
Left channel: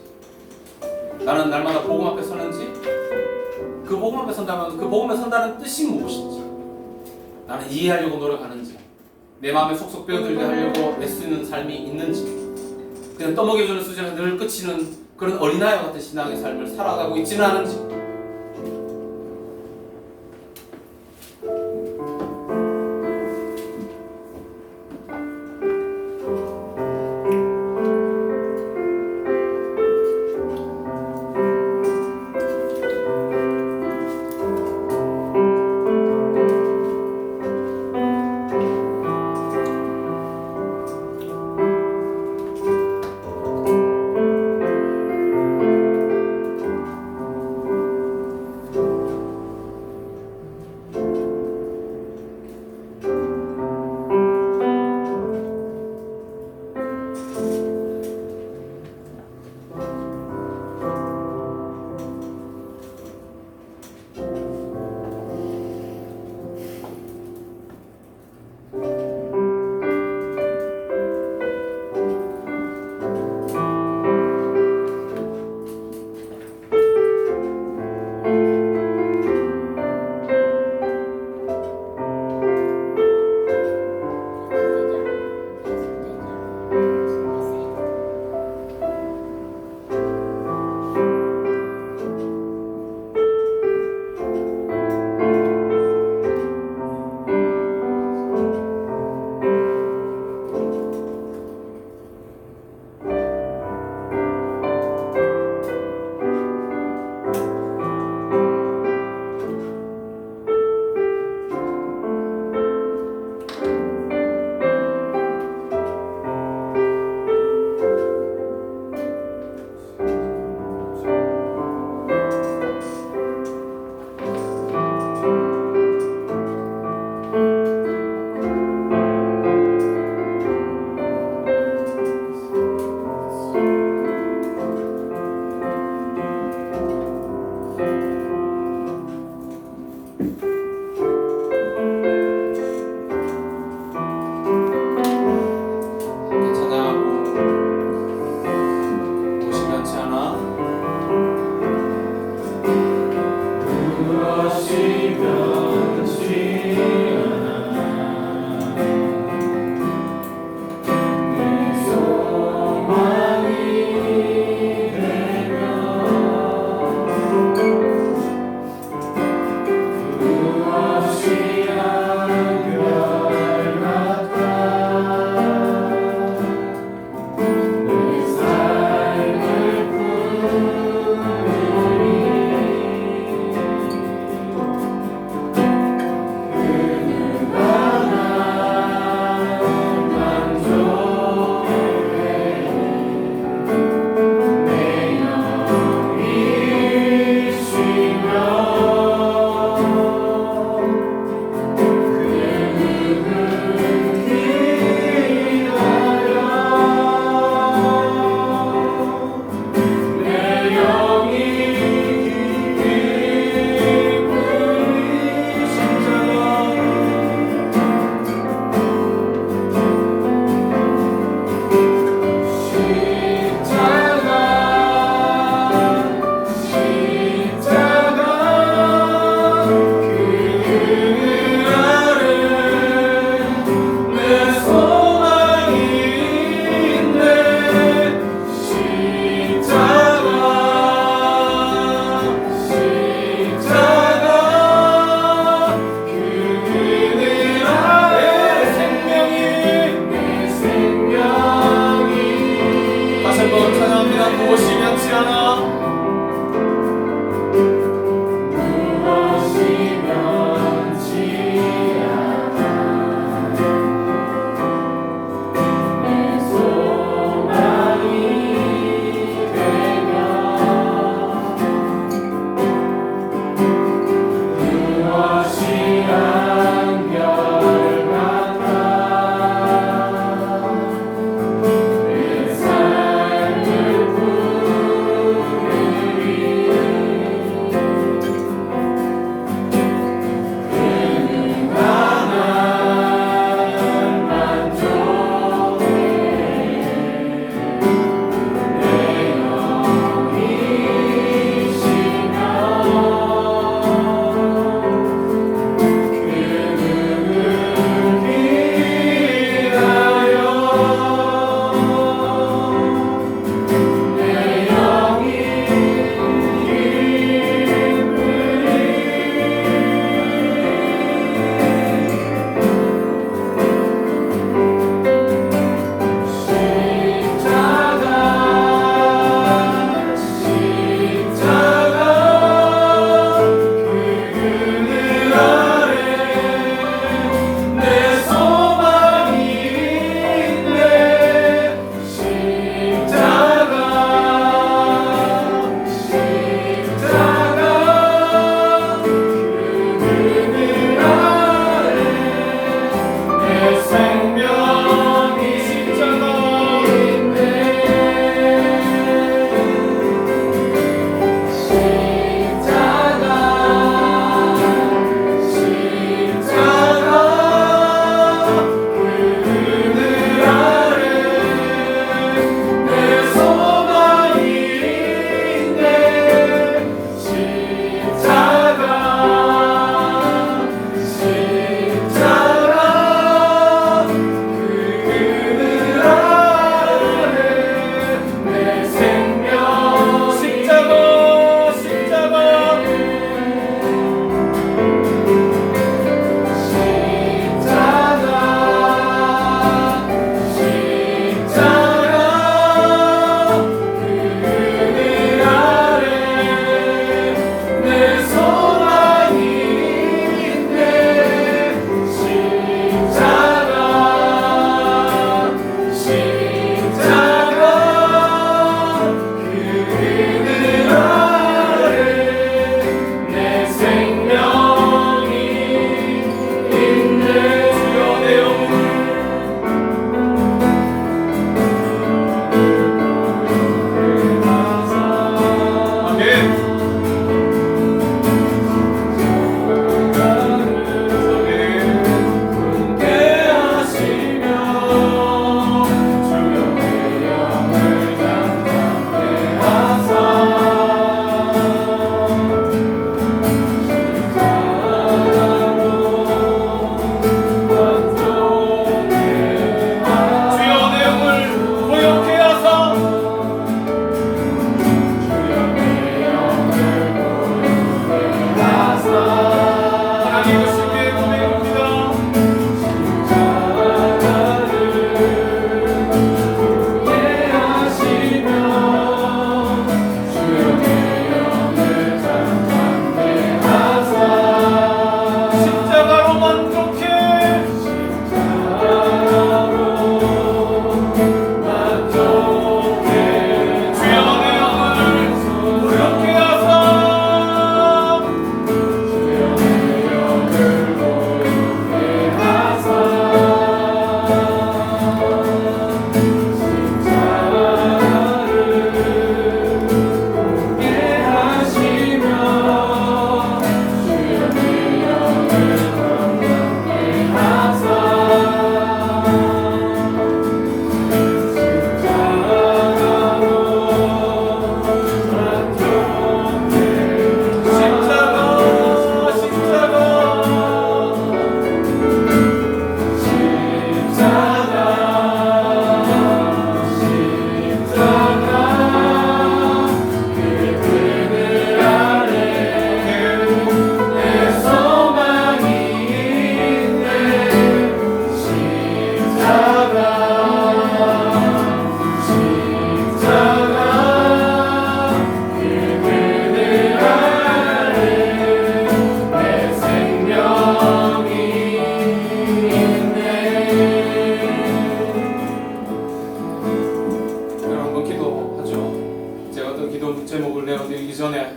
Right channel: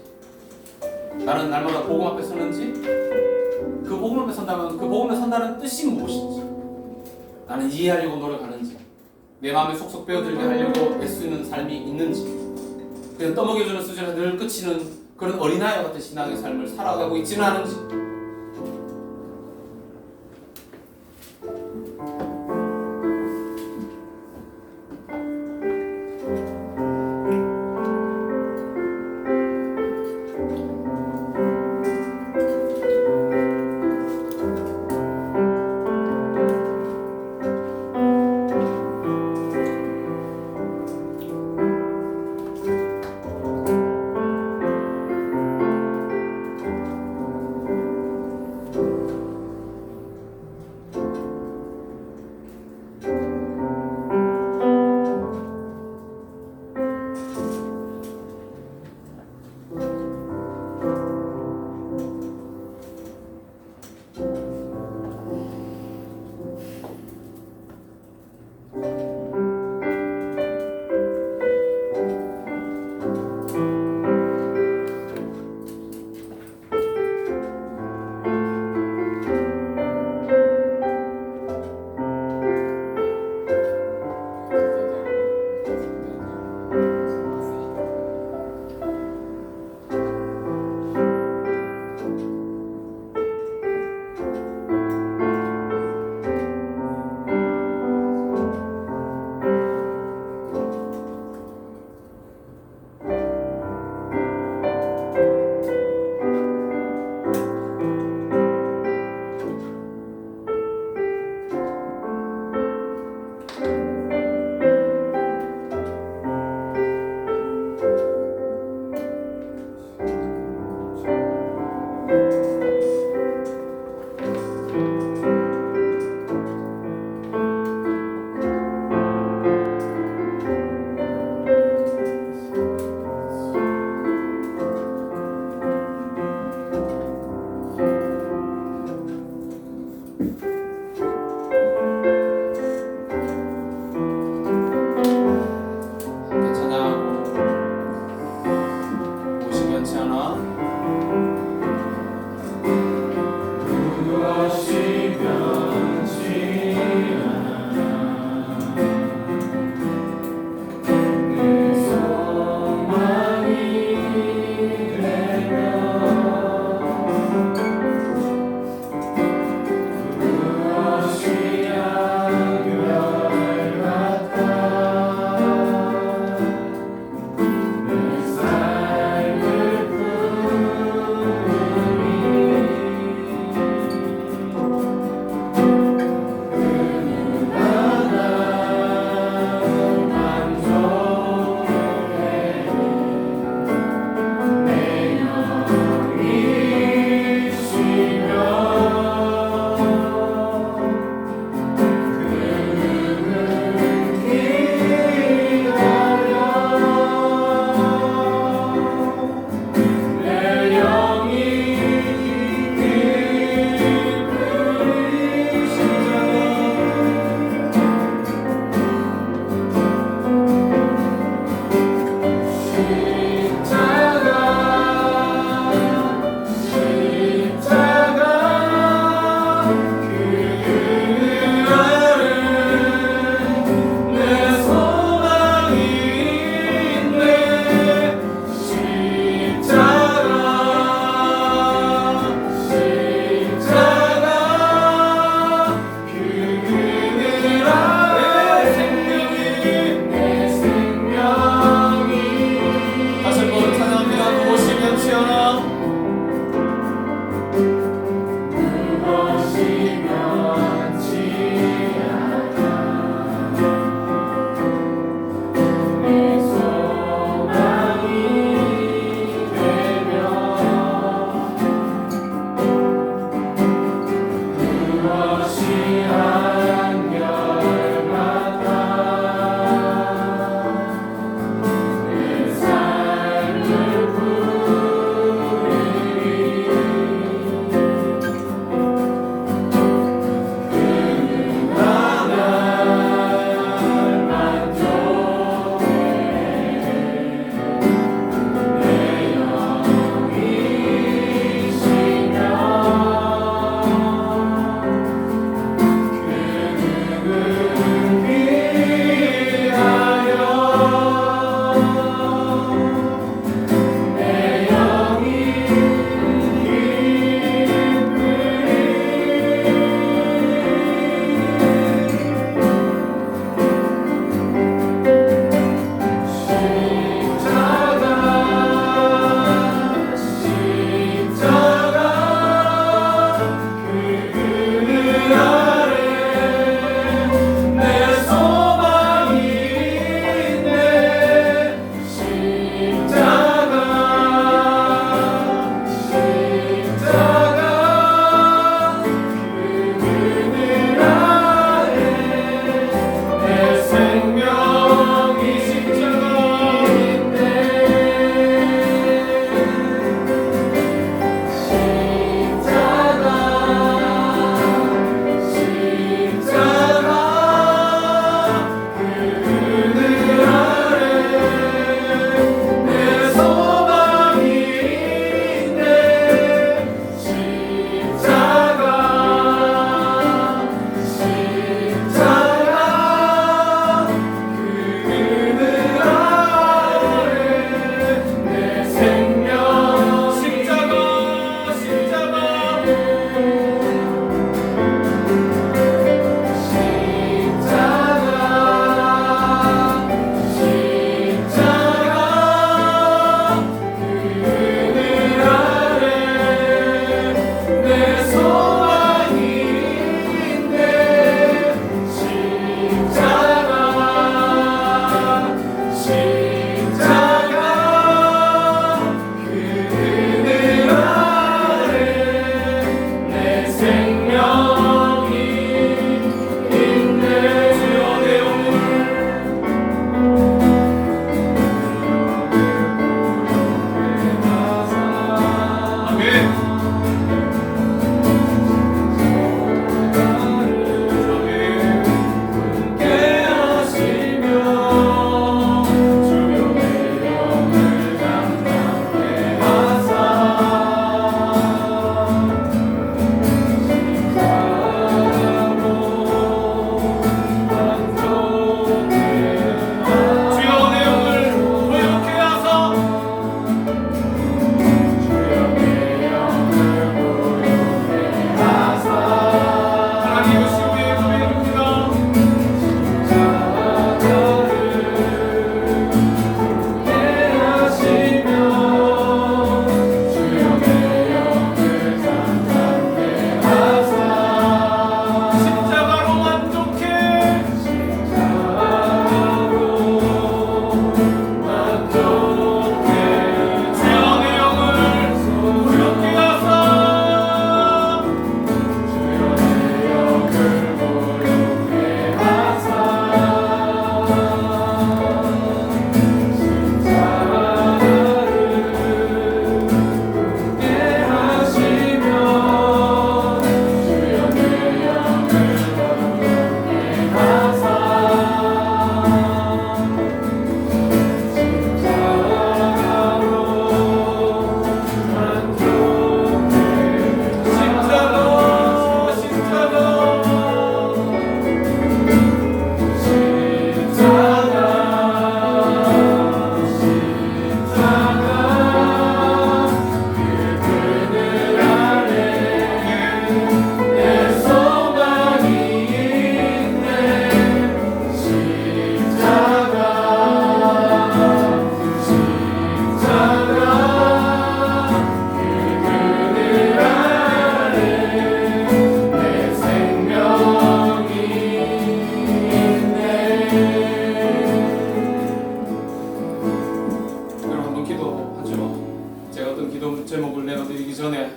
나는 날마다 복음 앞에 서는지 그 복음 앞에 선다면 그 복음에 선다는 뜻이 무엇인지 나는 이해하려고 노력하는지 내 마음에 속속 배어들게 하려고 애쓰는 삶이 있는지 그냥 떠먹여주는 수준에서 늘 끝이는 그런 어린아이와 같은 신앙의 삶을 살아가고 있지는 않은지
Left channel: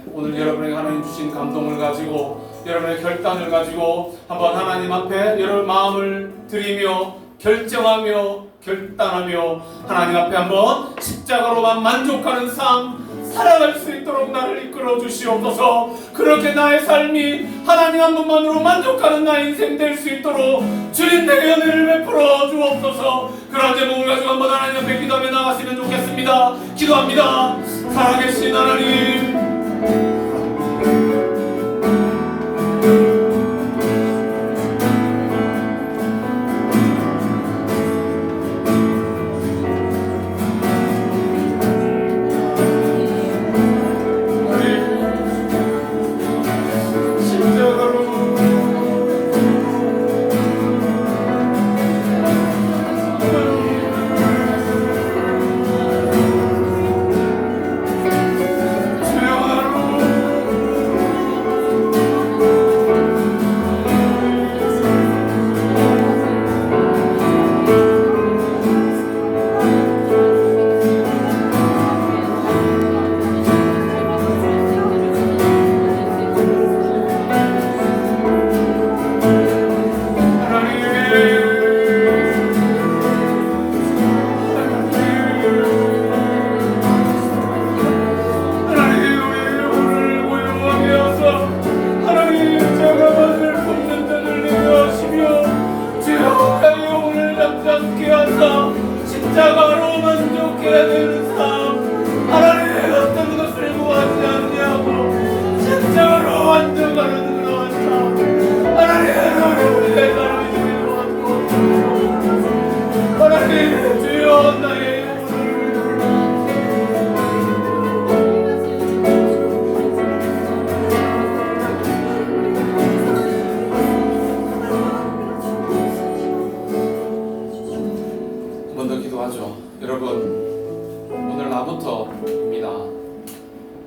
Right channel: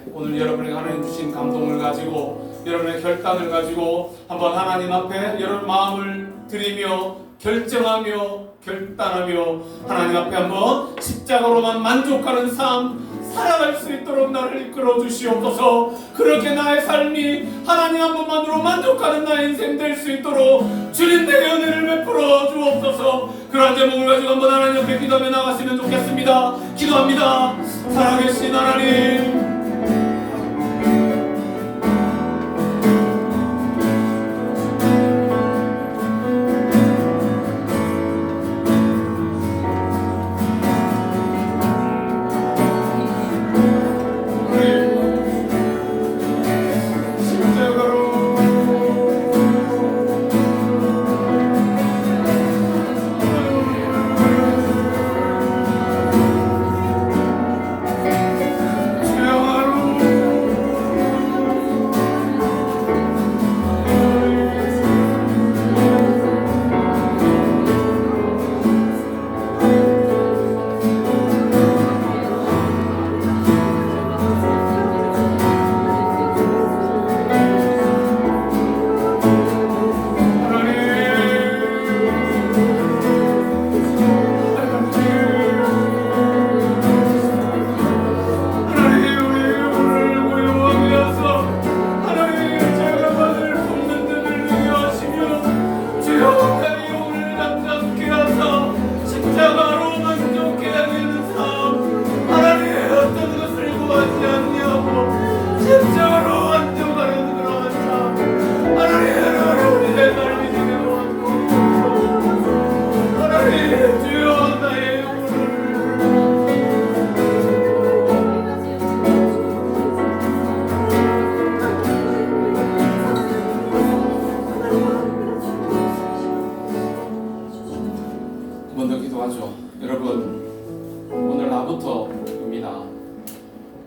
오늘 여러분에게 하나님 주신 감동을 가지고 여러분의 결단을 가지고 한번 하나님 앞에 여러분 마음을 드리며 결단하며 하나님 앞에 한번 십자가로만 만족하는 삶 살아갈 수 있도록 나를 이끌어 주시옵소서. 그렇게 나의 삶이 하나님 한 분만으로 만족하는 나의 인생 될 수 있도록 주님 내게 은혜를 베풀어 주옵소서. 그러한 제목을 가지고 한번 하나님 앞에 기도하며 나갔으면 좋겠습니다. 기도합니다. 살아계신 하나님,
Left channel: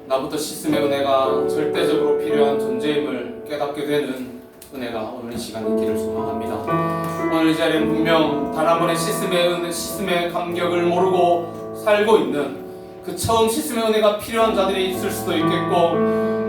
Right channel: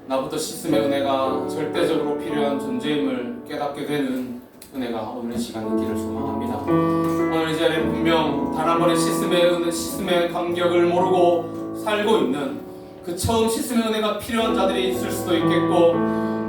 나부터 씻음의 은혜가 절대적으로 필요한 존재임을 깨닫게 되는 은혜가 오늘 이 시간 있기를 소망합니다. 오늘 이 자리에 분명 단 한 번의 씻음의 감격을 모르고 살고 있는 그 처음 씻음의 은혜가 필요한 자들이 있을 수도 있겠고,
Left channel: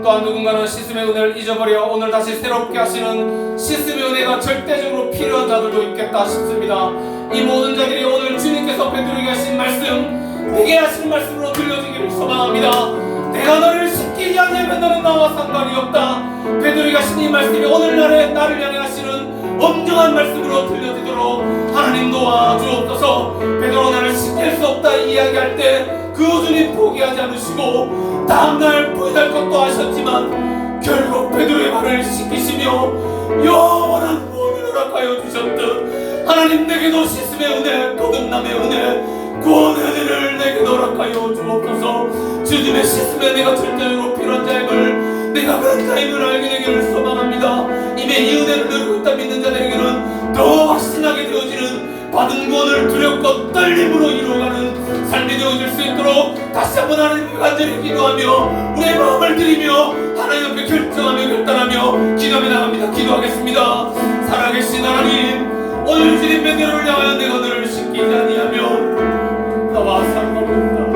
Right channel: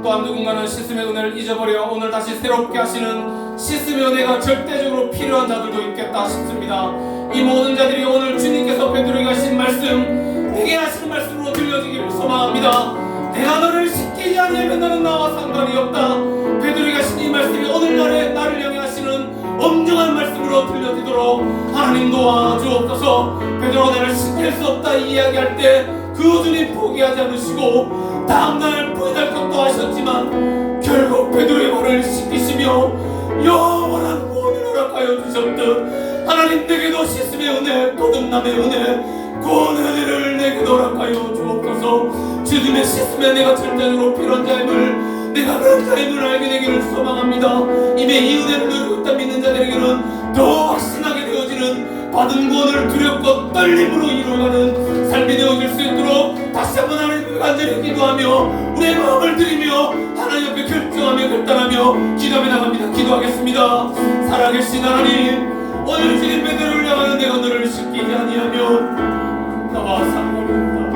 또한 누군가는 씻음의 은혜를 잊어버려 오늘 다시 새롭게 하시는 씻음의 은혜가 절대적으로 필요한 자들도 있겠다 싶습니다. 이 모든 자들이 오늘 주님께서 베드로에게 하신 말씀, 내게 하시는 말씀으로 들려지기를 소망합니다. 내가 너를 씻기지 않으면 너는 나와 상관이 없다. 베드로에게 하신 이 말씀이 오늘날에 나를 향해 하시는 엄중한 말씀으로 들려지도록 하나님 도와주옵소서. 베드로가 나를 씻길 수 없다 이야기할 때 그 주님 포기하지 않으시고 다음날 부인할 것도 하셨지만 결국 베드로의 발을 씻기시며 영원한 구원을 허락하여 주셨듯 하나님 내게도 씻음의 은혜, 거듭남의 은혜, 구원의 은혜를 내게 허락하여 주옵소서. 주님의 씻음의 은혜가 절대적으로 필요한 자임을, 내가 그런 자임을 알게 되기를 소망합니다. 이미 이 은혜를 누리고 있다 믿는 자들에게는 더 확신하게 되어지는 받은 구원을 두렵고 떨림으로 이루어가는 삶이 되어질 수 있도록 다시 한번 하나님께 간절히 기도하며 우리의 마음을 드리며 하나님 앞에 결정하며 결단하며 기도하며 나갑니다. 기도하겠습니다. 살아계신 하나님, 오늘 주님 베드로를 향하여 내가 너를 씻기지 아니하면 나와 상관없다.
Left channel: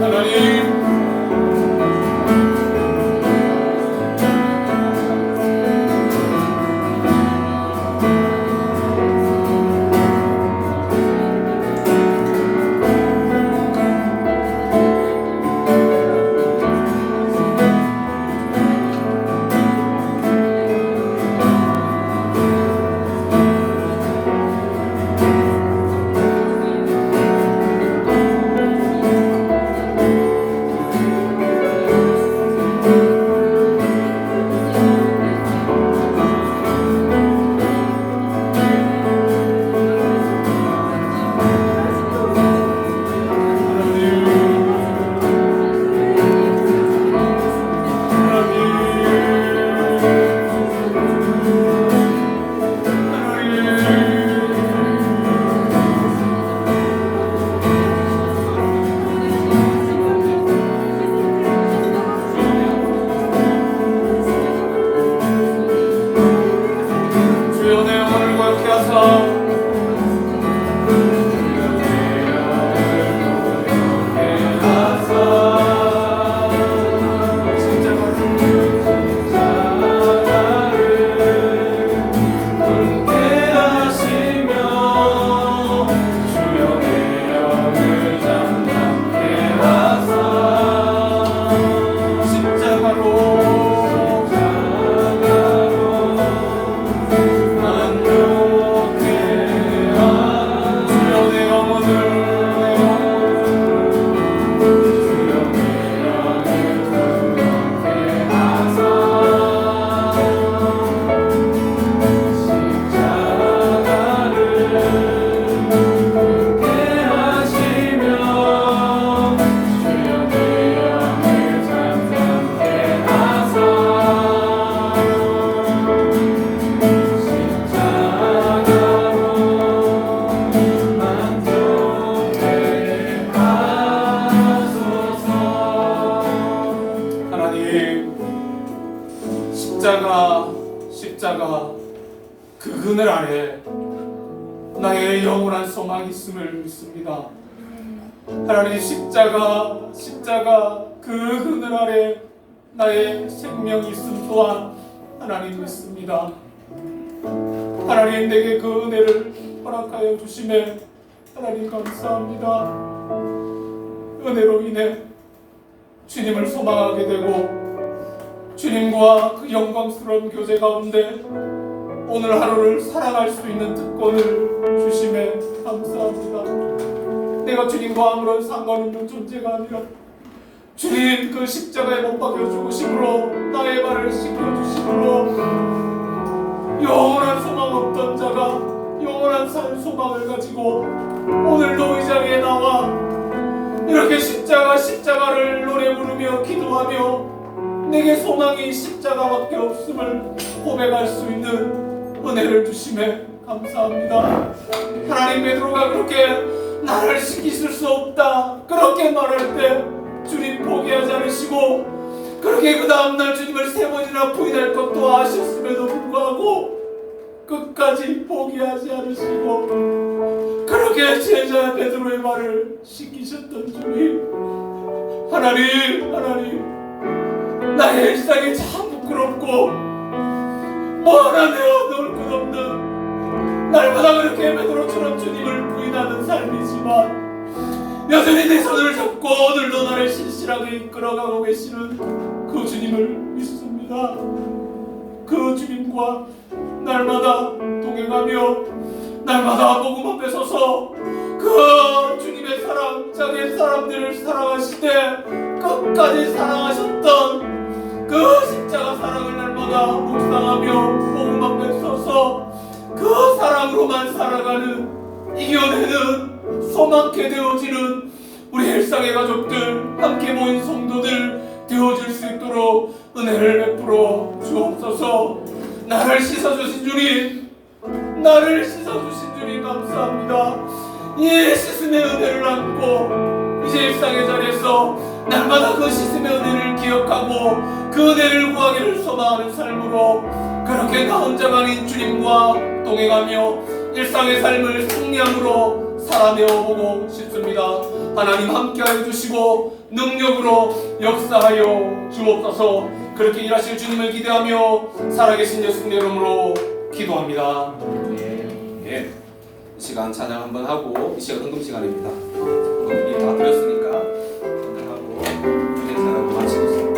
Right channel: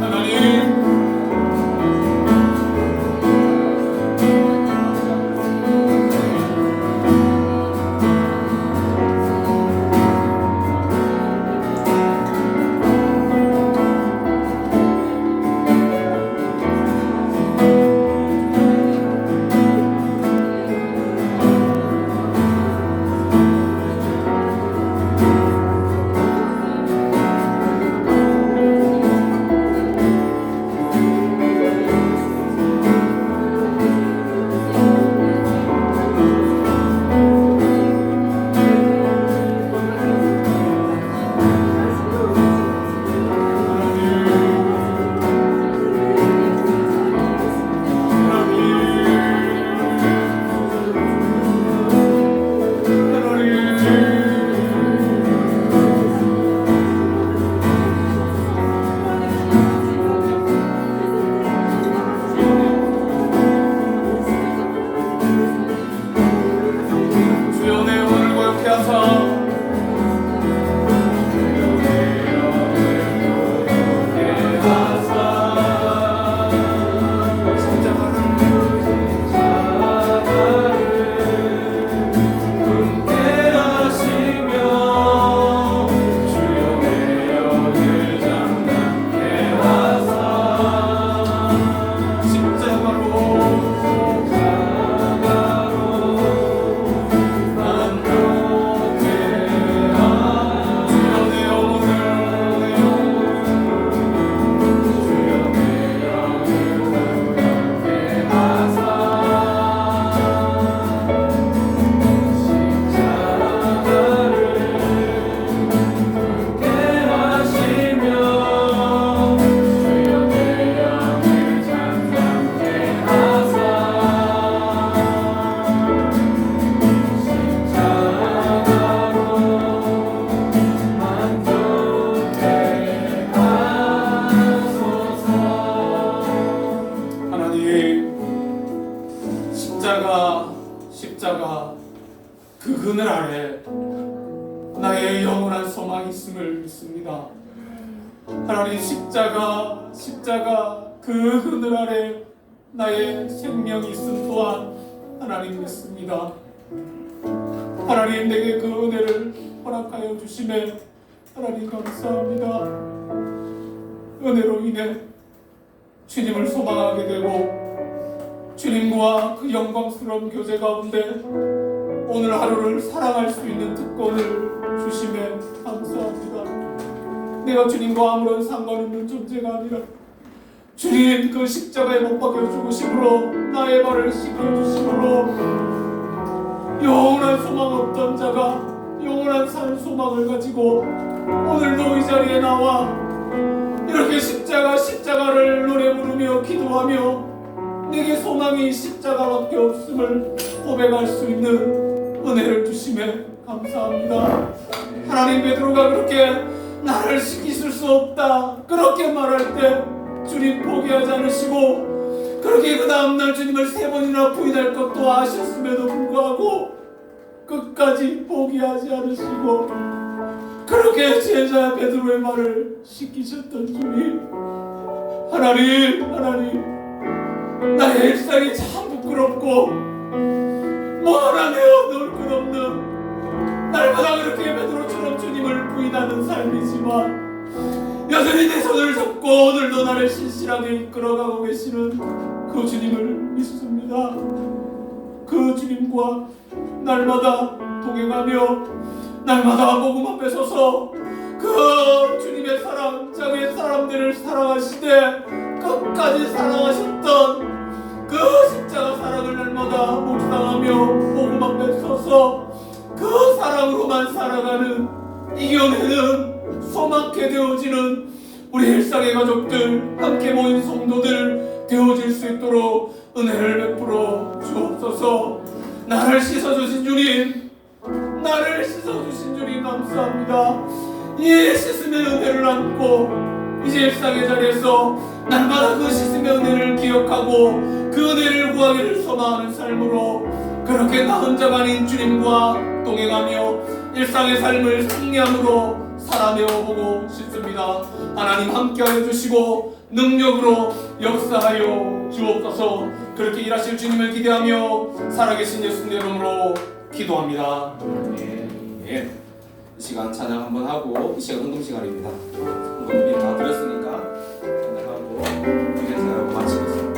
하나님, 십자가 그 그늘 아래 나의 영원한 소망이 있음을 믿습니다. 하나님 십자가 그 그늘 아래 나의 생명이 있음 또한 하나님 믿습니다. 하나님 내게 그 은혜를 허락하여 주심에 하나님 감사합니다. 은혜로 인해 주님을 소망하게 되고 주님과 그 영광스러운 교제 가운데 오늘 하루를 살아갈 수 있는 특권을 주심에 감사합니다. 내가 주님과 아무런 상관없는 존재가 아니라 주님 그 십자가에 못 박혀 죽으심으로 나의 발을 씻겨주심으로 영원한 소망 없던 자가 영원한 산 소망을 가지고 오늘도 이 자리에 나와 이렇게 십자가를 노래 부르며 기도하며 내게 소망이 십자가밖에 없음을 고백할 수 있는 은혜를 주심에 감사합니다. 하나님, 베드로가 그렇게 나를 시키실 수 없다 그렇게 말할 때 주님 포기하지 않으시고 그렇게 그 다음날 주님을 3번이나 부인할 것도 아셨음에도 불구하고 끝까지 포기하지 않으시고 그렇게 제자 베드로의 말을 시키셨던 주님, 하나님 나의 일상이 참 부끄럽고 뭐하나내어 놓을 것 없는 날마다 그렇게 베드로처럼 주님을 부인하는 삶이지만 여전히 내 손을 잡고 오늘도 나를 신실하게 이끌어가고 계시는 그 주님을 믿습니다. 그 주님과 날마다 동행하며 날마다 복음 앞에 서서 그 주님의 사랑, 자기의 사람들을 사랑하시되 끝까지 사랑하셨던 그 십자가 사랑을 날마다 묵상하며 복음 앞에 서서 그 사랑으로만 살아가는 이겨내는 소망케 되어지는 우리 일상의 가족들, 함께 모인 성도들 되어질 수 있도록 은혜를 베풀어 주옵소서. 나를 씻어주신 주님 감사합니다. 이 씻음의 은혜를 안고 이제 일상의 자리에서 날마다 그 씻음의 은혜를 기억하고 그 은혜를 구하기를 소망하는 삶으로 그렇게 나 혼자가 아닌 주님과 동행하며 일상의 삶을 승리함으로 살아내어보고 싶습니다. 하나님 함께하여 주시고 능력으로 역사하여 주옵소서. 그렇게 일하실 주님을 기대하며 살아계신 예수님의 이름으로 기도합니다. 예. 이 시간 찬양 한번 하고 이 시간 운동 시간입니다. 운동이 다 드렸으니까 찬양하고 기대 찬양하고 마치겠습니다.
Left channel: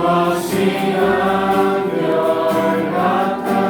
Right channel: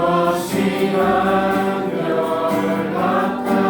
무엇이 한결 같아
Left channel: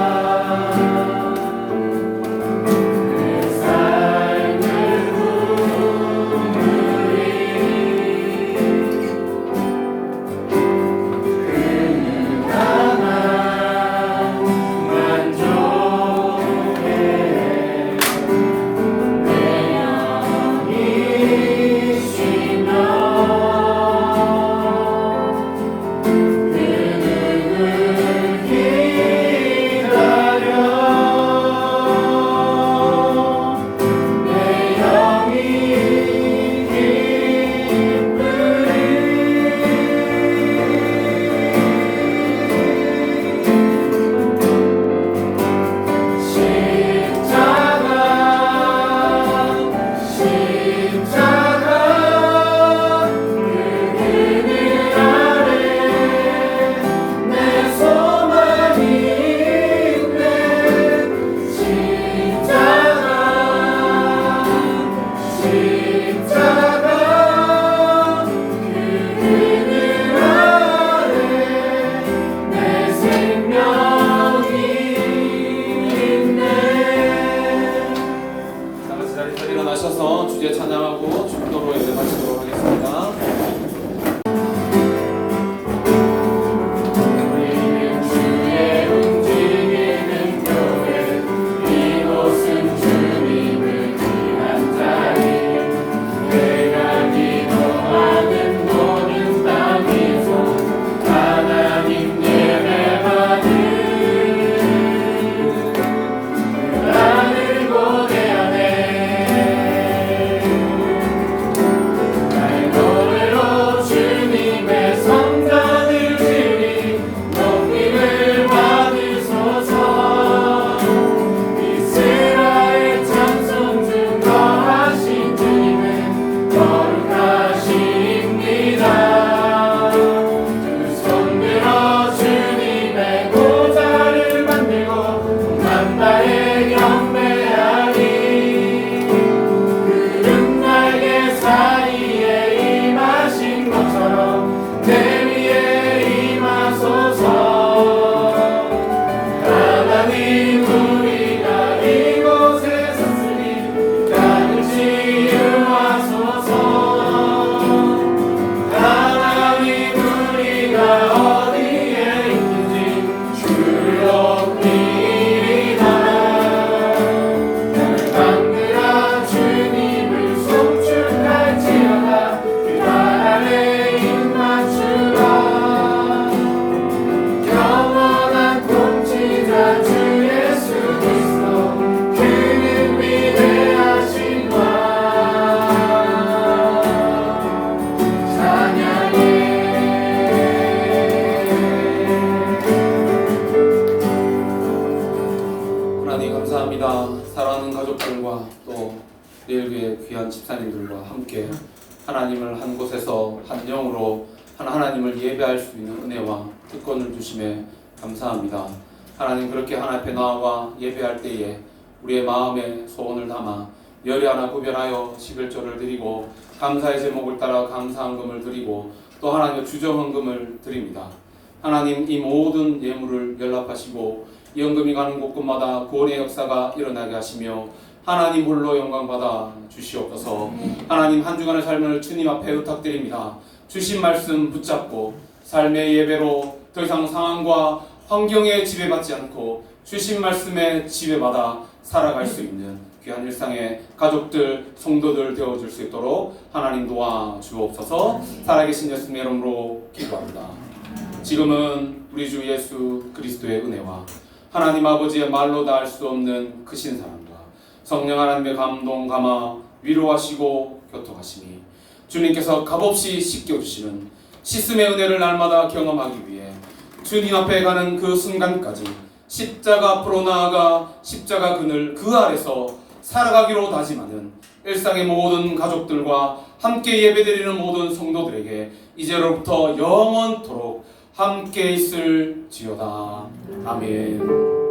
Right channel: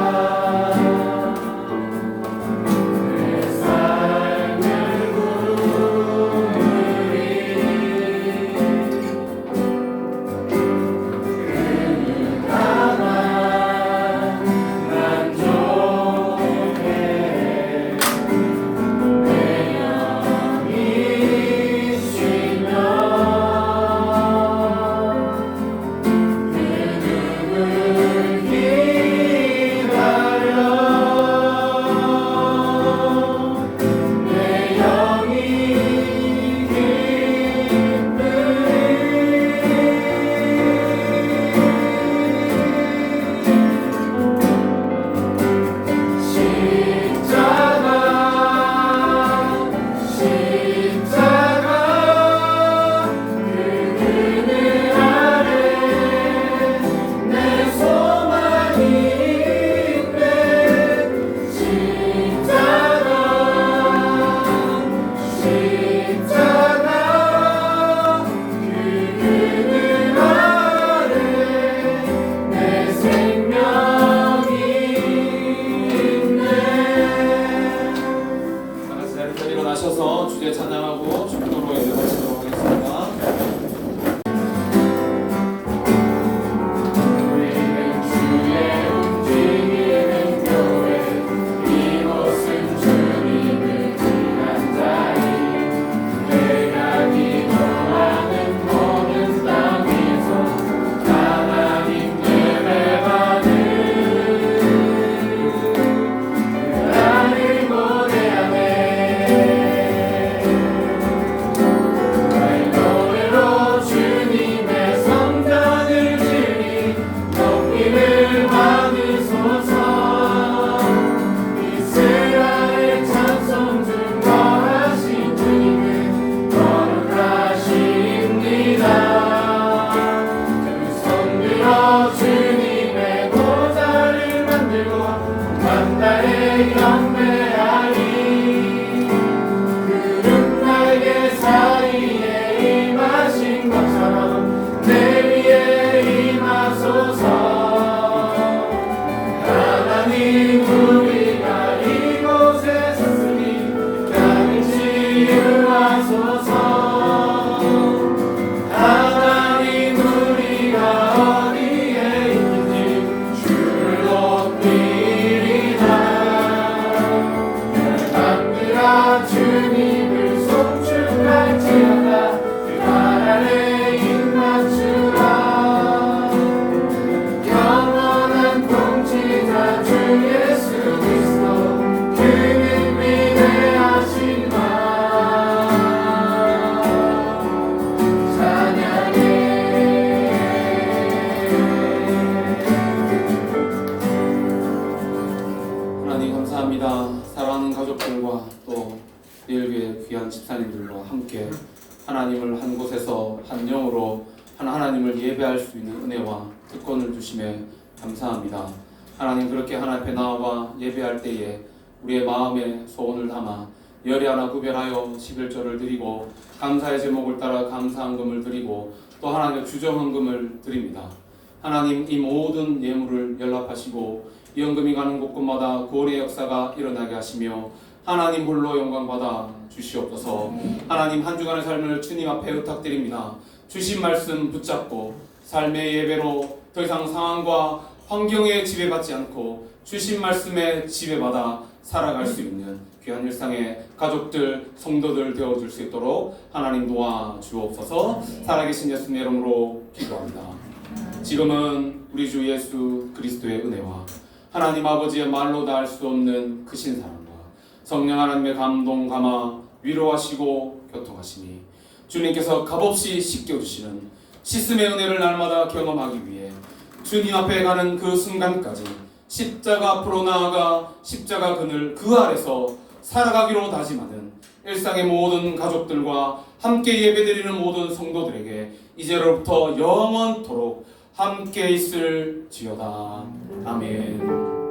하나님을 한 곳에서 한 영으로 하나님을 예배할 수 있는 은혜와 특권을 주심에 감사합니다. 하나님, 그렇게 하나님 앞에 나와 예배할 때에 우리의 마음에 소원을 담아 열이 하나 구별하여 11조를 드리고 감사의 제목을 따라 감사헌금을 드리고 또 하나님의 주정헌금을 드립니다. 하나님, 이 모든 예물을 연락하시고 이 헌금이 가는 곳곳마다 구원의 역사가 일어나게 하시며 하나님 홀로 영광 받아 주시옵소서. 하나님, 한 주간의 삶을 주님 앞에 부탁드립니다. 주신 말씀 붙잡고 삶의 예배로 더 이상 상황과 환경에 지배받지 않고 주신 말씀에 지배받아 살아갈 수 있는 귀한 일상의 가족들, 성도들 되어줄 수 있도록 하나님 도와주옵소서. 살아계신 예수님의 이름으로 기도합니다. 지금은 우리 주 예수 그리스도의 은혜와 하나님 아버지의 말로 다 할 수 없는 크신 사랑과 성령 하나님의 감동 감화 위로하시고 교통하시니 주님께서 값없이 씻겨주시는 씻음의 은혜를 날마다 경험하기 위해 주님 앞에 가는 그 순간까지 십자가 앞으로 나아가 십자가 그늘 그 아래서 살아가기로 다짐하는 일상의 모든 가족들과 함께 예배드리는 모든 성도들에게 이제로부터 영원토록 함께 있을지어다. 아멘.